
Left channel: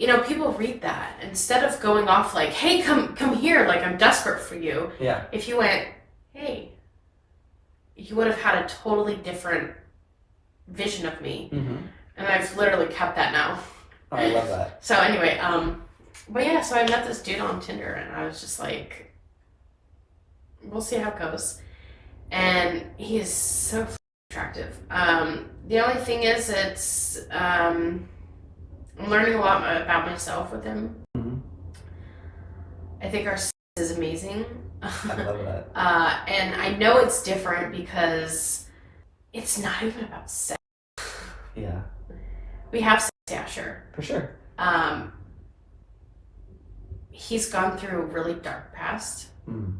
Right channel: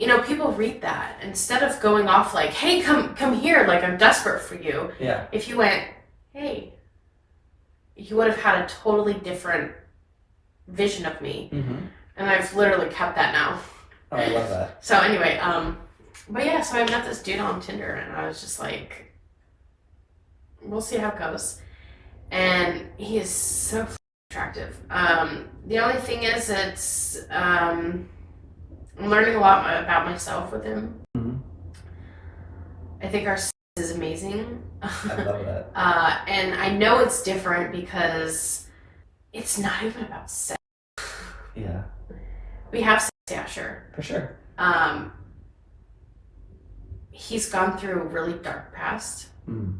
you know, people read that instead of going off like, hey, come here, like I'm desperate for you. Yeah. If you went, hey, you would have had a totally different vision of me. Mm-hmm. And I've literally kept that now. Oh, I love that. So anyway, but yeah, so I met this dude on Tinder and I was just like, we'll see how it goes. And he is so attractive. The only thing is I'm learning a lot about myself with him. Mm-hmm. I think our sex is amazing. I love that. And I know it's different because it's not even about sex. Yeah. We have sex, yeah, sure. For sure. He's gone through a really dark past. Mm.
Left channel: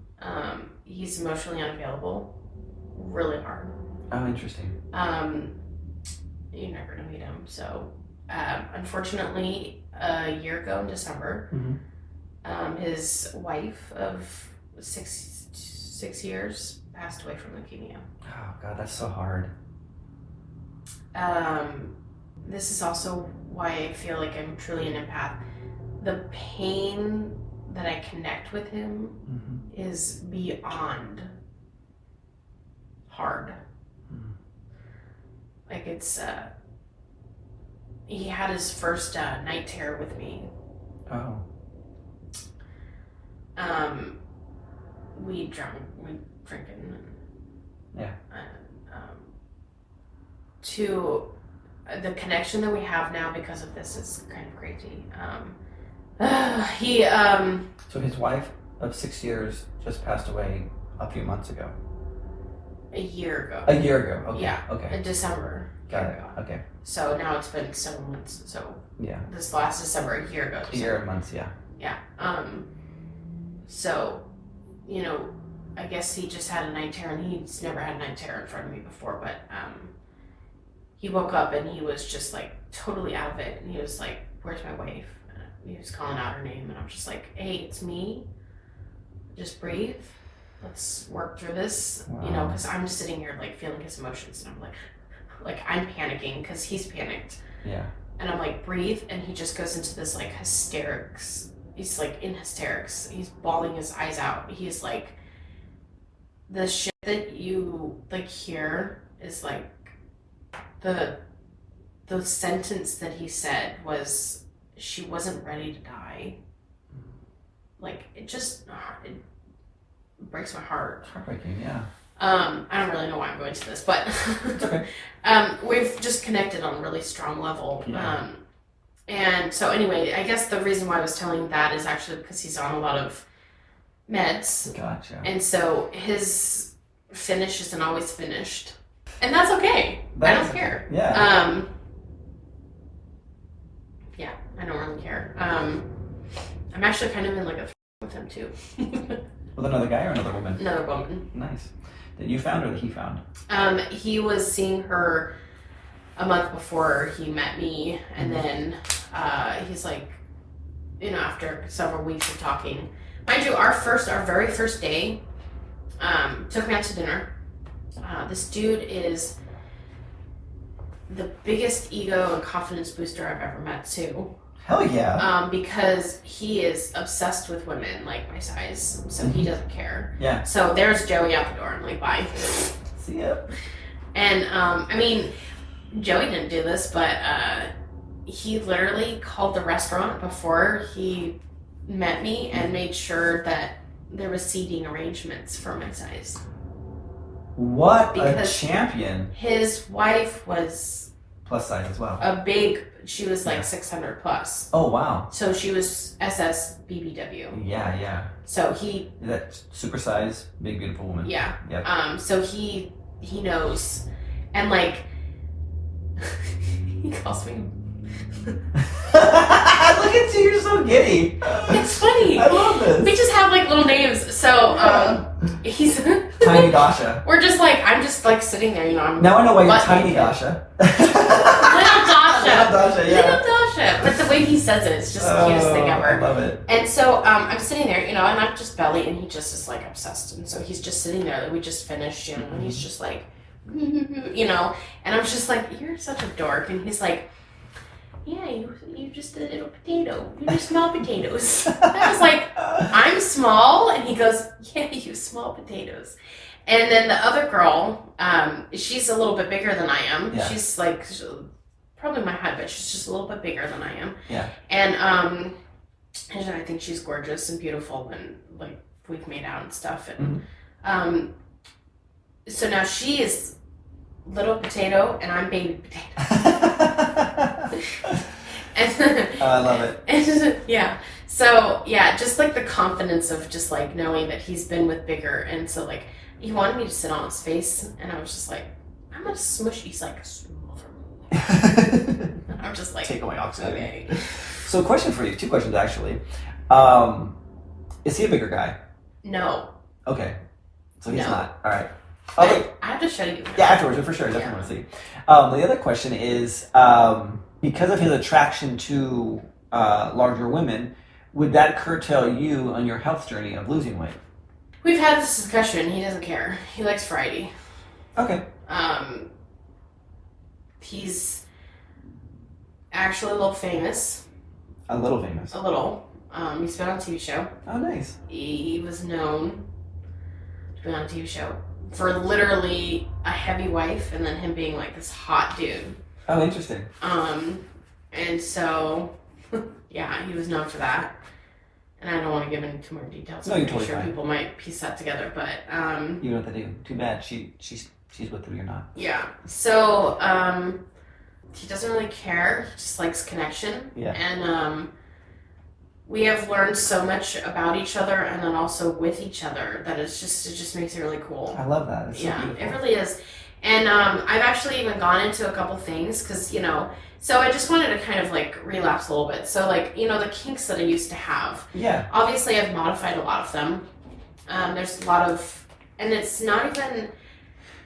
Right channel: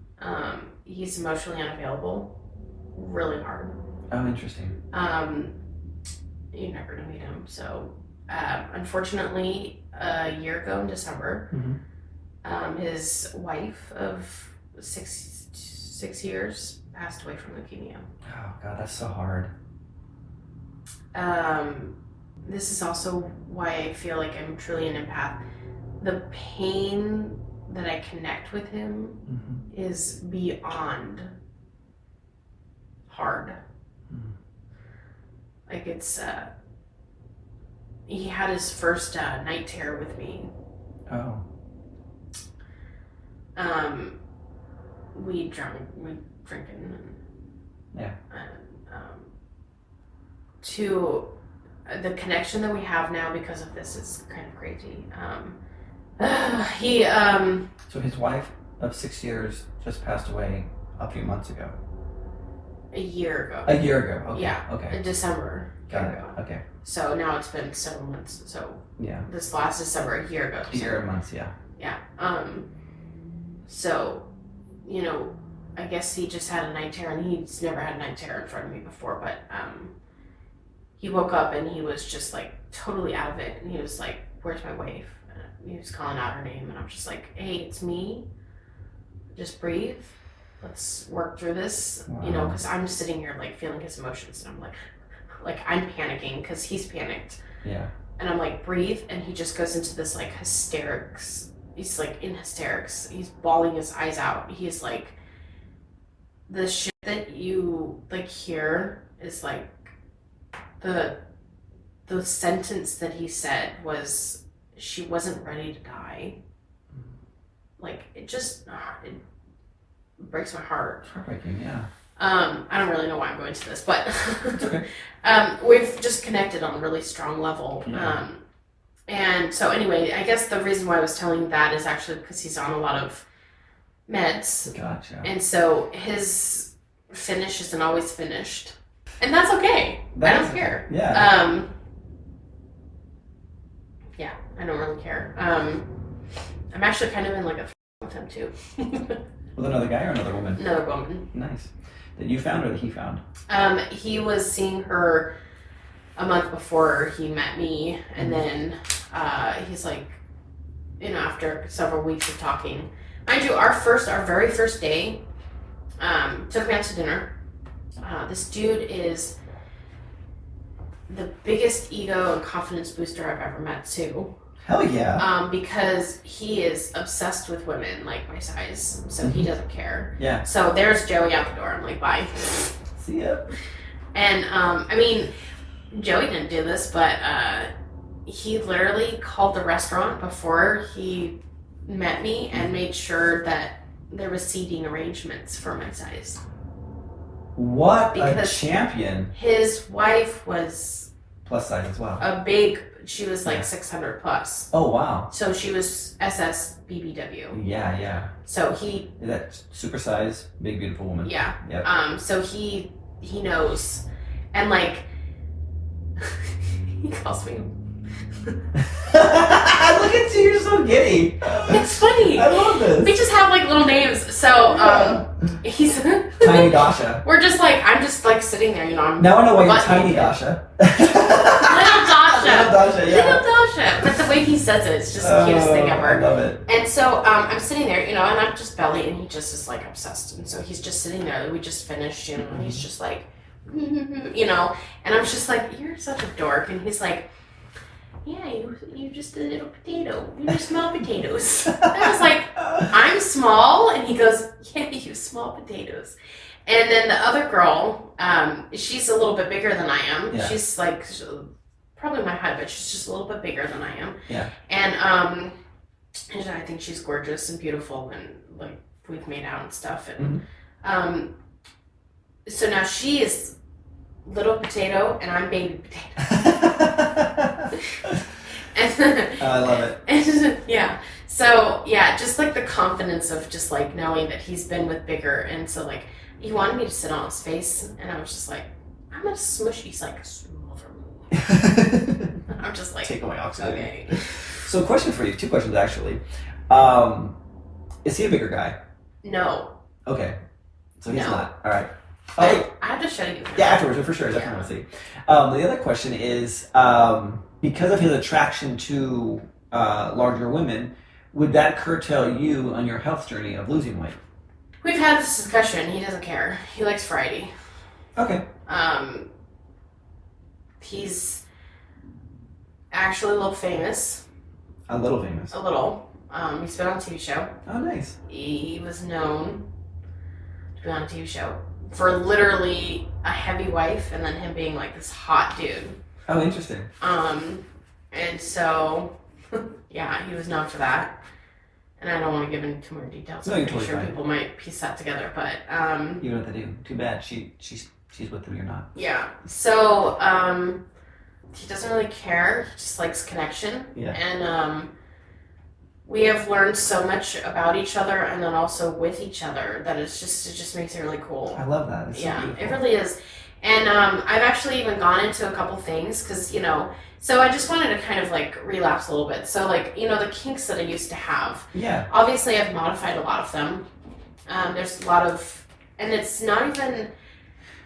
He's emotionally unavailable, really hard. Oh, interesting. You never know meet him. So, unfortunately, a year ago in December, his wife of six years passed away from leukemia. Oh God, that's so hard. This is also why I feel like I'm truly an empath. The pain that I connect with him is beyond hard. Like it's, he had his first night terror with me. Oh. We drinking. Yeah. To the connection that we have now because of this is kind of crazy. So his wife of 6 years just passed away a few months ago. A year ago. A year ago. Okay. Yeah. Okay. In December. Got it. Ago. Okay. So now it's been 7 months. So yeah. This last December, a year ago. A year and months. Yeah. Yeah. So, you know, I guess he just had a night terror, and he's never had a night terror in front of me before. But he woke up and he was just like totally out of it, and he was like, "Where's my wife?" And he was calling out her name, and I'm just like, "Hey, it's me. Just breathe. Let's work through this." Wow. You know, because I'm sitting here like feeling his emotions, and I'm like I'm panicking because he's panicked. Yeah. And I'm like, breathe, and he just goes into this like hysterics. He's like in hysterics. He's bawling his eyes out. He's like, the shit that you like hear is like the sentence that he said was, she wasn't ready to die. Like it breaks my heart. It's heartbreaking, yeah. I don't really know why I'm going to this, but we've just connected on a really strong level. Yeah. And so anyway, I guess the reason why I was telling that is actually because he's on a lot of meds. Gotcha. And so his finish isn't always finished. And that's okay. I don't care. Yeah. Yeah, I don't really care. I'm actually kind of in like a with him too. With another guy or another woman? Another woman. Nice. That you found or that he found? He was seeing her a month before he met me, and then he's like, you know, after several weeks of talking, mind you, our very first day, took me out to dinner. This dude is the biggest ego and confidence booster I've ever met too. Hell yeah. Because he is obsessed with women like my size, so he doesn't care. Yeah. So there's Joey out the door. I'm like, bye. See ya. And I mean, Joey didn't do this, but he literally called the restaurant before he met me and made sure that there was seating arrangements for my size. What Because a champion. His wife was Plus size as well. she was like 600 plus. Oh, wow. So she was SS BBW. Yeah, yeah. So he... That super size, big, beautiful woman. Yeah. Yep. So he knows. And like, he calls me... Look at you, you're so giddy. It's funny. I love this. We just have like little names. So he's Tiny Dasha. We're just like, I'm just like sitting there, you know. Now I know why you're Tiny Dasha. Little Dasha. Little Dasha, yeah. Little Dasha. But the way he says it, it's just the cutest thing ever. I love it. And so I'm sitting there, you know, and I'm just belly, and he just is like obsessed. And so he's just sitting there. We just finished, you know, and he's just like, you know, and I'm just like, you're such a dork. And he's like, yeah, you just a little potato. You just small potatoes. I was like, I'm small? And he goes, yeah, you small potatoes. And then the other girl, she's a little bit bigger than I am. Yeah. She's like probably my height, but she's just a little bit bigger than I am. Yeah. And I think she's gorgeous and beautiful, and like we've made out and stuff. And so now she is little potato and I'm baby potato. And I love it. And yeah. So yeah, just like the confidence of just like knowing that he's been with bigger, and so like he wanted me to sit on his face, and I was just like, I'm gonna smush. He's like, smother me. I'm just like, take away oxygen. Okay. So, question for you. 2 questions actually. Is he a bigger guy? No. Okay. So he's No. not. All right. I have to show you. Yeah, afterwards, for sure. Definitely want to see. The other question is, because of his attraction to larger women, would that curtail you on your health journey of losing weight? We've had this discussion. He doesn't care. He likes variety. Okay. He's actually a little famous. A little famous. A little. He's been on a TV show. Oh, nice. He was known to be on a TV show for literally a heavy wife, and then him being like this hot dude. Oh, interesting. And so, yeah, he was known for that. And I don't want to give any too more details. No, I'm you're pretty totally sure fine. people might piece that together, but You know what to do. Too bad. She's with him, you're not. yeah. So he doesn't really care. He just likes connection. Yeah. And we have learned so much about each other, and then also with each other, that it just makes it really cool. I love that. It's so Yeah, beautiful. it really is. And I've actually even gone into a couple things because, you know, so I just wanted to kind of like relapse a little bit. So like, you know, the kinks that I used to have, Yeah. obviously I've modified a lot of them. There's a lot of, and it's not even,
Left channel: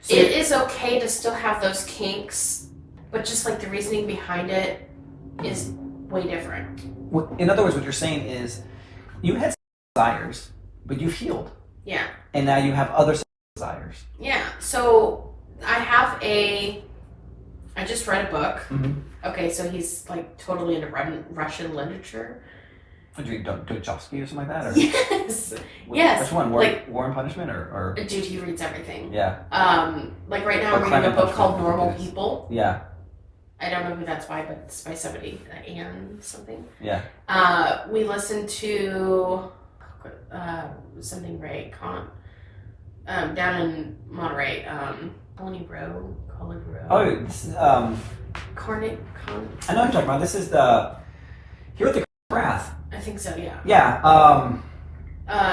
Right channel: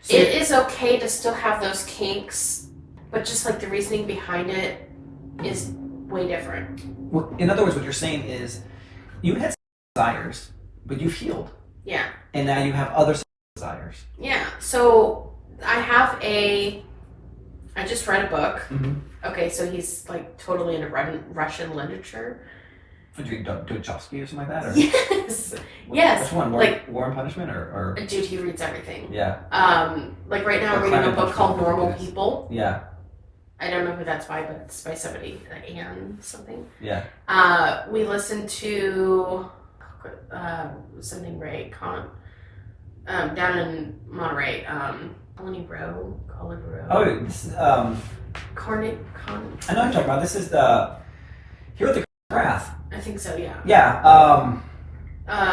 So it is okay to still have those kinks, but just like the reasoning behind it is way different. In other words, what you're saying is you had desires, but you've healed. Yeah. And now you have other desires. Yeah. So I just read a book. Mm-hmm. Okay, so he's like totally into Russian literature. Would you do Dostoevsky or something like that? Or Yes. Yes. Which one? Like- War and Punishment or? Dude, he reads everything. Yeah. Like right now Or I'm reading a Climate book called Punishment, Normal I think it is. People. Yeah. I don't know who that's by, but it's by somebody, Anne something. Yeah. We listened to something Ray down in Monterey. Colony Row. Oh, this is, I I know what you're talking about. This is the Here with the Wrath. I think so. Yeah. Yeah.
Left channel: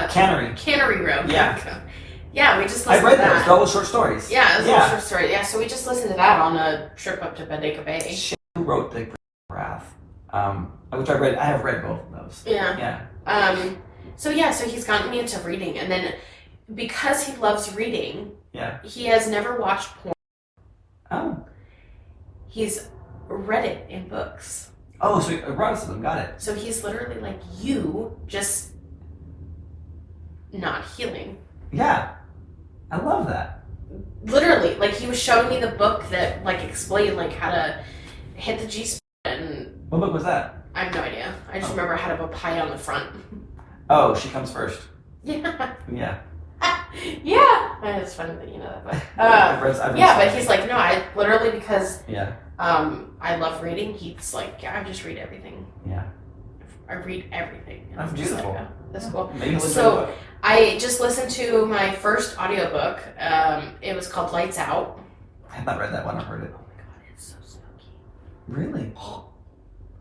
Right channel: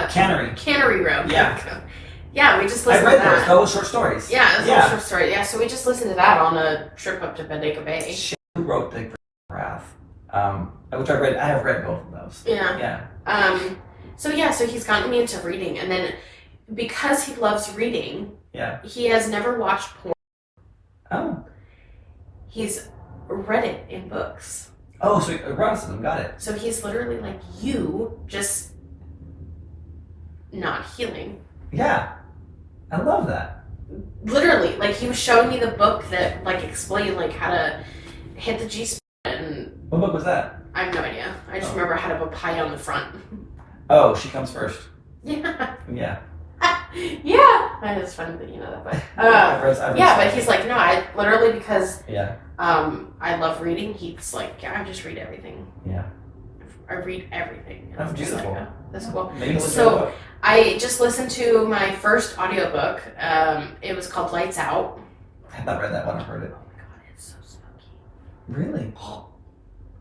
Cannery. Cannery Row. Yeah. Yeah, we just I listened read to that. those short stories. Yeah, it was a little short story. Yeah, so we just listened to that on a trip up to Bendigo Bay. Who wrote the Wrath? Which I read. I have read both of those. Yeah. Yeah. So he's gotten me into reading, and then because he loves reading, Yeah. he has never watched porn. Oh. He's read it in books. Oh, so eroticism. Got it. So he's literally like you, just not healing. Yeah. I love that. Literally, like he was showing me the book that like explained like how to hit the G spot, and What book was that? I have no idea. I just remember how to have a pie on the front. Oh, She Comes First. Yeah. Yeah. Yeah. It's funny that you know that, but I've read yeah, some. but he's like, no, I literally because Yeah. I love reading. He's like, yeah, I just read everything. Yeah. I read everything. And That's I'm just beautiful. Like, oh, that's cool. Maybe listen to the So book. I just listened to my first audiobook. It was called Lights Out. I have not read that one. I've heard it. Oh my god, it's so spooky. Really?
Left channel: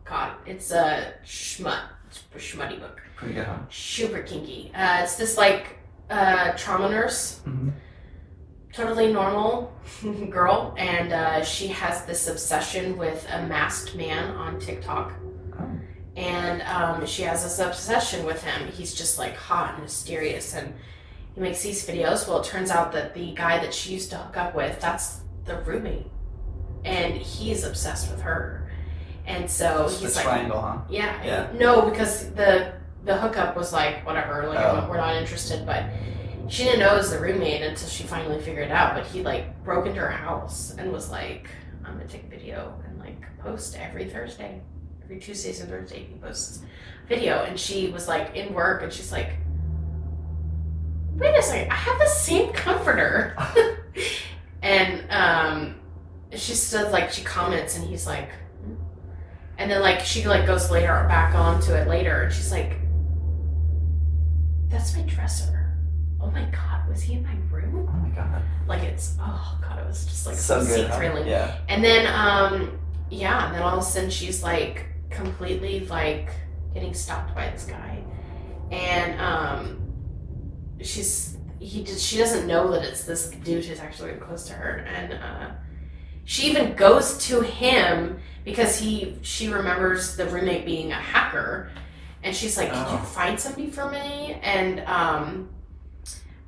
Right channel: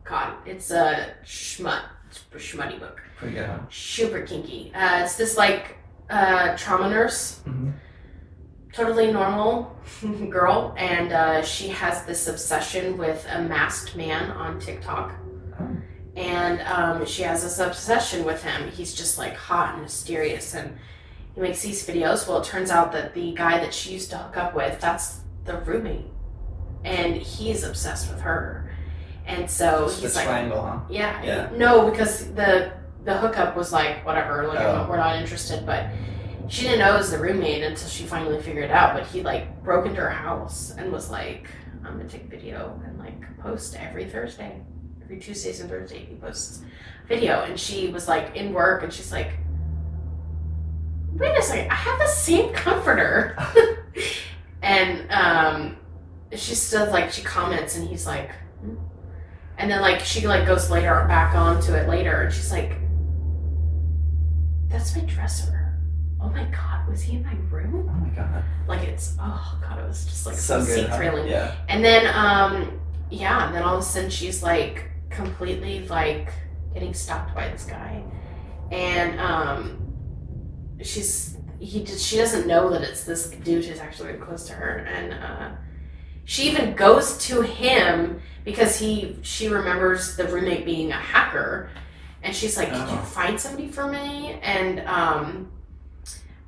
God, it's a schmutty book. Pretty good, huh? Super kinky. It's this like trauma nurse, Mm-hmm. totally normal girl, and she has this obsession with a masked man on TikTok. Oh. And she has this obsession with him. He's just like hot and mysterious, and he makes these videos. Well, it turns out that the guy that she used to hook up with, that's the roommate, and he's obsessed with her. And so It's he's the like, triangle, huh? yeah. No, because the hookup was like, whatever, like we're not interested, but she didn't know it was the roommate until she finally figured it out. But he like broke into her house and was like, I'm gonna take video and like post every Thursday. every Tuesdays and Thursdays he posts video, and she was like in work, and she's like, wait a second, I have the same comforter. And she says, like, she comments, and he's like, hmm? And then like she like goes later back onto it later, and she's like, that's my dresser. Oh my god, was he in my room? Oh my god. Like, it's, oh god, it was just like So good, huh? thrilling. Yeah. And then and then all of a sudden she's like completely like getting stalked by this guy, and she doesn't know that it's this dude who's actually very close to her, and she even goes to him because she remembers the roommate being a hacker, and she's like, "Can you find somebody for me?" And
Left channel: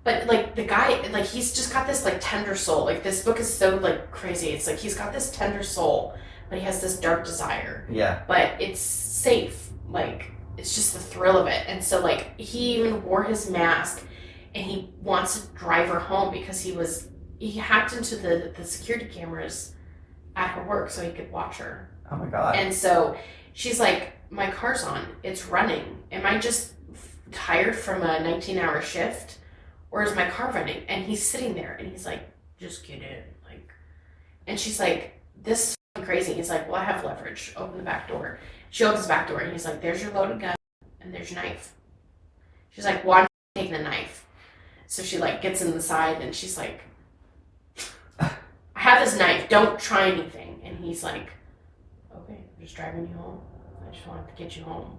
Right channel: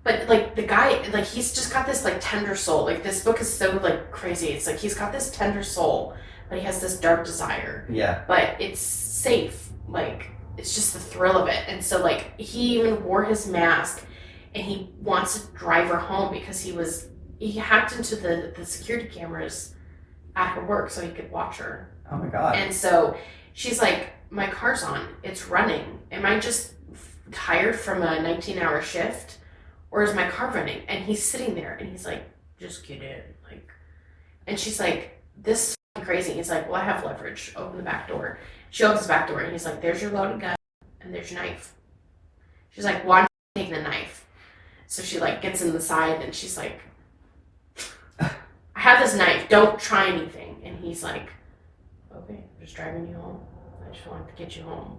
but like the guy, like, he's just got this like tender soul. Like, this book is so like crazy. It's like he's got this tender soul, but he has this dark desire. Yeah. But it's safe. Like, it's just the thrill of it. And so like he even wore his mask, and he wants to drive her home because he hacked into the security cameras at her work so he could watch her. Oh my god. And so she's like, my car's on, it's running. Am I just tired from a 19-hour shift, or is my car running? And he's sitting there, and he's like, just get in. Like, and she's like, this is fucking crazy. He's like, well, I have leverage. Open the back door. She opens the back door, and he's like, there's your loaded gun, and there's your knife. She's like, well, I'm taking the knife. So she like gets in the side, and she's like, I have this knife, don't try anything. And he's like, okay, I'm just driving you home. I just wanted to get you home.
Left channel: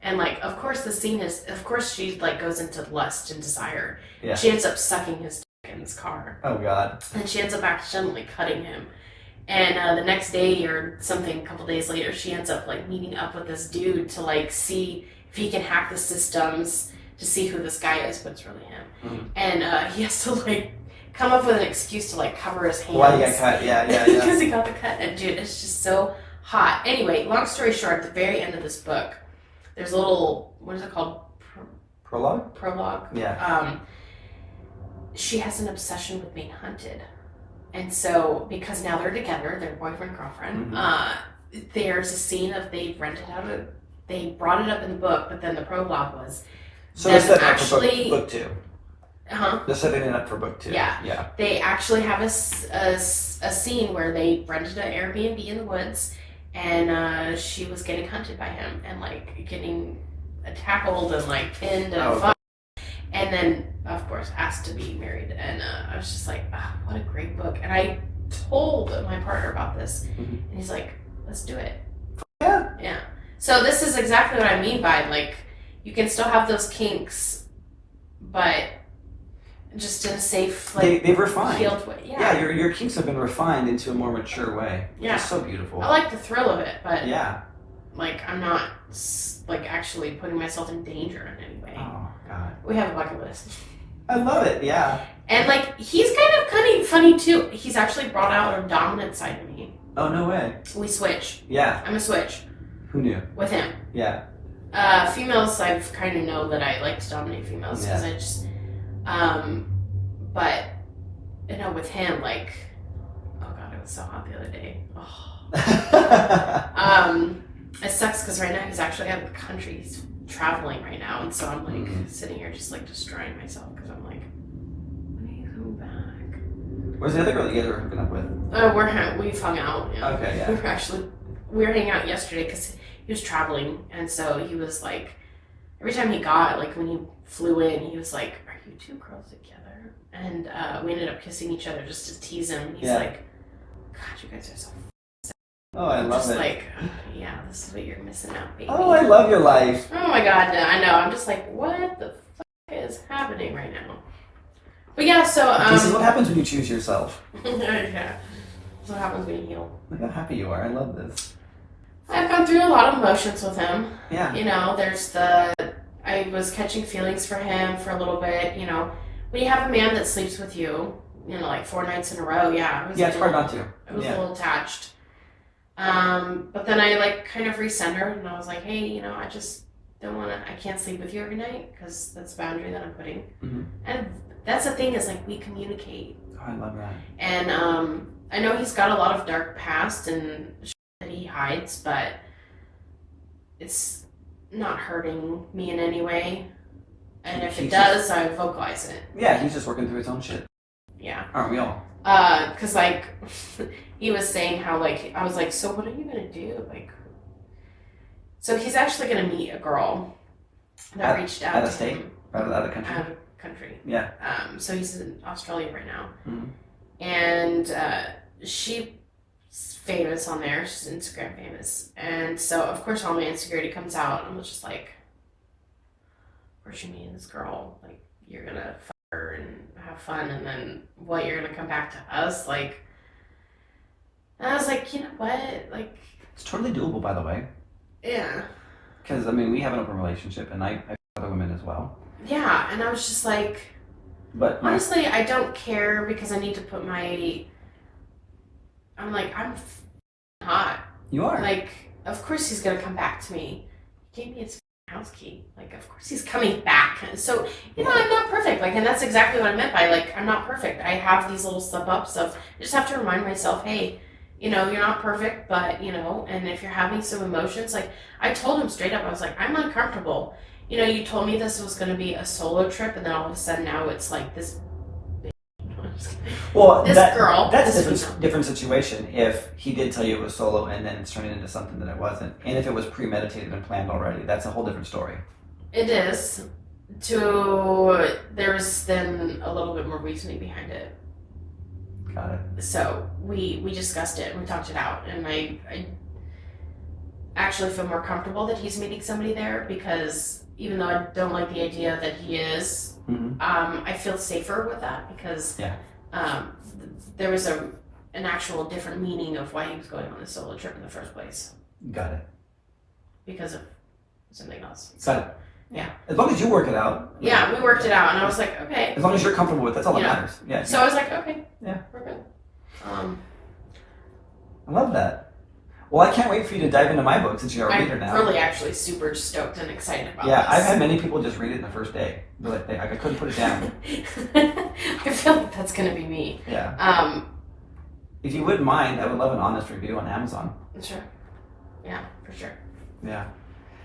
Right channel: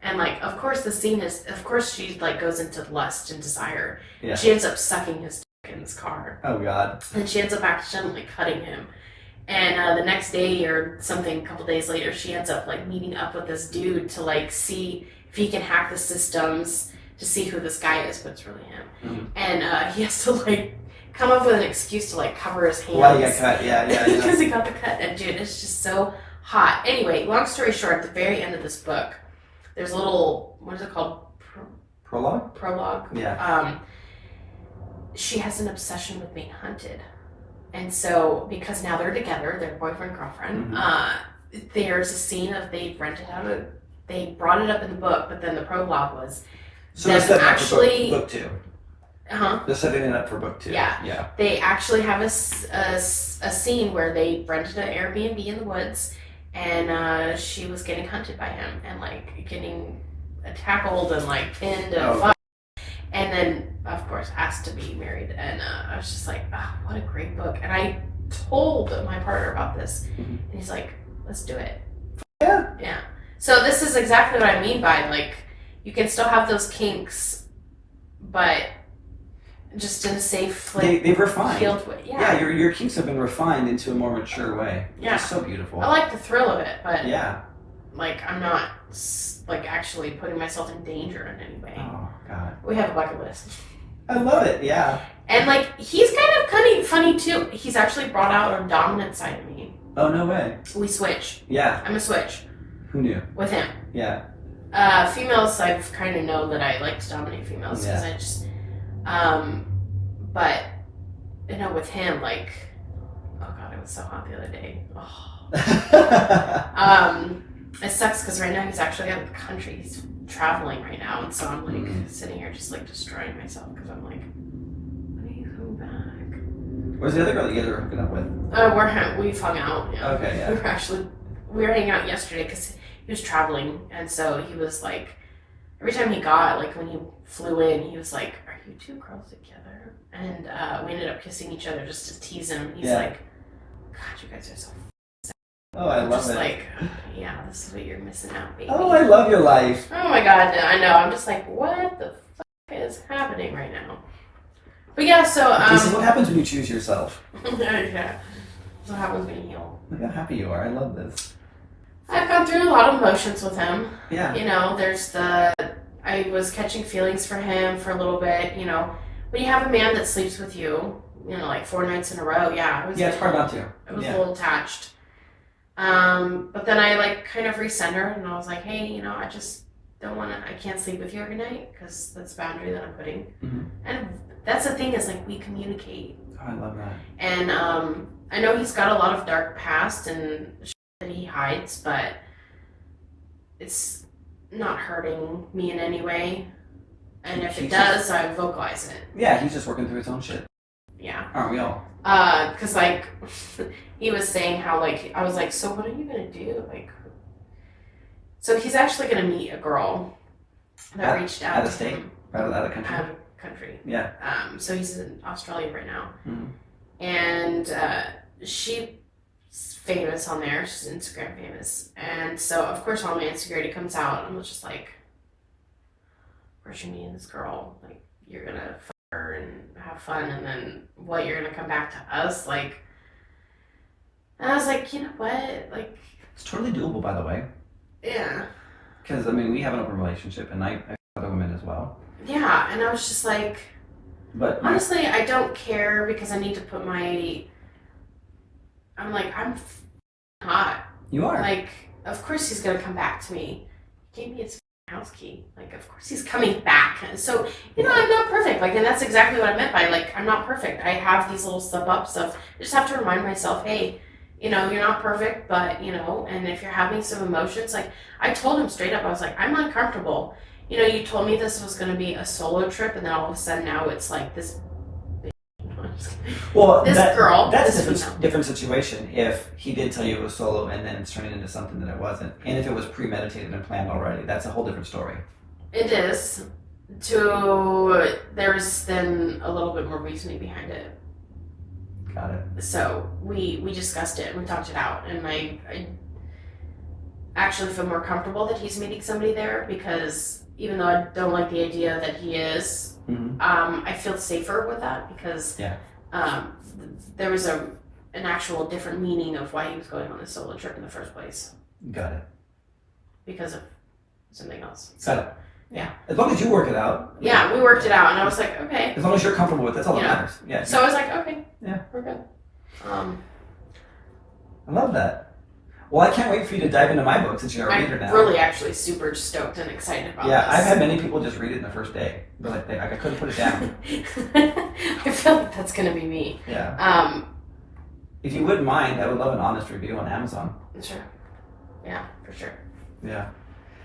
And like, of course the scene is, of course she like goes into lust and desire. Yeah. She ends up sucking his dick in his car. Oh god. And she ends up accidentally cutting him. And the next day or something, a couple days later, she ends up like meeting up with this dude to like see if he can hack the systems to see who this guy is, but it's really him. Mm-hmm. And he has to like come up with an excuse to like cover his hands. Why he got cut? Yeah. Because he got the cut. And dude, it's just so hot. Anyway, long story short, at the very end of this book, there's a little, what is it called? Prologue? Prologue. Yeah. She has an obsession with being hunted. And so, because now they're together, they're boyfriend, girlfriend, there's a scene of they brought it up in the book, but then the prologue was so they're setting actually up for book two. They're setting it up for book two. Yeah. They actually have a scene where they rented an Airbnb in the woods, and she was getting hunted by him and like getting tackled and like pinned and fucked. And then, of course, asked to be married. And I was just like, oh, what a great book. And I told my partner about this, and he's like, let's do it. Yeah. So this is exactly what I mean by, like, you can still have those kinks, but just in a safe, like, they've refined. Healed way. Yeah, your kinks have been refined into a more mature way. Yeah. It's so beautiful. I like the thrill of it, but yeah, like, I'm not, like, actually putting myself in danger in any way. Oh, God. We have a bucket list. I love it, yeah. And, like, he's kind of funny, too. He's actually brought out a dominant side of me. Oh, no way. We switch. Yeah. I'm a switch. Who knew? With him. Yeah. Females, I've kind of known that I like to dominate females because I just, but, you know, with him, like, oh God, it was so hot the other day. Oh. It sucks because right now he's actually out of the country. He's traveling right now, and so I'm like sitting here just like destroying myself because I'm like, when are you coming back? Where's the other girl that you guys were hooking up with? We've hung out. Yeah. Okay, yeah. We were hanging out yesterday because he was traveling, and so he was like, every time he got, like when he flew in, he was like, are you two girls together? And we ended up kissing each other just to tease him. He's like, God, you guys are so oh, I love it. Like, yeah, this is what you're missing out, baby. Oh, I love your life. Oh my God, I know. I'm just like, what the fuck is happening right now? But yeah, so this is what happens when you choose yourself. Yeah, that's what happens when you heal. Look how happy you are. I love this. I've gone through a lot of emotions with him. Yeah. You know, I was catching feelings for him for a little bit. You know, when you have a man that sleeps with you, you know, like 4 nights in a row, it's hard not to. I was a little attached. But then I like kind of recentered, and I was like, hey, you know, I just don't want to, I can't sleep with you every night because that's a boundary that I'm putting. And that's the thing is like we communicate. Oh, I love that. And I know he's got a lot of dark past and shit that he hides, but it's not hurting me in any way. And if it He's does, I vocalize it. Yeah, he's just working through his own shit. Yeah. Aren't we all? Cause like, he was saying how like, I was like, so what are you gonna do? Like, so he's actually gonna meet a girl that reached out out of to state? him. Out of country? Out of country. Yeah. So he's in Australia right now. Mm-hmm. And she's famous on there. She's Instagram famous. And so, of course, all my insecurity comes out. And I'm just like, where's you meeting this girl? Like, you're going to fuck her and have fun. And then, what, you're going to come back to us? Like, and I was like, you know what? Like, it's totally doable, by the way. Yeah. Because, I mean, we have an open relationship, and I other women as well. Yeah, and I was just like, but honestly, I don't care because I need to put I'm like, I'm hot. You are. Like, of course he's going to come back to me. He gave me his house key. Like, of course he's coming back. So, you know, I'm not perfect. Like, and that's exactly what I meant by, like, I'm not perfect. I have these little slip-ups of, I just have to remind myself, hey, you know, you're not perfect, but, you know, and if you're having some emotions, like, I told him straight up, I was like, I'm uncomfortable. You know, you told me this was going to be a solo trip, and then all of a sudden now it's like this. Well, this girl. That's a different situation if he did tell you it was solo and then it's turning into something that it wasn't. And if it was premeditated and planned already, that's a whole different story. It is. There's then a little bit more reasoning behind it. Got it. So we discussed it and we talked it out, and I actually feel more comfortable that he's meeting somebody there, because even though I don't like the idea that he is, I feel safer with that because there was an actual different meaning of why he was going on this solo trip in the first place. Got it. Because of something else. Got it. Yeah. As long as you work it out. Yeah, we worked it out, and I was like, okay. As long as you're comfortable with it, that's all that matters. Yeah. So I was like, okay. Yeah. We're good. I love that. Well, I can't wait for you to dive into my book since you're a reader now. I'm really actually super stoked and excited about this. Yeah, I've had many people just read it in the first day. But like, I couldn't put it down. I feel like that's going to be me. Yeah. If you wouldn't mind, I would love an honest review on Amazon. Sure. Yeah, for sure. Yeah.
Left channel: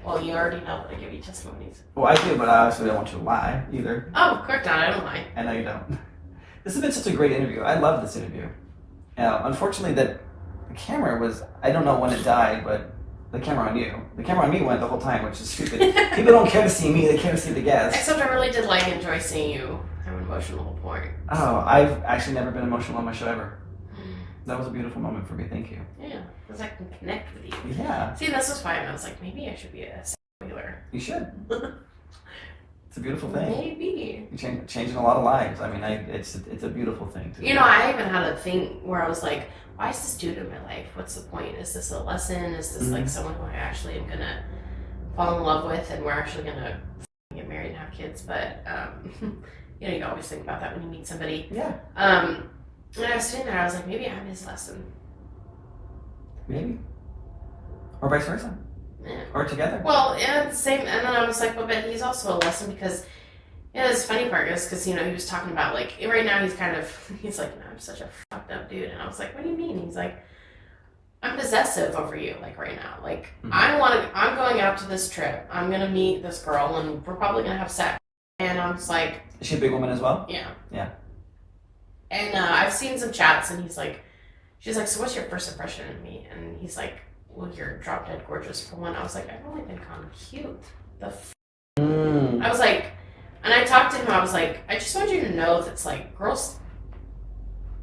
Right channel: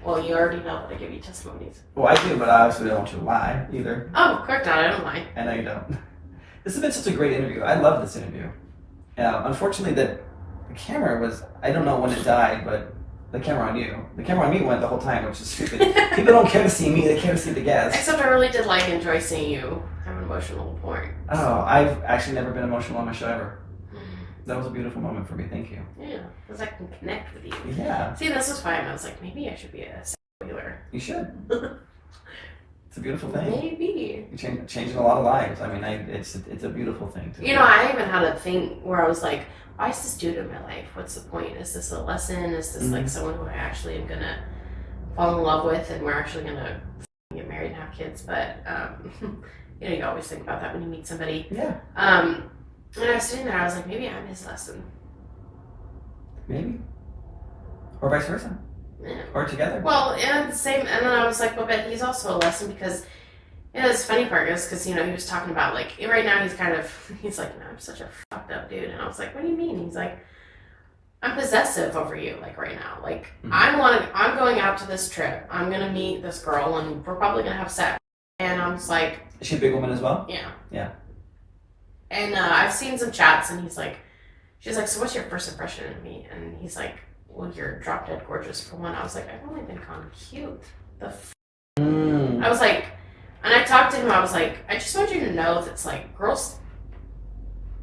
Well, you already know that I give you testimonies. Well, I do, but I also don't want you to lie either. Oh, of course not. I don't lie. I know you don't. This has been such a great interview. I love this interview. Unfortunately, the camera was, I don't know when it died, but the camera on you. The camera on me went the whole time, which is stupid. People don't care to see me, they care to see the guests. Except I really did enjoy seeing you have an emotional point. Oh, I've actually never been emotional on my show ever. That was a beautiful moment for me, thank you. Yeah, because I can connect with you. Yeah. See, this was fine. I was like, maybe I should be a spoiler. You should. It's a beautiful thing. Maybe. You're changing a lot of lives. I mean, it's a beautiful thing to do. You know, I even had a thing where I was like, why is this dude in my life? What's the point? Is this a lesson? Is this like someone who I actually am going to fall in love with and we're actually going to get married and have kids? But, you know, you always think about that when you meet somebody. Yeah. And I was sitting there, I was like, maybe I'm his lesson. Maybe. Or vice versa. Yeah. Or together. Well, and same, and then I was like, well, but he's also a lesson because, you know, this funny part is because, you know, he was talking about, like, right now he's like, no, I'm such a fucked up dude. And I was like, what do you mean? He's like, I'm possessive over you, like, right now. Like, I'm going out to this trip. I'm going to meet this girl and we're probably going to have sex. And I was like. Is she a big woman as well? Yeah. Yeah. And I've seen some chats and she's like, so what's your first impression of me? And he's like, well, you're drop dead gorgeous for one. I was like, I've only been called cute. I was like, and I talked to him, I was like, I just want you to know that's like, girls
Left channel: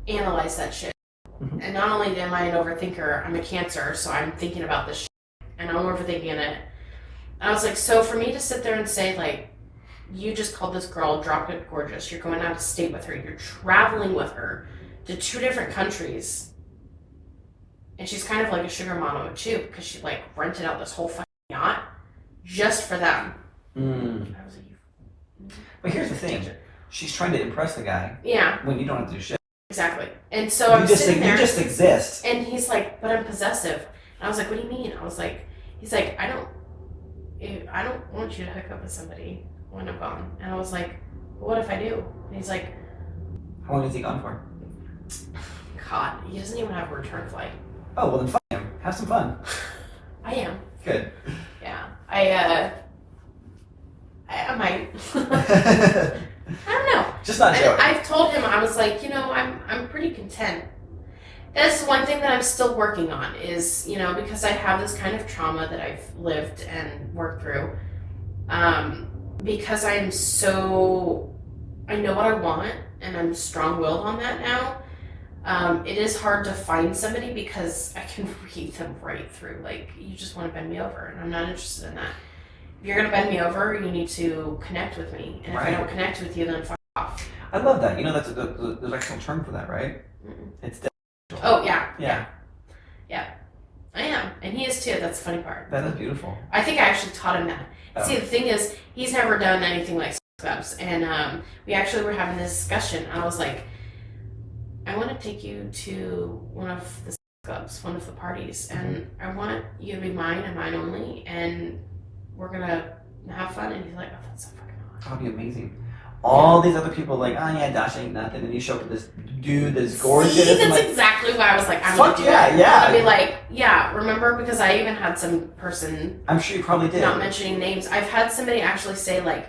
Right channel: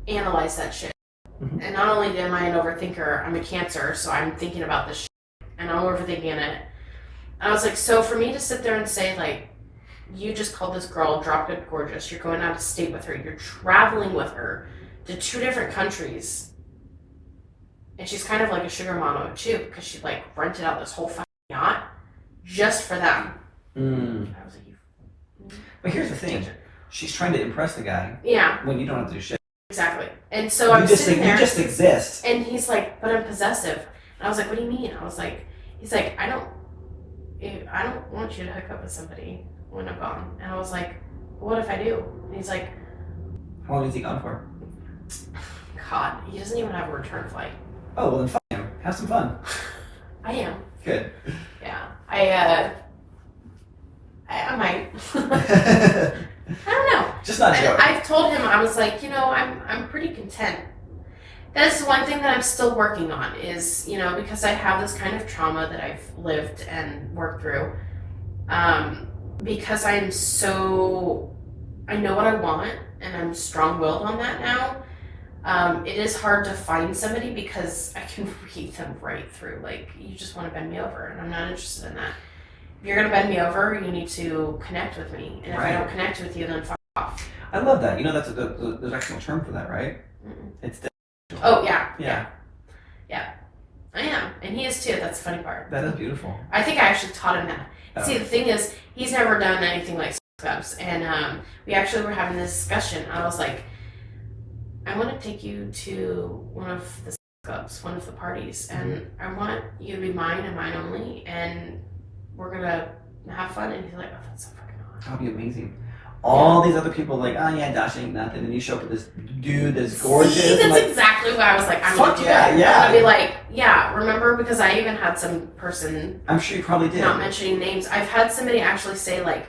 analyze that shit. And not only am I an overthinker, I'm a Cancer, so I'm thinking about this shit. And I'm overthinking it. And I was like, so for me to sit there and say, like, you just called this girl drop dead gorgeous. You're going out of state with her. You're traveling with her to 2 different countries. And she's kind of like a sugar mama too, because she like rented out this whole fucking yacht just for them. I was like, but here's the thing. She's trying to impress the guy. Yeah. When you don't have to do shit. Exactly. And so I'm sitting there. You just exist. And he's like, but I'm possessive. And I was like, what do you mean? I was like, he's like, I don't want you to hook up with somebody when I'm gone. And I was like, what if I do? And he's like, how long is he gone for? God, he doesn't even have a return flight. Oh, well then fuck him. Have some fun. I am. Good. Yeah. I might. I don't know. Just not joking. I've told him, I was like, I'm pretty content. That's one thing that I'm still working on is, because I have this kind of trauma that I've lived and worked through. Because I know what I want and I'm strong-willed on that now. It is hard to find somebody because I can read them right through. Like, you just want to bend me over, and I'm not interested in that. If you're going to bend me over, you need to connect with me. And if I don't connect with you, then fuck off. I love that. There's actually a term for that, right? Mm-mm. It's Oh, yeah. Yeah. I am. And he is too. That's the funny part. That is beautiful. I think I actually taught him that. Oh. See, the thing is, he's never done anything like clubs. And we actually were having this discussion. I was like, I want to take you to one of the clubs, one of the parties. And I want you to be mine and mine only. And we're going to have fun. And he's like, oh, that's so fucking hot. That would be amazing. All these other people like, oh yeah, Dasha ain't nothing. And you show up with this dude that's gorgeous. See, that's like, exactly what I was like, I'm fuck gonna do yeah, that. yeah. I'd be like, yeah, remember? Because I even had some person, I'm sure you probably did. not mentioning names, I've had somebody actually say like,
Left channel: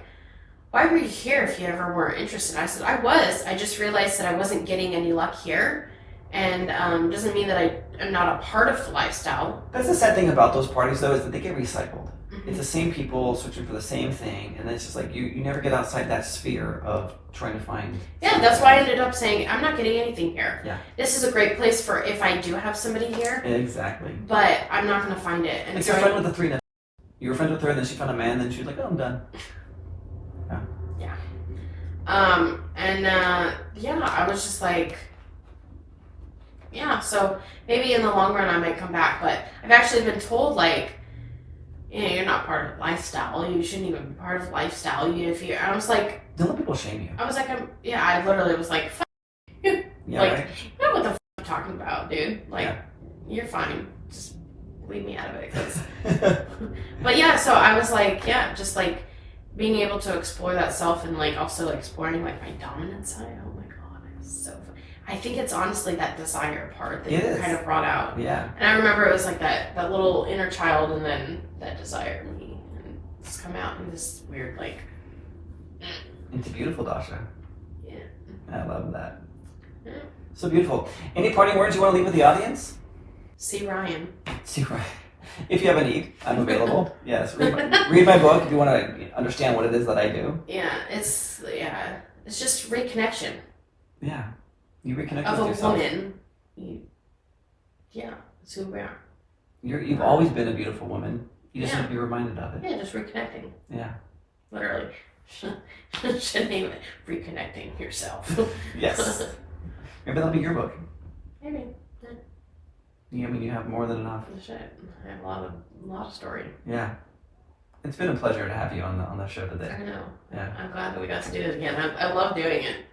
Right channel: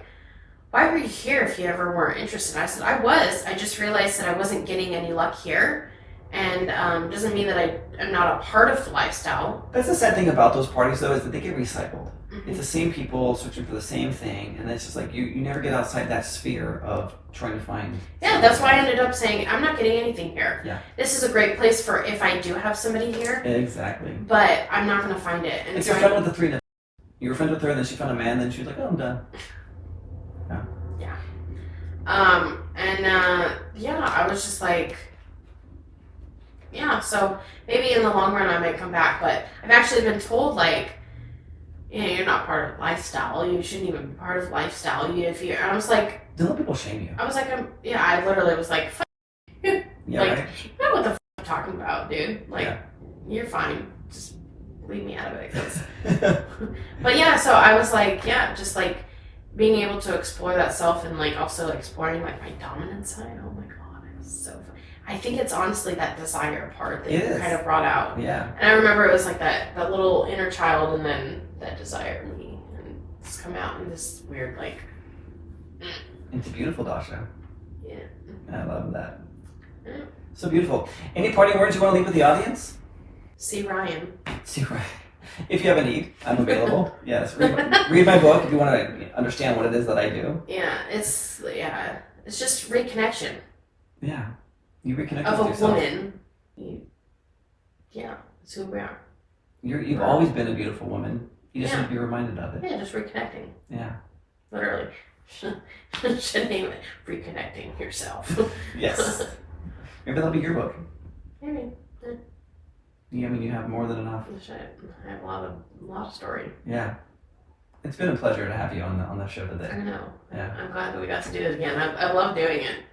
why were you here if you ever weren't interested? I said, I was. I just realized that I wasn't getting any luck here. And doesn't mean that I am not a part of the lifestyle. That's the sad thing about those parties though, is that they get recycled. Mm-hmm. It's the same people searching for the same thing, and it's just like you never get outside that sphere of trying to find. Yeah, that's why I ended up saying, I'm not getting anything here. Yeah. This is a great place for if I do have somebody here. Exactly. But I'm not going to find it. And It's so your friend with the 3 now. You were friends with her, and then she found a man, then she was like, oh, I'm done. Yeah. I was just like, yeah, so maybe in the long run I might come back, but I've actually been told, like, you're not part of lifestyle. You shouldn't even be part of lifestyle. I was like, don't let people shame you. I was like, I literally was like, fuck you. Yeah, like, right? you know what the fuck I'm talking about, dude? Like, Yeah. You're fine. Just leave me out of it. But yeah, so I was like, yeah, just like being able to explore that self and like also exploring like my dominant side. Oh my God, it was so fun. I think it's honestly that desire part that you kind of brought out. Yeah. And I remember it was like that little inner child and then that desire in me. And it's come out in this weird like... It's beautiful, Dasha. Yeah. I love that. Yeah. So beautiful. Any parting words you want to leave with the audience? See Ryan. See Ryan. If you have a need, I'm available. Yes, read my book if you want to understand what it is that I do. Yeah, it's just reconnection. Yeah, you reconnect of with yourself. Of a woman. It's who we are. You've always been a beautiful woman. You just have to be reminded of it. Yeah, just reconnecting. Yeah. Literally. Should name it Reconnecting Yourself. Yes. Maybe that'll be your book. Maybe. Yeah, I mean, you have more than enough. I have a lot of story. Yeah. It's been a pleasure to have you on the show today. I know. Yeah. I'm glad that we got to do it again. I love doing it.